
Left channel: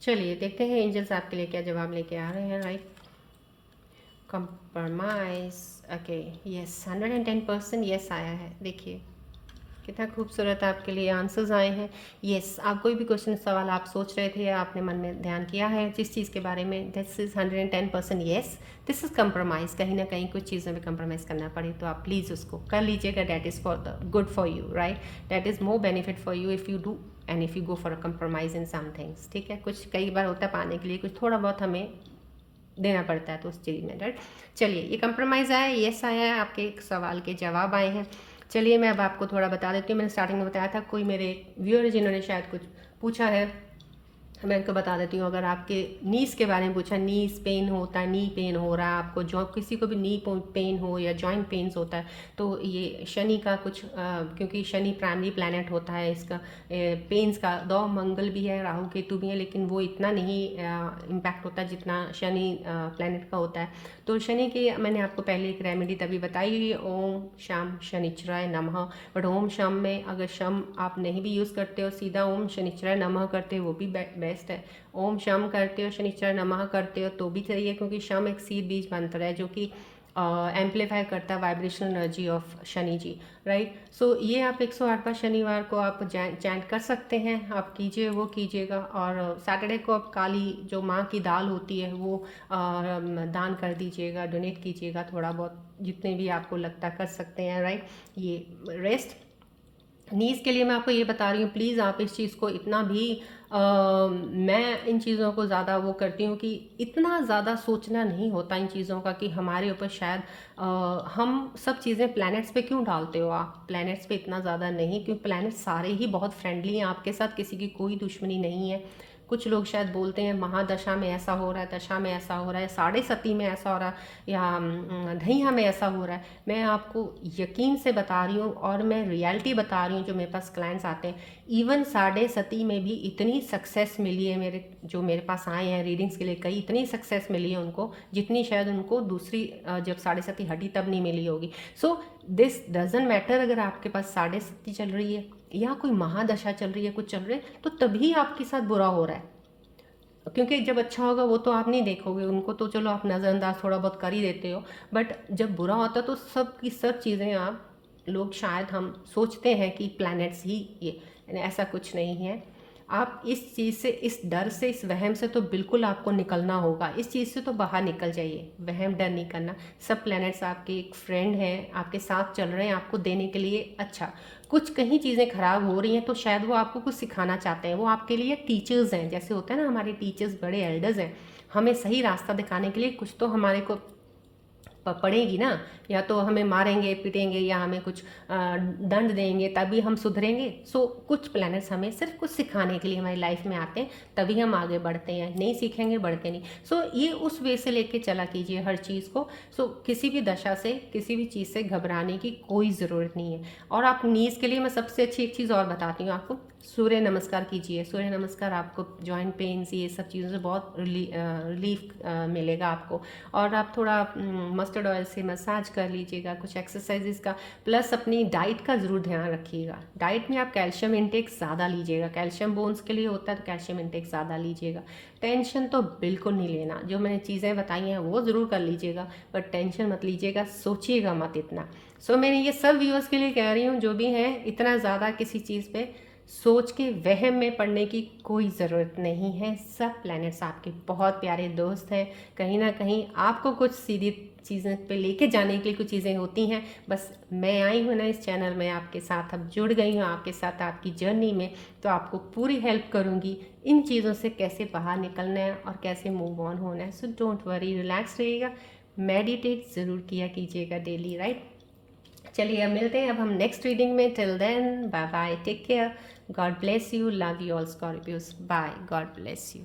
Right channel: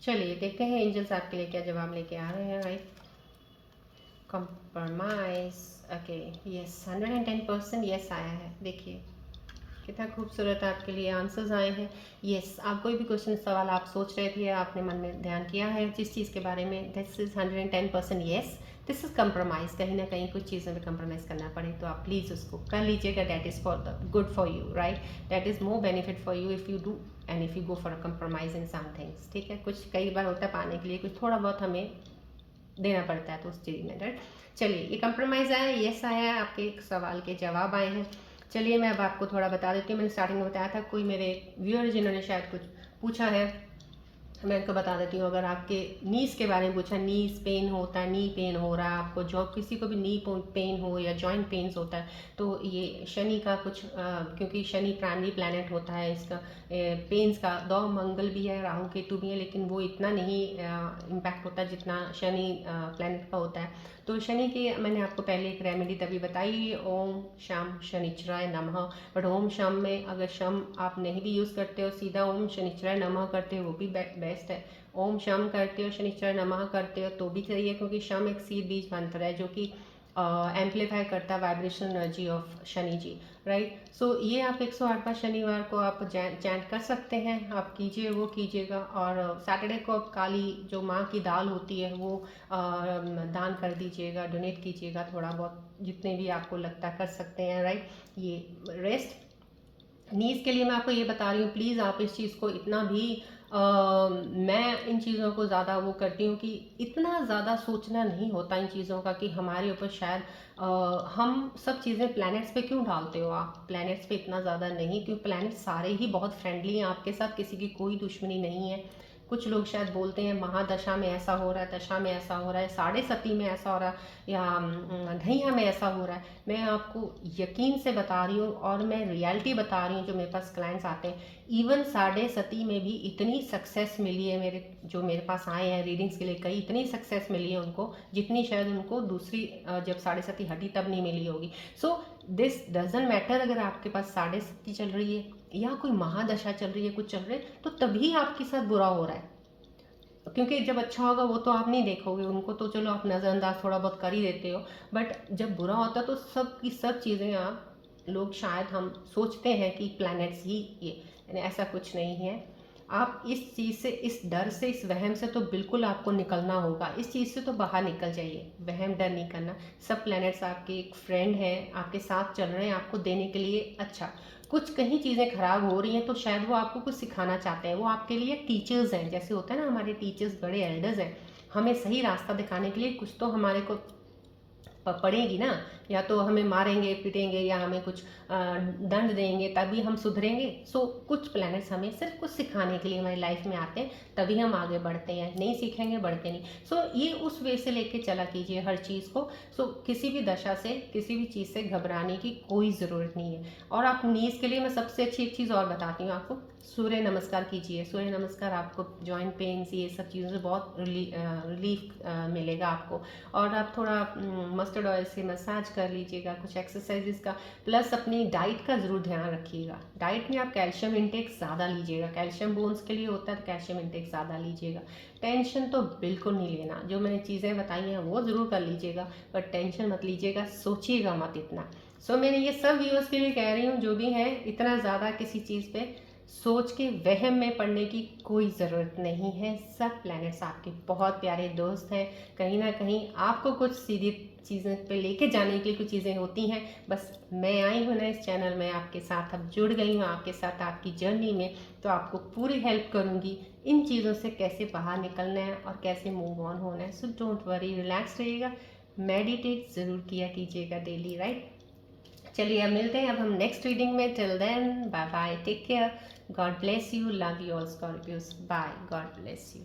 चलिए देखते हैं एंजल्स आपके लिए क्या जवाब लेके आ रहे हैं। Right, compromise, okay, yes, 110% yes आया है। देखिए कितना खूबसूरत आपके लिए आंसर्स आए हैं। यस, आप कोई भी क्वेश्चन सवाल आप सोच रहे थे, आपने मन में ध्यान किया है जिस चीज़ के बारे में, this is 110% yes. This is compromise, कहीं ना कहीं कुछ चीज़ों में कंप्रोमाइज़ करना पड़े तो आप प्लीज़ उसको कर लीजिएगा। That is for the good for you, right. That is more benefit for you if you do and if you go for a compromise in some things, ठीक है। कुछ कई बार होता है पाने के लिए कुछ थोड़ा बहुत हमें देना पड़ता है तो उस चीज़ में, राइट। चलिए ये कंप्रोमाइज़ आया, यस आया है, आपके एक सवाल के जवाब आए हैं। चलिए मैं अब आपको थोड़ा बता देती हूँ। मैंने स्टार्टिंग में बताया था कोई मेरे व्यूअर जिन्होंने शायद कुछ पूछा है मैं आपको बता देती हूँ, अगर आपके नीज के बारे में पूछा, नीज पेन होता है, नी पेन हो रहा है आपको, जो किसी को भी नी पेन हो या जॉइंट पेन्स होता है, तो ये शनि का कुछ क्योंकि शनि प्राइमरी प्लैनेट होता है इसका पेन्स का। दो मंगल भी है, राहु केतु भी है, लेकिन वो इतना नहीं इम्पैक्ट होता है जितना शनि प्लैनेट का होता है। तो शनि की मैंने आपको पहले एक रेमेडी तभी बताई, ओम शम शनिचराय नमः। बट ओम शम में अगर शम आप नहीं भी यूज़ करते हो, सीधा ओम शनिचराय नमः करते हो, वो भी बेस्ट है। ओम शम करते हो, शनिचराय नमः करते हो तो भी सही है, क्योंकि शम एक सीध बीज मंत्र है जो कि एम्पलीफाई करता है vibrational energy of Shani ji, right. So ये आप 108 बार शनिवार को आप चैंट कर सकते हैं, आप कीजिए, वो कीजिएगा। और सैटरडे को आप काली जो माँ की दाल होती है वो दान कर दीजिएगा, डोनेट कीजिएगा, थोड़ा बहुत जितने भी आपको लगता कर सकते हैं, राइट। ये रेस्ट नीज के लिए मैं आपको ये बता रही हूँ, प्लीज़ आप इस चीज़ को इतना भी मैं इन चीज़ों को ज़्यादा वो करती हूँ कि इतना ज़्यादा सोचना नहीं होता इन चीज़ों का कि हमारे ऊपर शायद हम सब चीज़ें प्लैनेट्स पे क्यों डालते हो आप, प्लैनेट्स पे इतना ज़्यादा नहीं, क्योंकि प्लैनेट सारे ही बहुत फ्रेंडली हैं आपके साथ, किसी की कोई दुश्मनी नहीं है। कुछ लोग शायद बोलते हैं महादशा में ऐसा हो रहा है, दशा में ऐसा हो रहा है, साढ़े सती में ऐसा हो रहा है, या धैया में ऐसा हो रहा है। मैं आपको यकीन से बता रही हूँ और मैं रियलिटी बता रही हूँ, जो मेरे पास क्लाइंट्स आते हैं, इवन साढ़े सती में भी इतनी सक्सेस मिली है मेरे जो मेरे पास आए हैं रीडिंग्स के लिए, कई इतनी सक्सेस मिली है उनको जितनी शायद उनको दूसरी जब साढ़े सती हटी तब नहीं मिली होगी। सो दिस डजेंट मैटर, अगर आपके पास साढ़े सती चल रही है या कोई महादशा चल रही है, कुछ चल रहा है, तो तभी आपके साथ बुरा हो रहा है। क्योंकि जब अच्छा होगा वो तो आप नहीं देखोगे, उनको तो चलो आप नज़रअंदाज थोड़ा बहुत कर ही देते हो, बट जब बुरा होता है तो सब की सब चीज़ें आप लोग शायद हम सोचते हैं कि प्लैनेट्स ही ये, यानी ऐसा कुछ नहीं है। आप इस चीज़ से, इस डर से, इस वहम से तो बिल्कुल आपको निकलना होगा, इस चीज़ से तो बाहर निकल जाइए, वहम डर नहीं करना। सब प्लैनेट्स आपके एक फ्रेंड हैं, आपके साथ चल रहे हैं आपको देने के लिए अच्छा। कुछ कहीं चीज़ें खराब हो रही हैं तो शायद वो आपको कुछ सिखाना चाहते हैं, वो आपके लिए टीचर्स हैं, जैसे होता है ना हमारे टीचर्स बड़े एल्डर्स हैं, हमें सही रास्ता दिखाने के लिए कुछ तो हमारे को पड़ेगी ना, या तो हमें मारेंगे पीटेंगे या हमें कुछ दंड देंगे तभी हम सुधरेंगे। सो कुछ प्लैनेट्स हमें सिर्फ कुछ सिखाने के लिए हमारी लाइफ में आते हैं, तभी हम आगे बढ़ते हैं, नहीं सीखेंगे बढ़ते नहीं। सो ये उस वे से लेके चला कीजिए हर चीज़ को। सो किसी भी दशा से, किसी भी चीज़ से घबराने की कोई ज़रूरत नहीं है। और आप नीज के लिए मैं सबसे अच्छी एक चीज़ और बताती हूँ आपको, सूर्य नमस्कार कीजिए। सूर्य नमस्कार आपको जॉइंट पेन्स ये सब चीज़ों से बहुत रिलीफ मिलेगा आपको। और आप थोड़ा मस्टर्ड ऑयल से मसाज कर लीजिएगा, कुछ एक्सरसाइजेस का, प्लस अपनी डाइट का ज़रूर ध्यान रखिएगा। डाइट में आप कैल्शियम इंटेक ज़्यादा लीजिएगा, कैल्शियम बोन्स के लिए होता है तो कैल्शियम इंटेक ज़्यादा लीजिएगा। टेंशन तो बिल्कुल नहीं लेना, जो मैंने चीज़ें बताई हैं वो ज़रूर कर लीजिएगा, पर टेंशन मत लीजिएगा, सोचिएगा मत इतना। सो मैं ये सब व्यूअर्स के लिए कह रही हूँ जो भी हैं, इतना ज़्यादा किसी चीज़ पे सोच के वहम में पड़ने की कोई ज़रूरत नहीं है। सब प्लैनेट्स आपके बहुत प्यारे दोस्त हैं, कहीं ना कहीं आपको कुछ सीधी चीज़ें पे लेके जाने के लिए कुछ चीज़ें होती हैं। बस मैं आई हूँ ना इस चैनल में आपके साथ, अब जुड़ गई हूँ आपके साथ आपकी जर्नी में, तो आपको पूरी हेल्प करूँगी इन चीज़ों से कैसे बाहर निकलना है और कैसे मूव ऑन होना है। सो डोंट वरी, रिलैक्स रहिएगा, मेडिटेट ज़रूर किया कीजिएगा डेली, राइट। चलिए अब मिलते हैं अब हम नेक्स्ट रीडिंग में। Till then bye bye, take care, God bless you, love you all Scorpios, bye, God bless you.